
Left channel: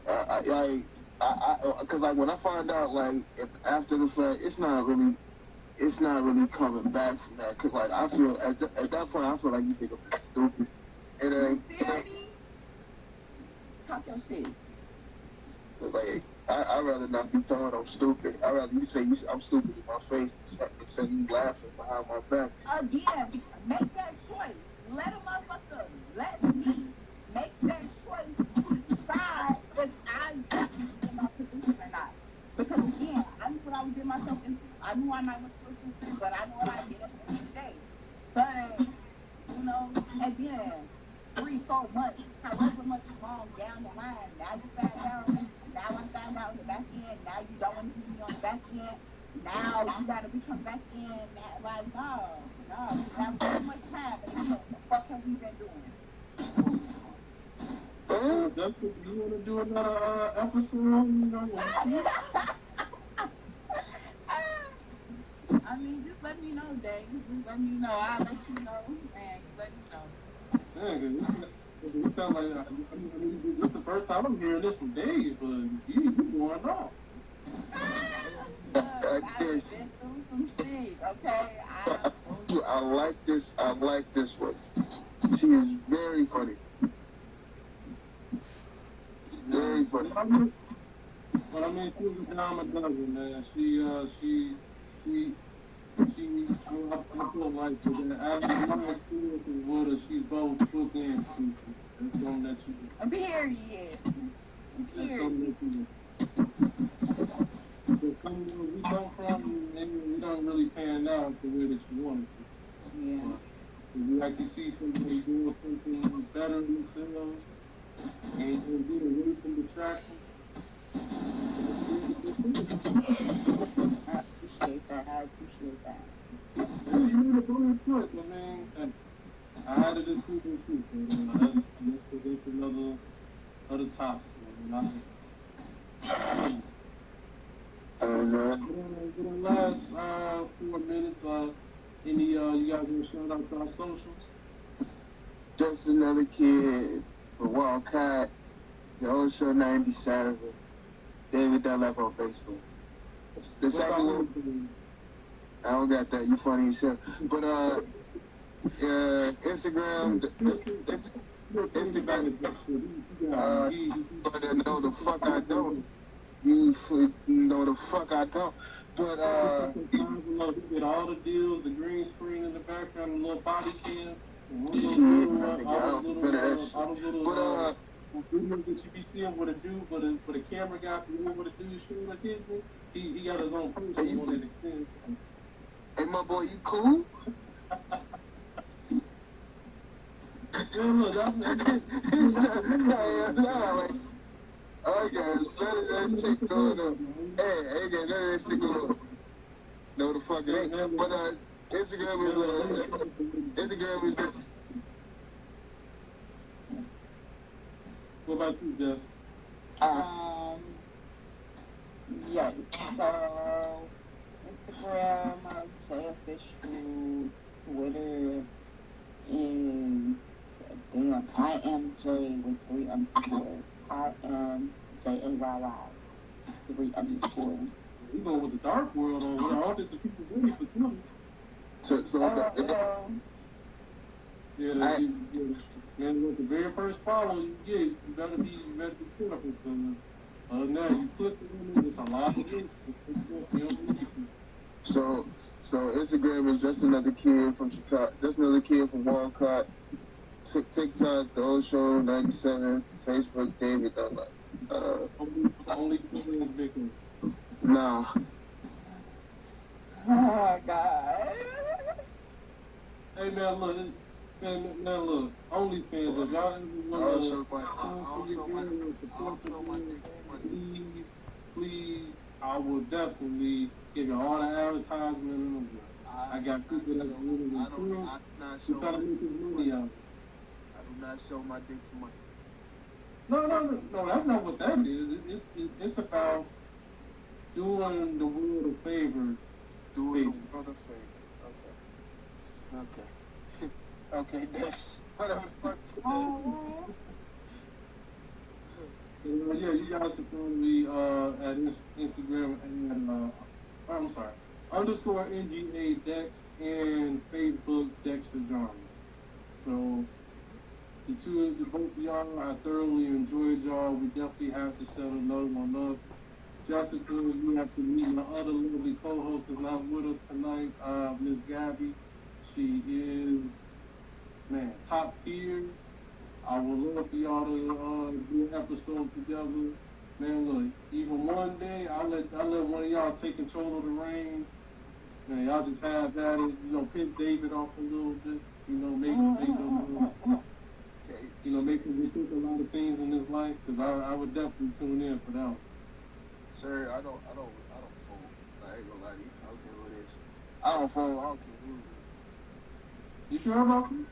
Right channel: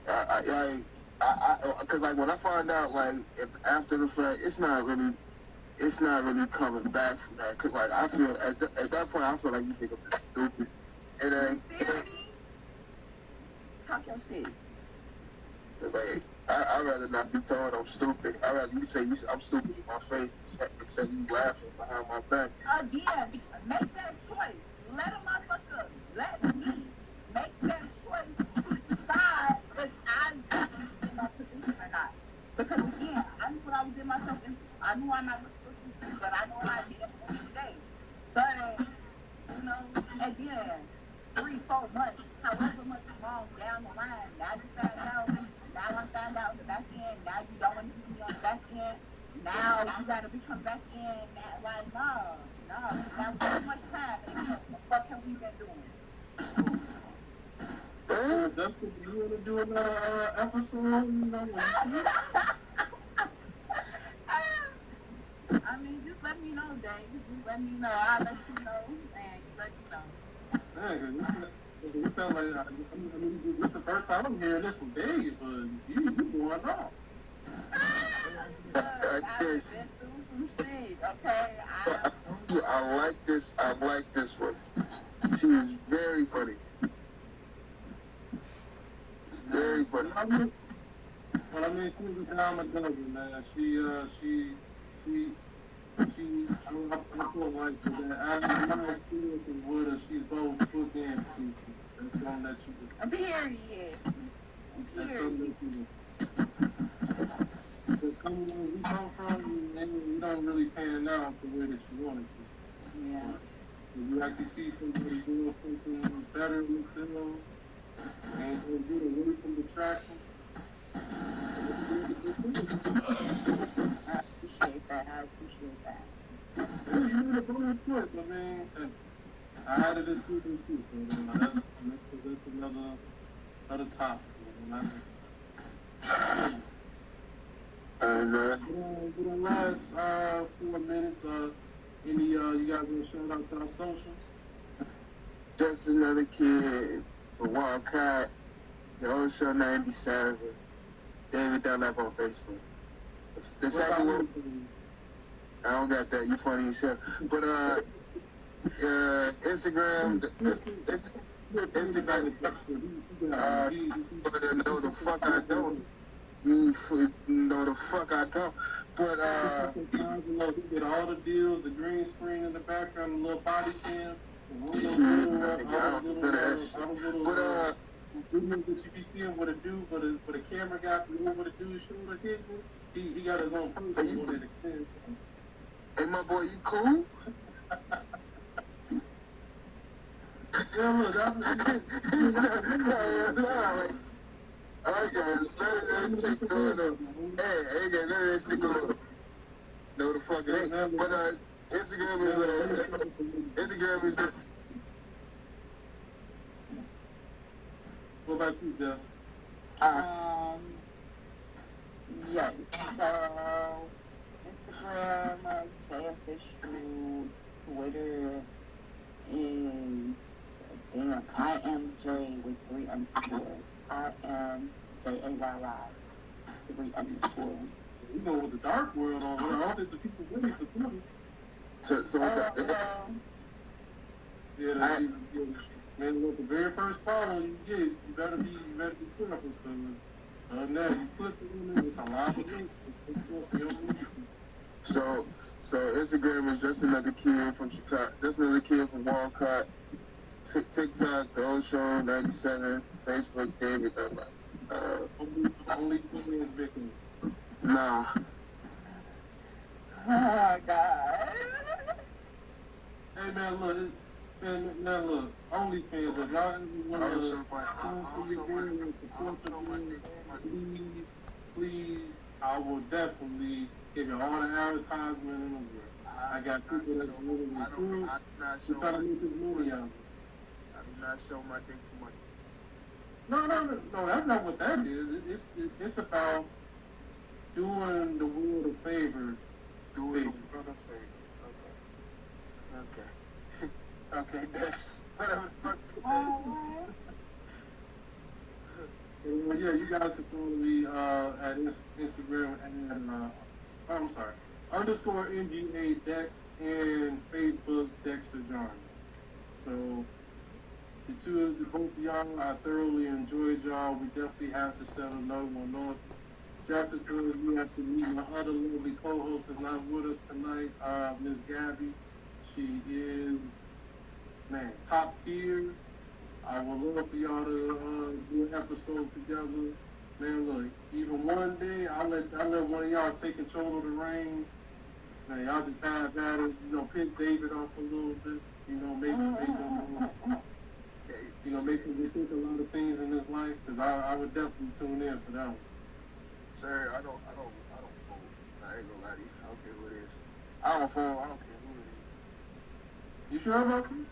Cause like when I find out like after the fact, it's not really coming back from that. Cause like I feel at that point I feel like you think I'm stupid. And talk your shit. Like I'd rather not be told I'm stupid. I'd rather you say I'm stupid to my face instead of you laughing behind my back. Again, make that choice. Let a motherfucker, let me make that choice to decide if I'm in my position or not. Because again, I knew what I was getting myself into. I knew I might look stupid, but I know what I did at the end of the day. But you know, and then 3-4 months, however much long down the line, now you find out, now I found out the back end, now you don't want to be on the back end, now you gotta be coming back in, now, like, no, we have so much time, and what have we been doing? That's what you want to do another episode, you know, I mean, just let me know, Jay. Just let me know. I'll let you know, man. You let me know. Man, you sound like this is the first time I'm hearing this from Dave, but you going on. I've been through some shit, okay? I like this one. She is very funny. Very funny. But I mean, she's a dime a dozen, man. I feel like that after my experience with her, she's both book and speaking. That's something that you Period. that's something that you coming where we come from, maybe we don't really pan out the way that you want it to. Yeah. You actually see some of these little something better than themselves, and you get away from distraction. I appreciate that. You made a brilliant point, I mean, I had a discussion too, so that's another topic. And For the last 4 minutes, you guys want to shout out to our socials? just another kid from Wildcat, the old show 97, David Dunlap on Facebook. The second one, I don't got that. You funny as hell. But Instagram, but no, the fuck I don't. You know the fuck I don't. But get all the deals, the green screen in the background, the little body cam, all shit, those I don't do that shit. But videos that you be seeing what a dude, but a camera guy, what a dude shooting like he got his own person on that extent. hey, my boy, you cool? Yeah, look, I got none of that shit going on. Hey, I ain't got none of that shit going on. No, the fuck ain't. But Instagram is. what about you, Jess? Yeah, so Instagram, Jay Official, Twitter is I am Jay with 3 underscores. I am JAYY, 3 underscores. You go with the dark world on here. All the people waiting for Twitter. Man, look, the very first follow you get, you better be careful. Now you put it's a lot of things. So, Instagram is just another kid from Chicago, just another kid from Walcott. TikTok, The Old Show, 97. Facebook, David. Only thing is Vicky. Nah. Oh God. Hey man, look, man, look. OnlyFans, if y'all want please, I will definitely give you all the advertisement. I got people that are really I do not show my dick for money. No, that's not what that is. It's about doing the world a favor. Doing the world a favor. Okay. Okay, next. Yeah, you guys can follow me at Instagram and I'm sorry, _ NGA Dex and Facebook Dexter Jarman. So both of y'all, I thoroughly enjoyed y'all. We definitely have to set another one up. Jessica, we have to meet my other lovely co-host is not with us tonight, Miss Gabby. She is, man, top tier. I would love for y'all to do an episode together. Man, look, even one day, I'll let one of y'all take control of the reins. Man, y'all just have at it, piss David off a little bit, make him rethink a lot of things in his life, because I would definitely tune in for that one. Sir, I don't fold. I ain't gonna lie to you. I don't care who it is. I don't fold. I don't care who it is. You sure about that?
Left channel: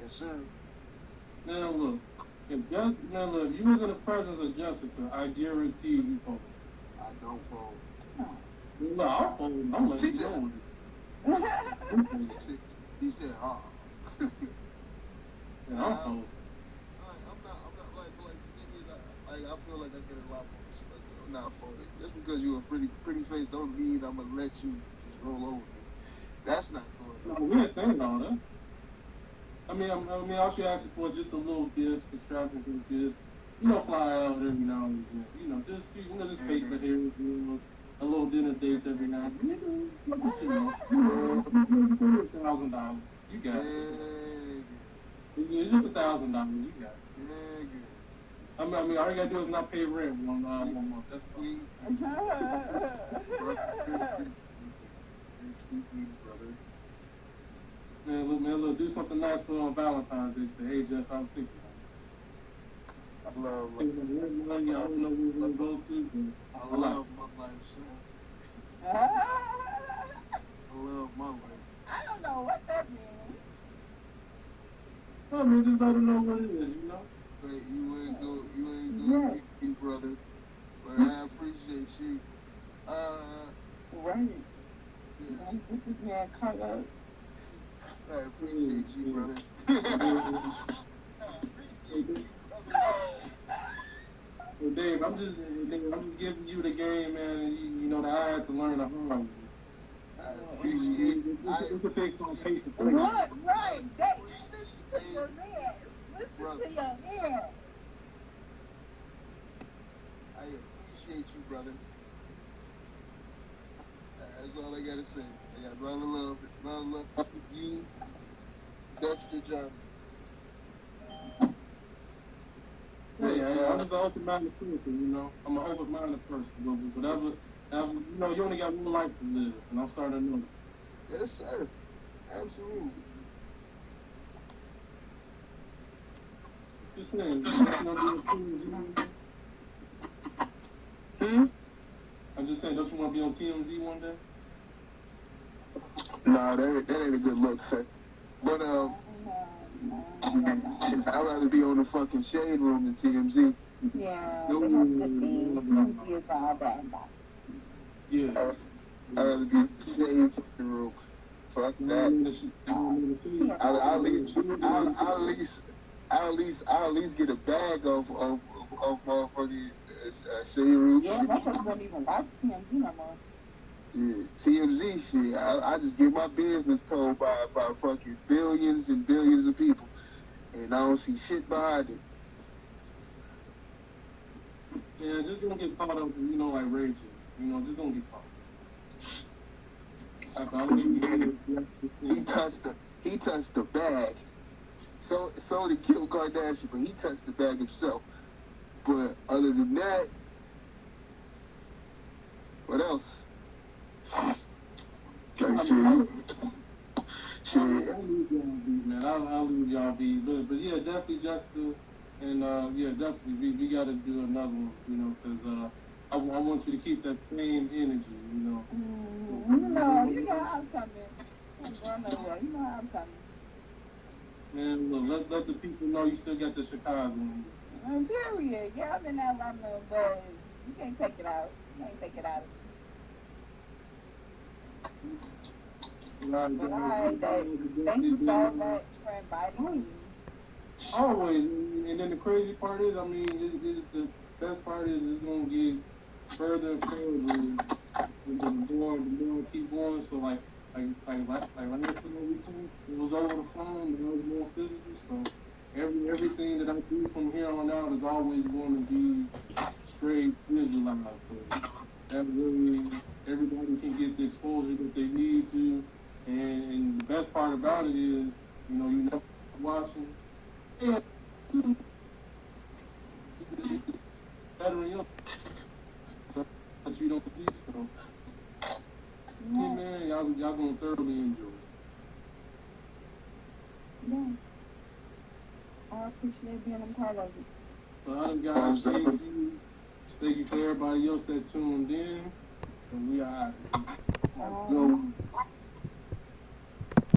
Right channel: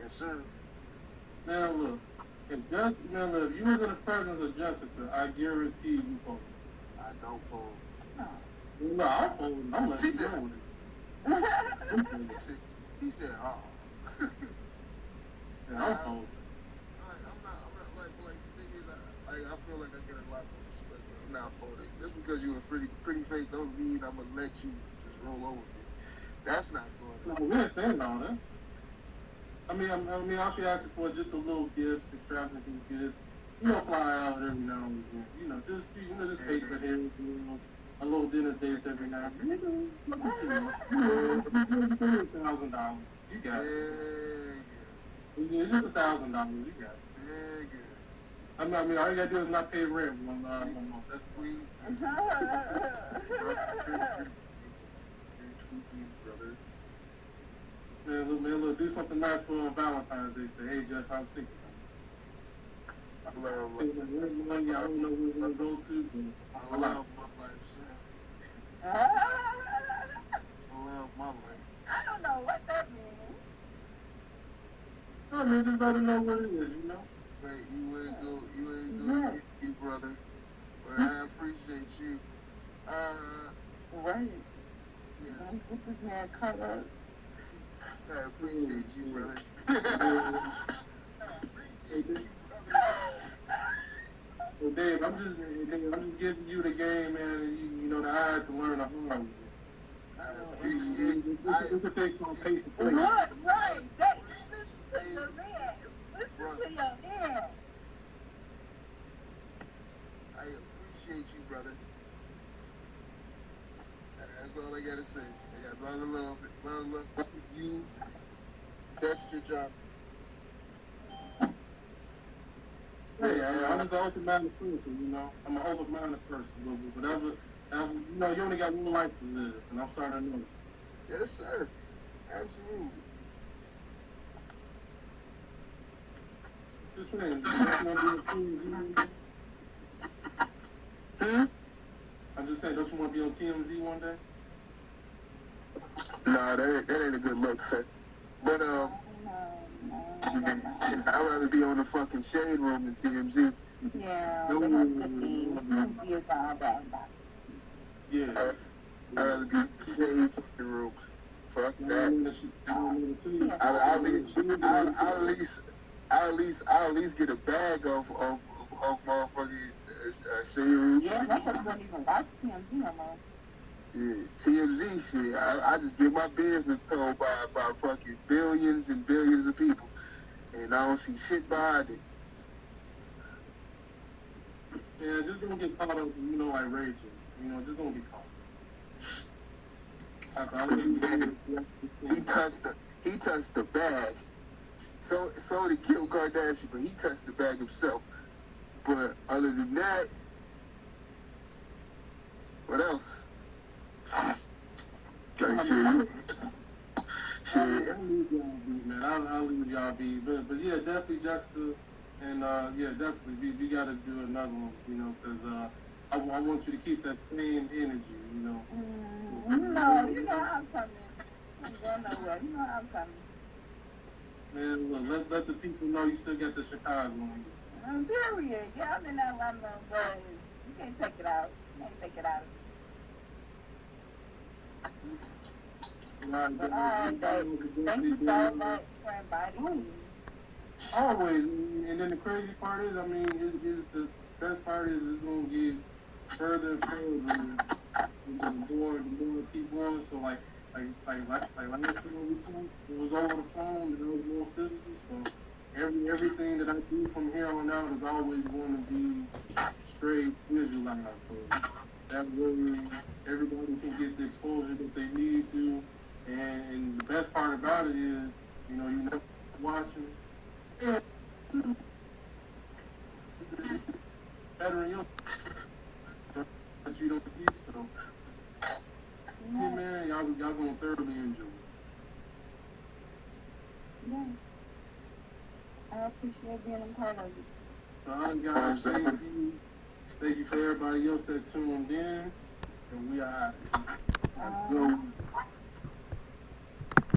Yes, sir. Man, look, if you was in the presence of Jessica, I guarantee you fold. I don't fold. No, I'll fold. I'm letting you go with it. He said, Yeah, I'll fold. I'm not like, I feel like I get a lot of respect. I'm not folding. Just because you're a pretty face don't mean I'm gonna let you just roll over. That's not going on. We ain't saying all that. I mean, all she asks for just a little gift, extravagant gift. Fly out every now and then. Just pay for him. A little dinner dates every now and then. $1,000. You got it. It's just $1,000. You got it. I mean, all you gotta do is not pay rent one month. That's Man, look, do something nice for Valentine's Day. Say, hey, Jess, I was thinking. I love I don't know where we're gonna go to. I love my life. I love my life. I don't know what that means. I mean, just let her know what it is, Hey, you ain't go get me, brother. But I appreciate you. Right. Yeah. This is man cut up. I appreciate you, brother. Well, Dave, I'm just giving you the game, man. And you know that I had to learn the hard way. I appreciate it. It's a big competition. Right. Listen to your man. Listen to your man. I appreciate you, brother. That's all I gotta say. I got a lot of love for you. That's your job. Yeah, I'm just an open-minded person, I'm an open-minded person, but you only got one life to live, and I'm starting to know. Yes, sir. Absolutely. Just saying, I'm just saying, don't you want to be on TMZ one day? Nah, that ain't a good look, sir. But, I'd rather be on the fucking Shade Room than TMZ. Yeah, but that's the thing. TMZ is all that. Yeah. I'd rather be Shade Room. Fuck that. I'll at least get a bag of motherfucking Shade Room. Yeah, motherfuckers don't even watch TMZ no more. Yeah, TMZ shit. I just get my business told by fucking billions and billions of people, and I don't see shit behind it. Yeah, just don't get caught up, like rage. Just don't get caught. He touched the bag. So did Kim Kardashian, but he touched the bag himself. But other than that, what else? I'll leave y'all be. But yeah, definitely Jessica, and yeah, definitely we got to do another one, because I want you to keep that same energy. You know I'm coming. I'm going nowhere. You know I'm coming. Man, look, let the people know you still got the Chicago in you. Period. Yeah, I've been out Atlanta, but you can't take it out. You can't take it out. Right, But all right, Dave. Thank you so much for inviting me. Always, and then the crazy part is, is the best part is it's gonna get further and further, and the more we keep going. So like last time we talked, it was over the phone, it was more physical. So everything that I do from here on out is always going to be straight visualized. So that way everybody can get the exposure that they need to. And the best part about it is, you're never watching. Yeah, it's better in your so that you don't see. So, yeah, man, y'all gonna thoroughly enjoy it. Yeah. I appreciate being a part of it. So, guys, thank you for everybody else that tuned in, and we are out.